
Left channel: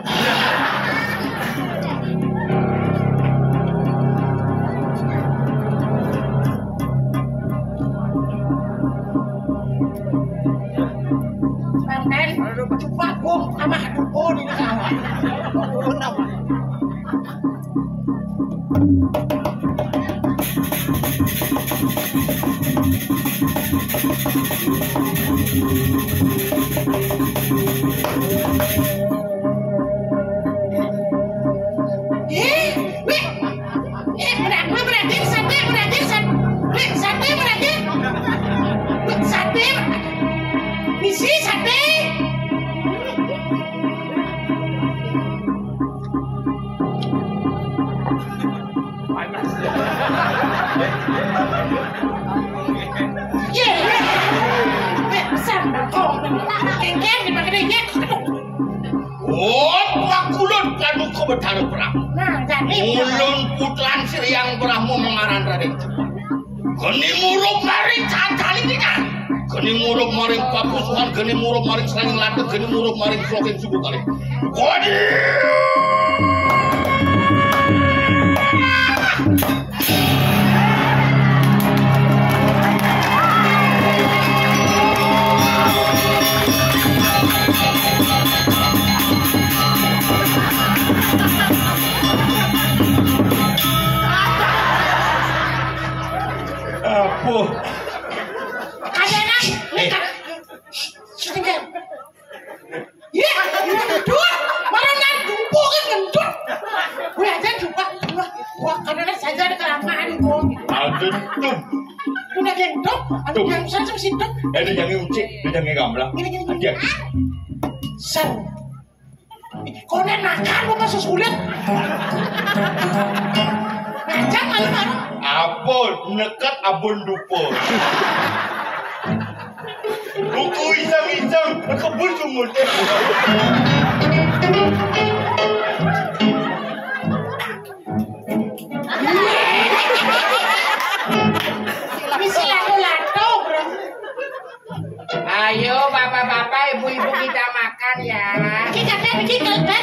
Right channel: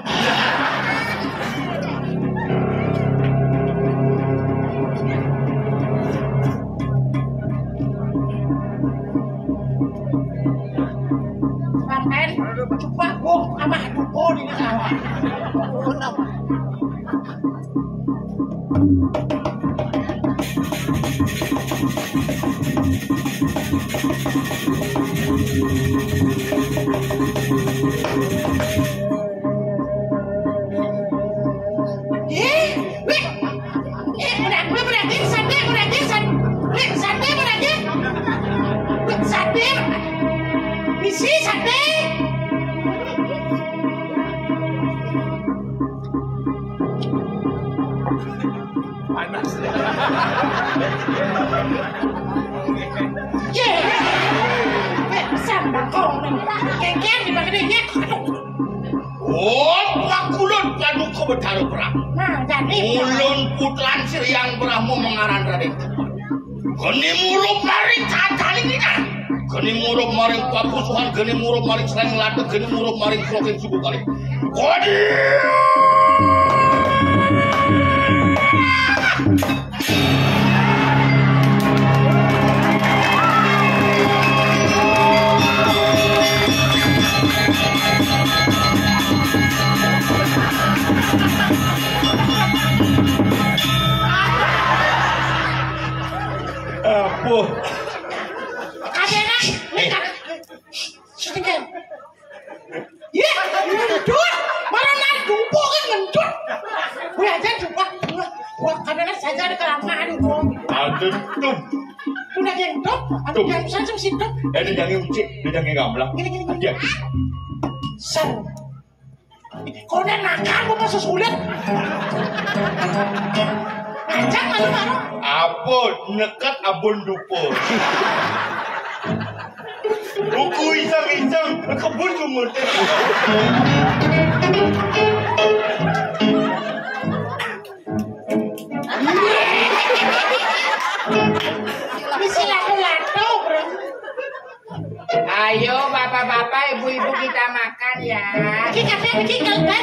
Panten. Coba bong sama dupo di sawah. Betara perang. Nah, jadi ulun putran Siriang Brahmo mengaran Raden. Geni murup maring cacali kita. Geni murup maring papusuhan, geni murup maring selain ladeg, geni murup maring sloken suku kali. Kodi. Apa? Kadang setinggal. Ya, dua. Mana dumpo kan ngentut. Gue aja coba. Wah, kadang saja ada kelamaan kok. Ada tuh. Udah gentok, ada yang saja situ. Ada yang ucik, ada yang gamblang. Gini. Ada. Sen. Kau nakal lu masuk sulit. Ngajak aja baru. Apa nekat abon dupo. Buku isang-isang kebun sumur. Misi lato-lato, bro. Ayo bapak-bapak, ibu-ibu kita makan ya. Ini kadek, ini kadek.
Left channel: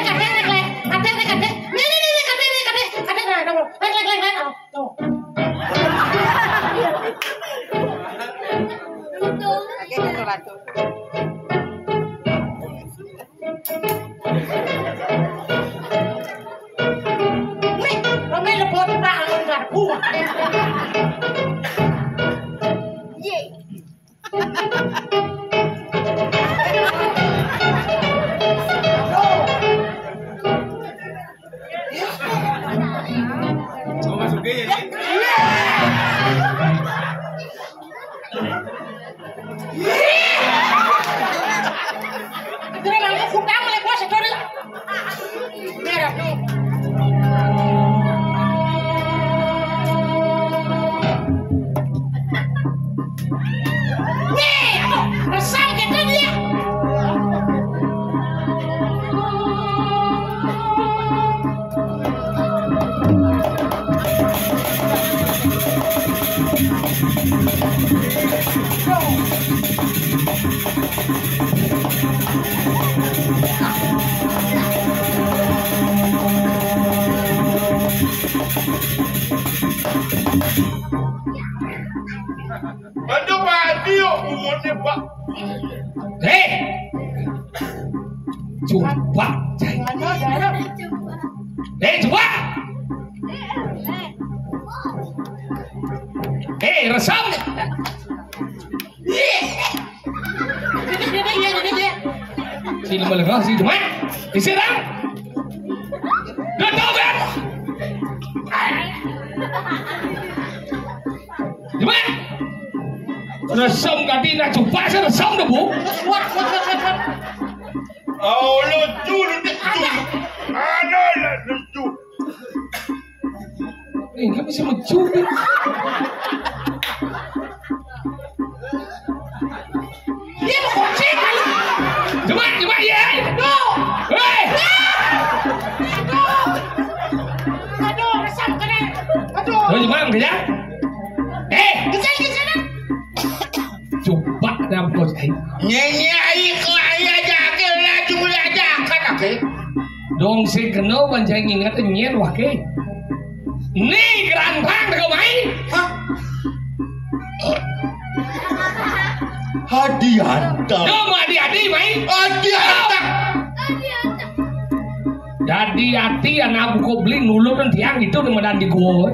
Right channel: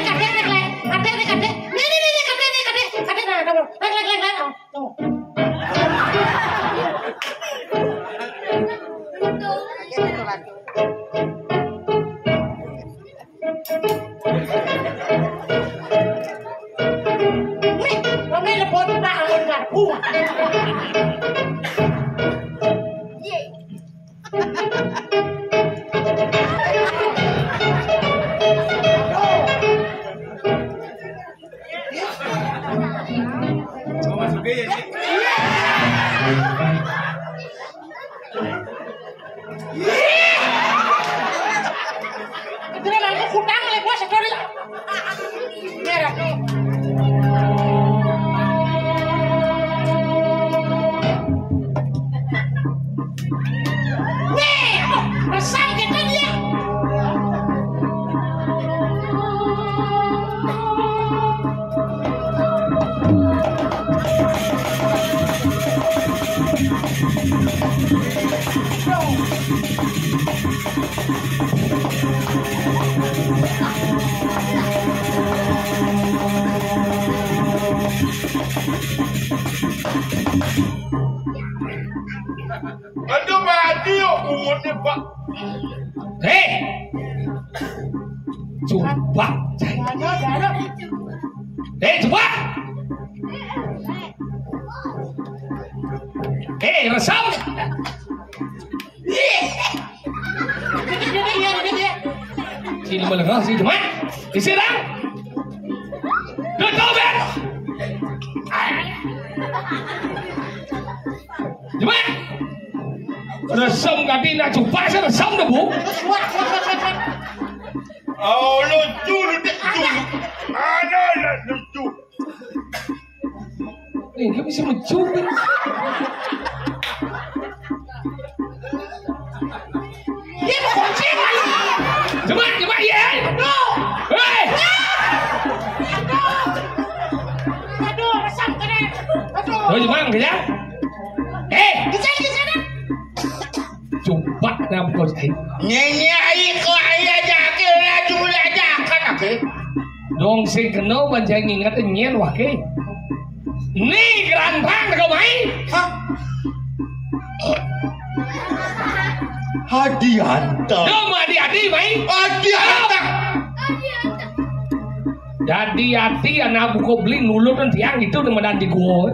Aduh mati yuk umurnya pak. Coba. Coba. Resam. Sini boleh kau sini cuma. Istirahat. Betul kan? Cuma. Resam tadi nak coba saya resam dah bu. Oh lucu. Mana lah lucu. Ini bisa mencuri. Dia mau kunci balik. Coba ya. Aduh. Hei. Aduh, resam kena. Aduh. Oh, gimana kerja? Kejar. Coba dalam kau saya. Nyanyi air kau ayah jaga laju aja kan oke. Dong si kena banjang ingat nyen wah ke. Ni gerantang kau main. Adianta. Yo mau adi-adi mai. Adianta. Jadi hati anak buku beli nulur dan tiang itu di madan di gua.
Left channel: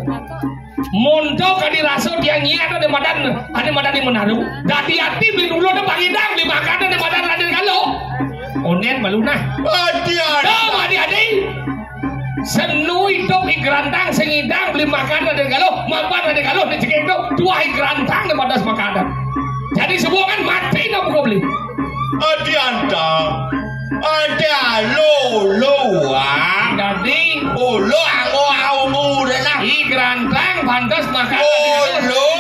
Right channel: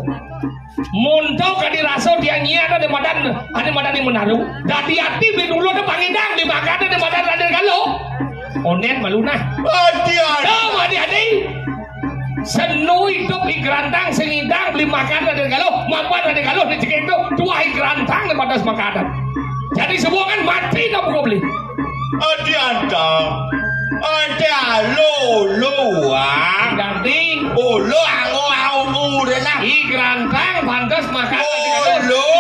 Montok kan dirasa dia nyian ada madan di Manado. Jadi hati beli nulur dan pangidang di makan di madan Raden Galuh. Onen maluna. Adianta. Yo mau adi-adi. Senu hidup di gerantang sengidang beli makan Raden Galuh, mapan Raden Galuh di cekek itu dua gerantang di batas makanan. Jadi semua kan mati dah buku beli. Adianta. Ada lo ah. Jadi Lo aku dah. di gerantang pantas makan Lo.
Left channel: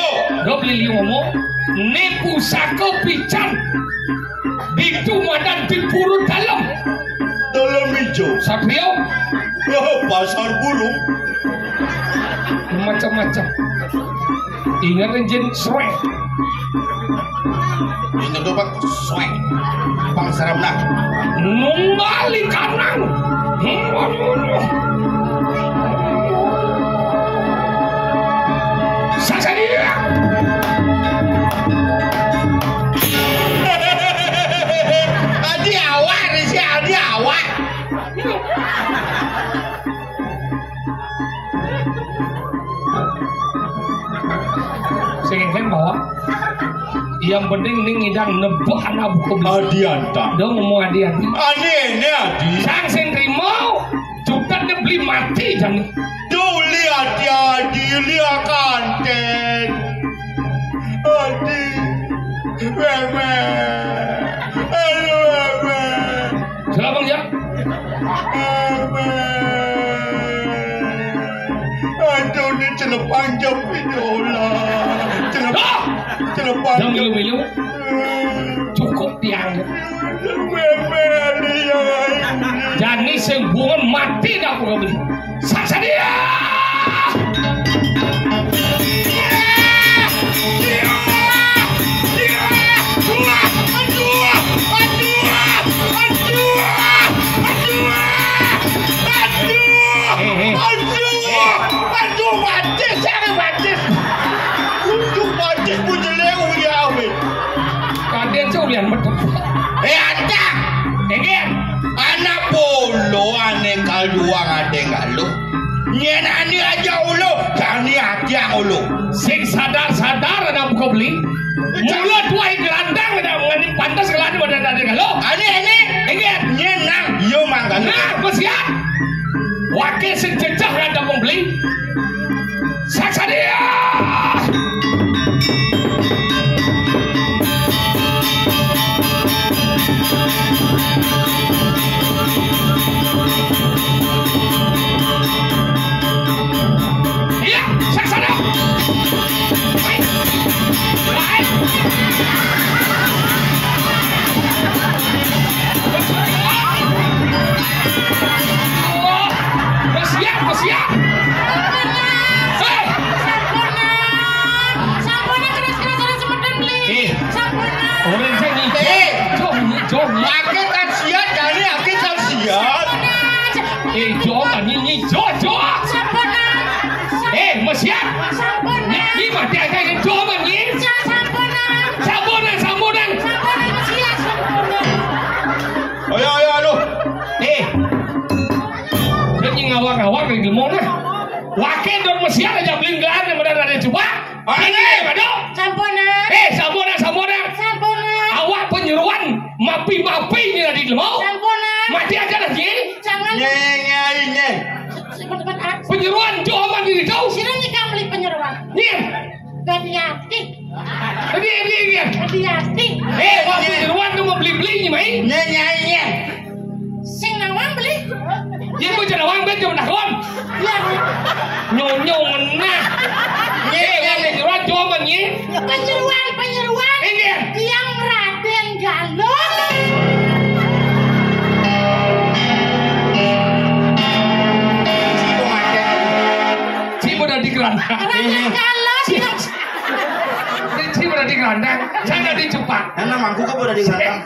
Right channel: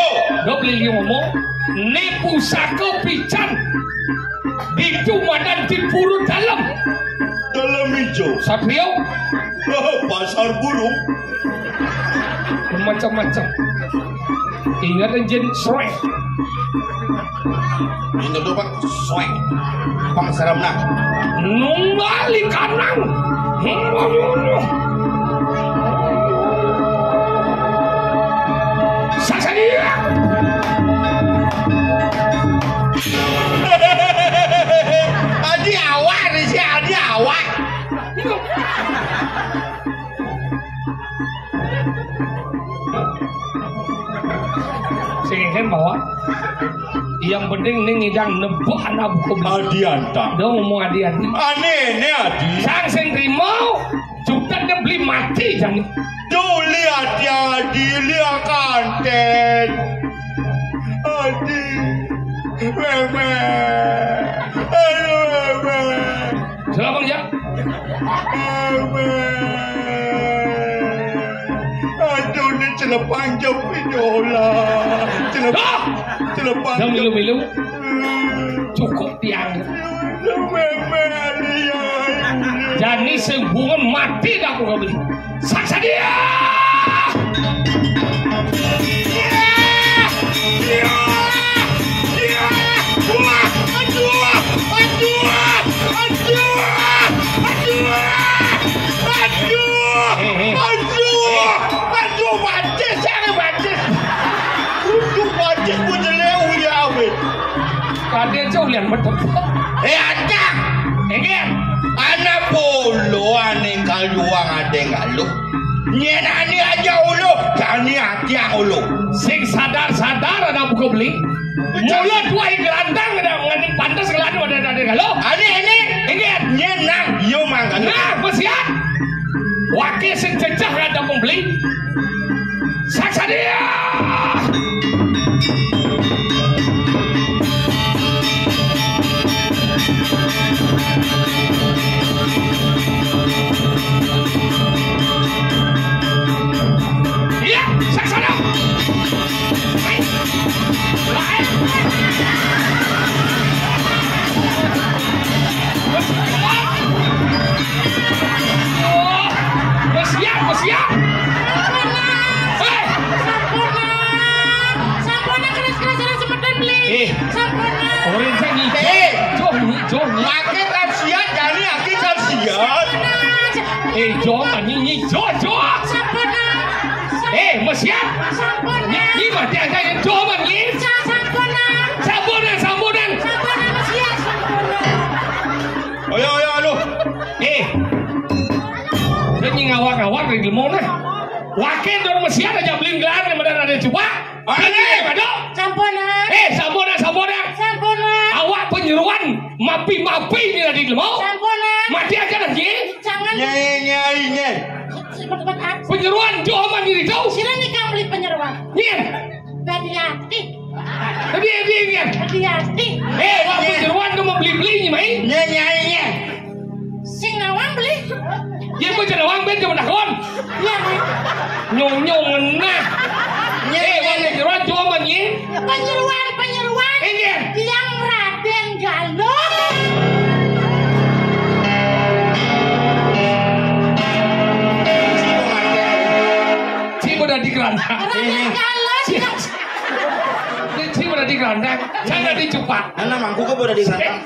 gue beli ngomong ini pusaka pican di tumadan di purut dalam hijau. Satrio Pasar burung. macam-macam ingat jin srek Ini tuh pak swag. Pangsaram nak. nungali kanang Saksa dia Adi awak ni si adi awak. sehingga bawa yang penting ini ngidang nebak anak buku Adianta. dia ngomong adi-adi Aneh ni adi. sang sing rimo juga dia beli mati jangan Tuh lihat ya adi lihat kanten. Adi. Meme. Aduh meme. selamat ya Aduh ni celepang jam idola. Celepang jangan jam. milu-milu cukup tiang jadi sembungan mati dah aku beli saksa dia kalian jauh lihat betul Ada. enggak Anak polo ane kaluang ade galuh. Nyen ani aja ulu, kani hati ulu. sing sadar-sadar anak buku beli mulut tuai gerantang dan mengenai pantas keladi pada tadi kalau Ani enggak nyen nang yo mangga. nah bersiap wakil sing cecah ada membeli saksa dia iya saksa dia bersiap orang jangan jom Aki kasihan kani aki kasihan. jom ni jom bersiap ni mati akan jom ni sambunan Ayo alo. dia ngawak-ngawak dari di mana wakil dan bersiap aja beli gelar yang benar ada coba sambunan awak penyeruan mapi-mapi ni tadi lemau mati aja lagi Nyai. penyeruan joman diri kau Sini nih kamu beli penyeruan. ni Hati-hati. dia Hati-hati. wak penyeruan kamu beli-beli ni mai Nyai. Sing nawang beli. dia pun jangan wang ben cuma kawan Iya nih. nyong ngenah wak penyeruan joman ni Penyeruan. ini Yang Raden Galuh. cibo dah di kerandang Raden Galuh. cibo dah di kerandang saya dah di cepat Ana mangku ka boleh digatang.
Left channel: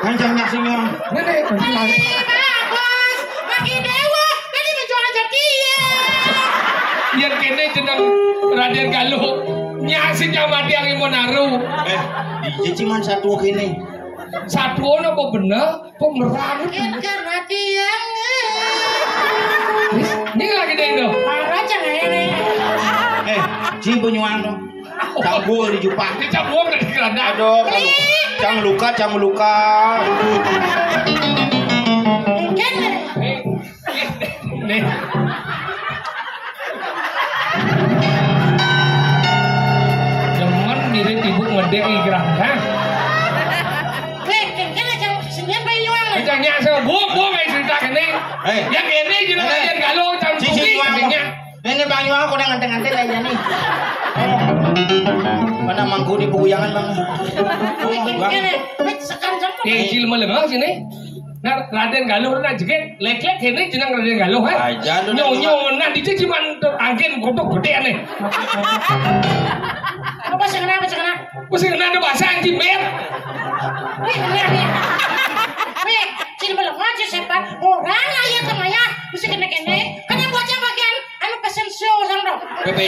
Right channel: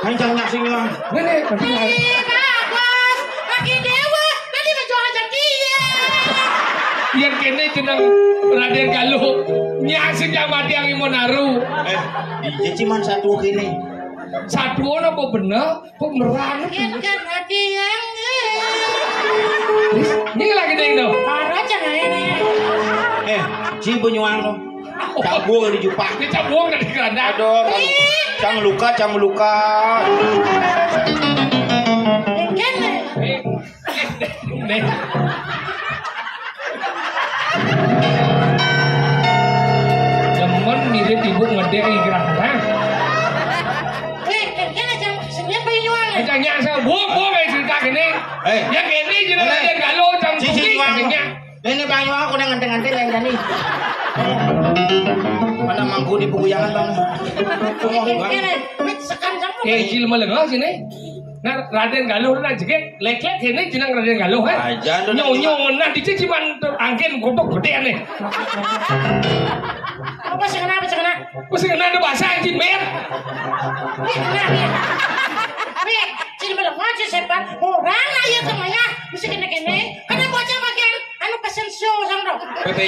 Hancang nak sinyo. Nenek, berjalan. Bagus. Bagi dewa. Nanti menjual dia. Yang kene jeneng Raden Galuh nyasik yang mati yang Imonaru Cuman satu gini. Satu apa bener? Kok merang? Kan hati yang Ini lagi deh itu. marah jangan ini. Si penyuang dong. Cabul di jupak. Ini cabung dari keranda. Aduh, cang luka. Kan Nih. Temen mirip ibu ngedek i keranda. kan aja senyum penyuang. Jangan sama buang kayak cerita gini. Yang ini jelas yang galau cang Si suki penyuang. katanya. Ini bang Yuang aku udah nganteng-nganteng aja nih. Mana mangku di bukuyangan bang? Kan sekan sama. Kayak cil melengah sini. Nah, Raden Galuh na jeke lek-lek ini jeneng Raden Galuh Aja lu. Nyo nah di cuman angin kodok gede aneh. Apa sih kenapa? Wis ngene ada bahasa yang cimbir. Wih, sini belum ngaji sepan. Orang ayah sama ya, mesti kene. Karena baca bagian anu pesen show sama dong.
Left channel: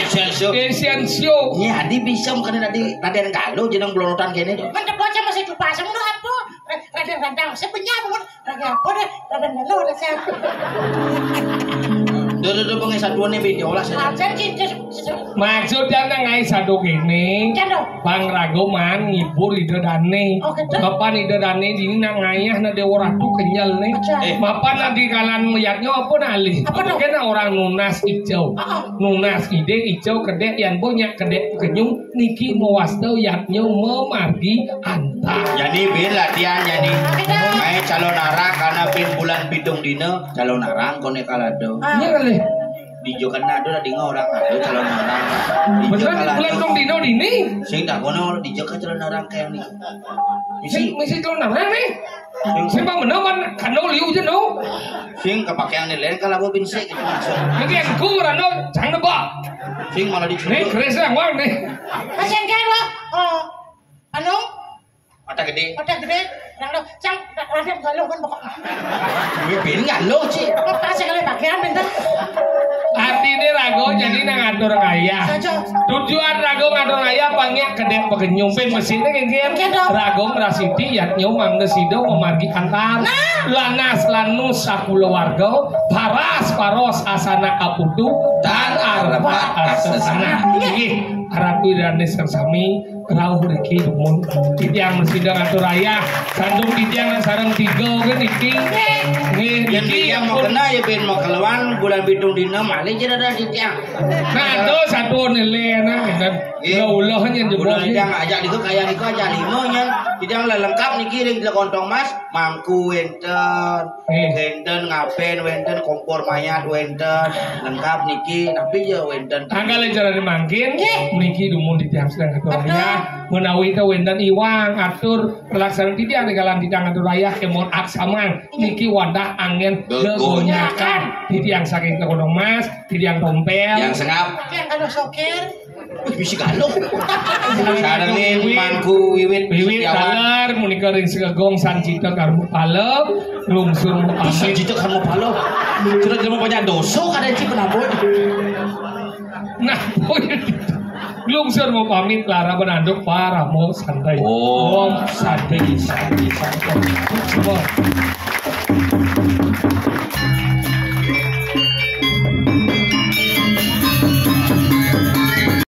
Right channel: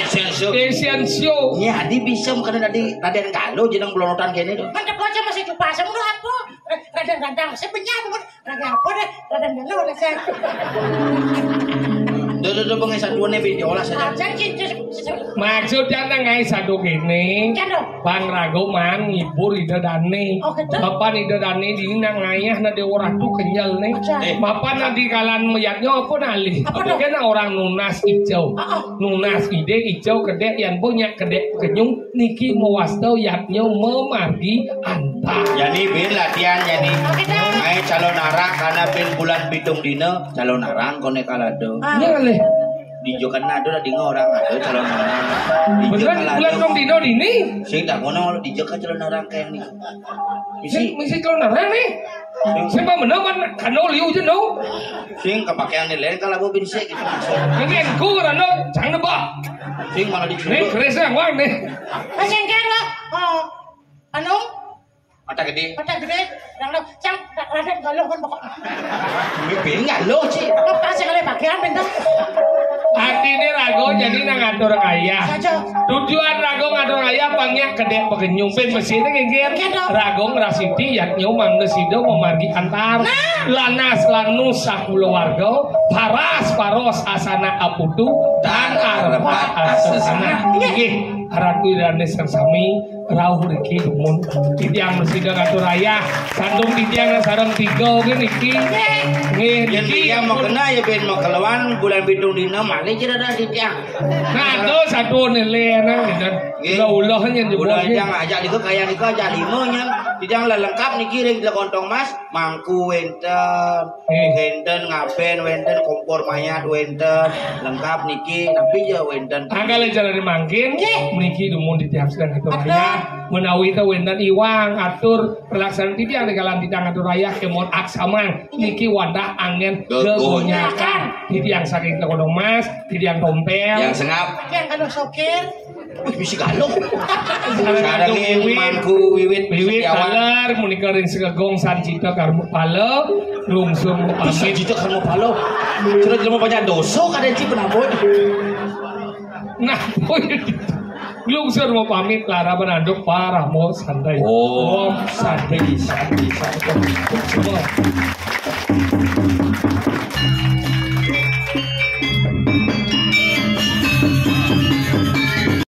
Sensio. Esensio. Ya, di bisa bukan tadi Raden Galuh jeneng belorotan gini tuh. Mantap baca masih lupa sama lu apa? Radang, saya penyam pun. Radang apa deh? Radang dulu udah saya. Duh, pengen satuan nih video lah saja. Ajar cinta. Maksudnya nang satu gini. Kan dong. Bang Rago mang ngibur ide dane. Oh, gitu? Bapak ide dane di nang ayah na dewa ratu kenyal nih. Bapak na di kalan meyaknya apa nali? Apa dong? Kena orang nunas hijau. Nunas ide hijau kedek yang punya kedek kenyung niki mewastau yaknya memargi antar. Jadi bin latihan jadi. Ay calon arah karena bin bulan pitung dino calon arang kone kalado. Iya kali. Di Jokan nado di orang ada calon arang. Di Beneran Jokan bulan dong dino dini. Sing tak kono di Jokan calon arang kayak nih. Misi Misi kalau nara nih. Siapa menawan kano liu je no. sing kepakean nilai kalau bin sik gitu masuk. Jadi aku rano jangan nebak. Sing malah Nih dicuri. keresa wang nih. Masih kan lo? Anu? Mata gede. Mata gede. Rang cang radang galuh kan pokok. Bin enggak lo sih. Lo kasih kali bagian bentuk. Artinya rago jadi nang ngatur kaya. Aja. Tujuan rago ngatur kaya pangnya kedek pegenyum pin mesinnya ngengker. Rago ngrasiti yaknya manggesido memargi antar. Lanas lanus sakulo warga. Paros asana aputu dan arba asana. Iki Ratu dan sami rauh niki dumun titiang mesidang ngatur raya sandung titiang sareng tiga kan niki nggih Yang niki yang mau kena ya bin mau keluar bulan bidung dina malih jadi ada di tiang. nah itu satu nilai na gitu ulah yang Udah jebol yang ajak diku kayak diku aja lima nya. Tidak lengkap nih kirim di kontong mas mangku wenten ngapen wenten kompor mayat wenten lengkap niki tapi ya wenten. angkale jalan mangkin mriki dumun titiang sedang ngatur raya menawi teh wenten iwang atur pelaksanaan titiang kalan titiang ngatur raya kemon aksaman niki wadah angin gegonyakan titiang saking kodong mas titiang tompel Yang sengap Bagian galuh sokir. bisa galuh. Sarengin mangku wiwit Wiwit setiawan. kalar munika ring segegong sancita karmu pale lungsum Bisa amit. jitu kamu palo. Terus kamu banyak dosa kada ci penabot. Nah, lungsur mau pamit lara benanduk parah mau santai. Oh. Om santai. Semua.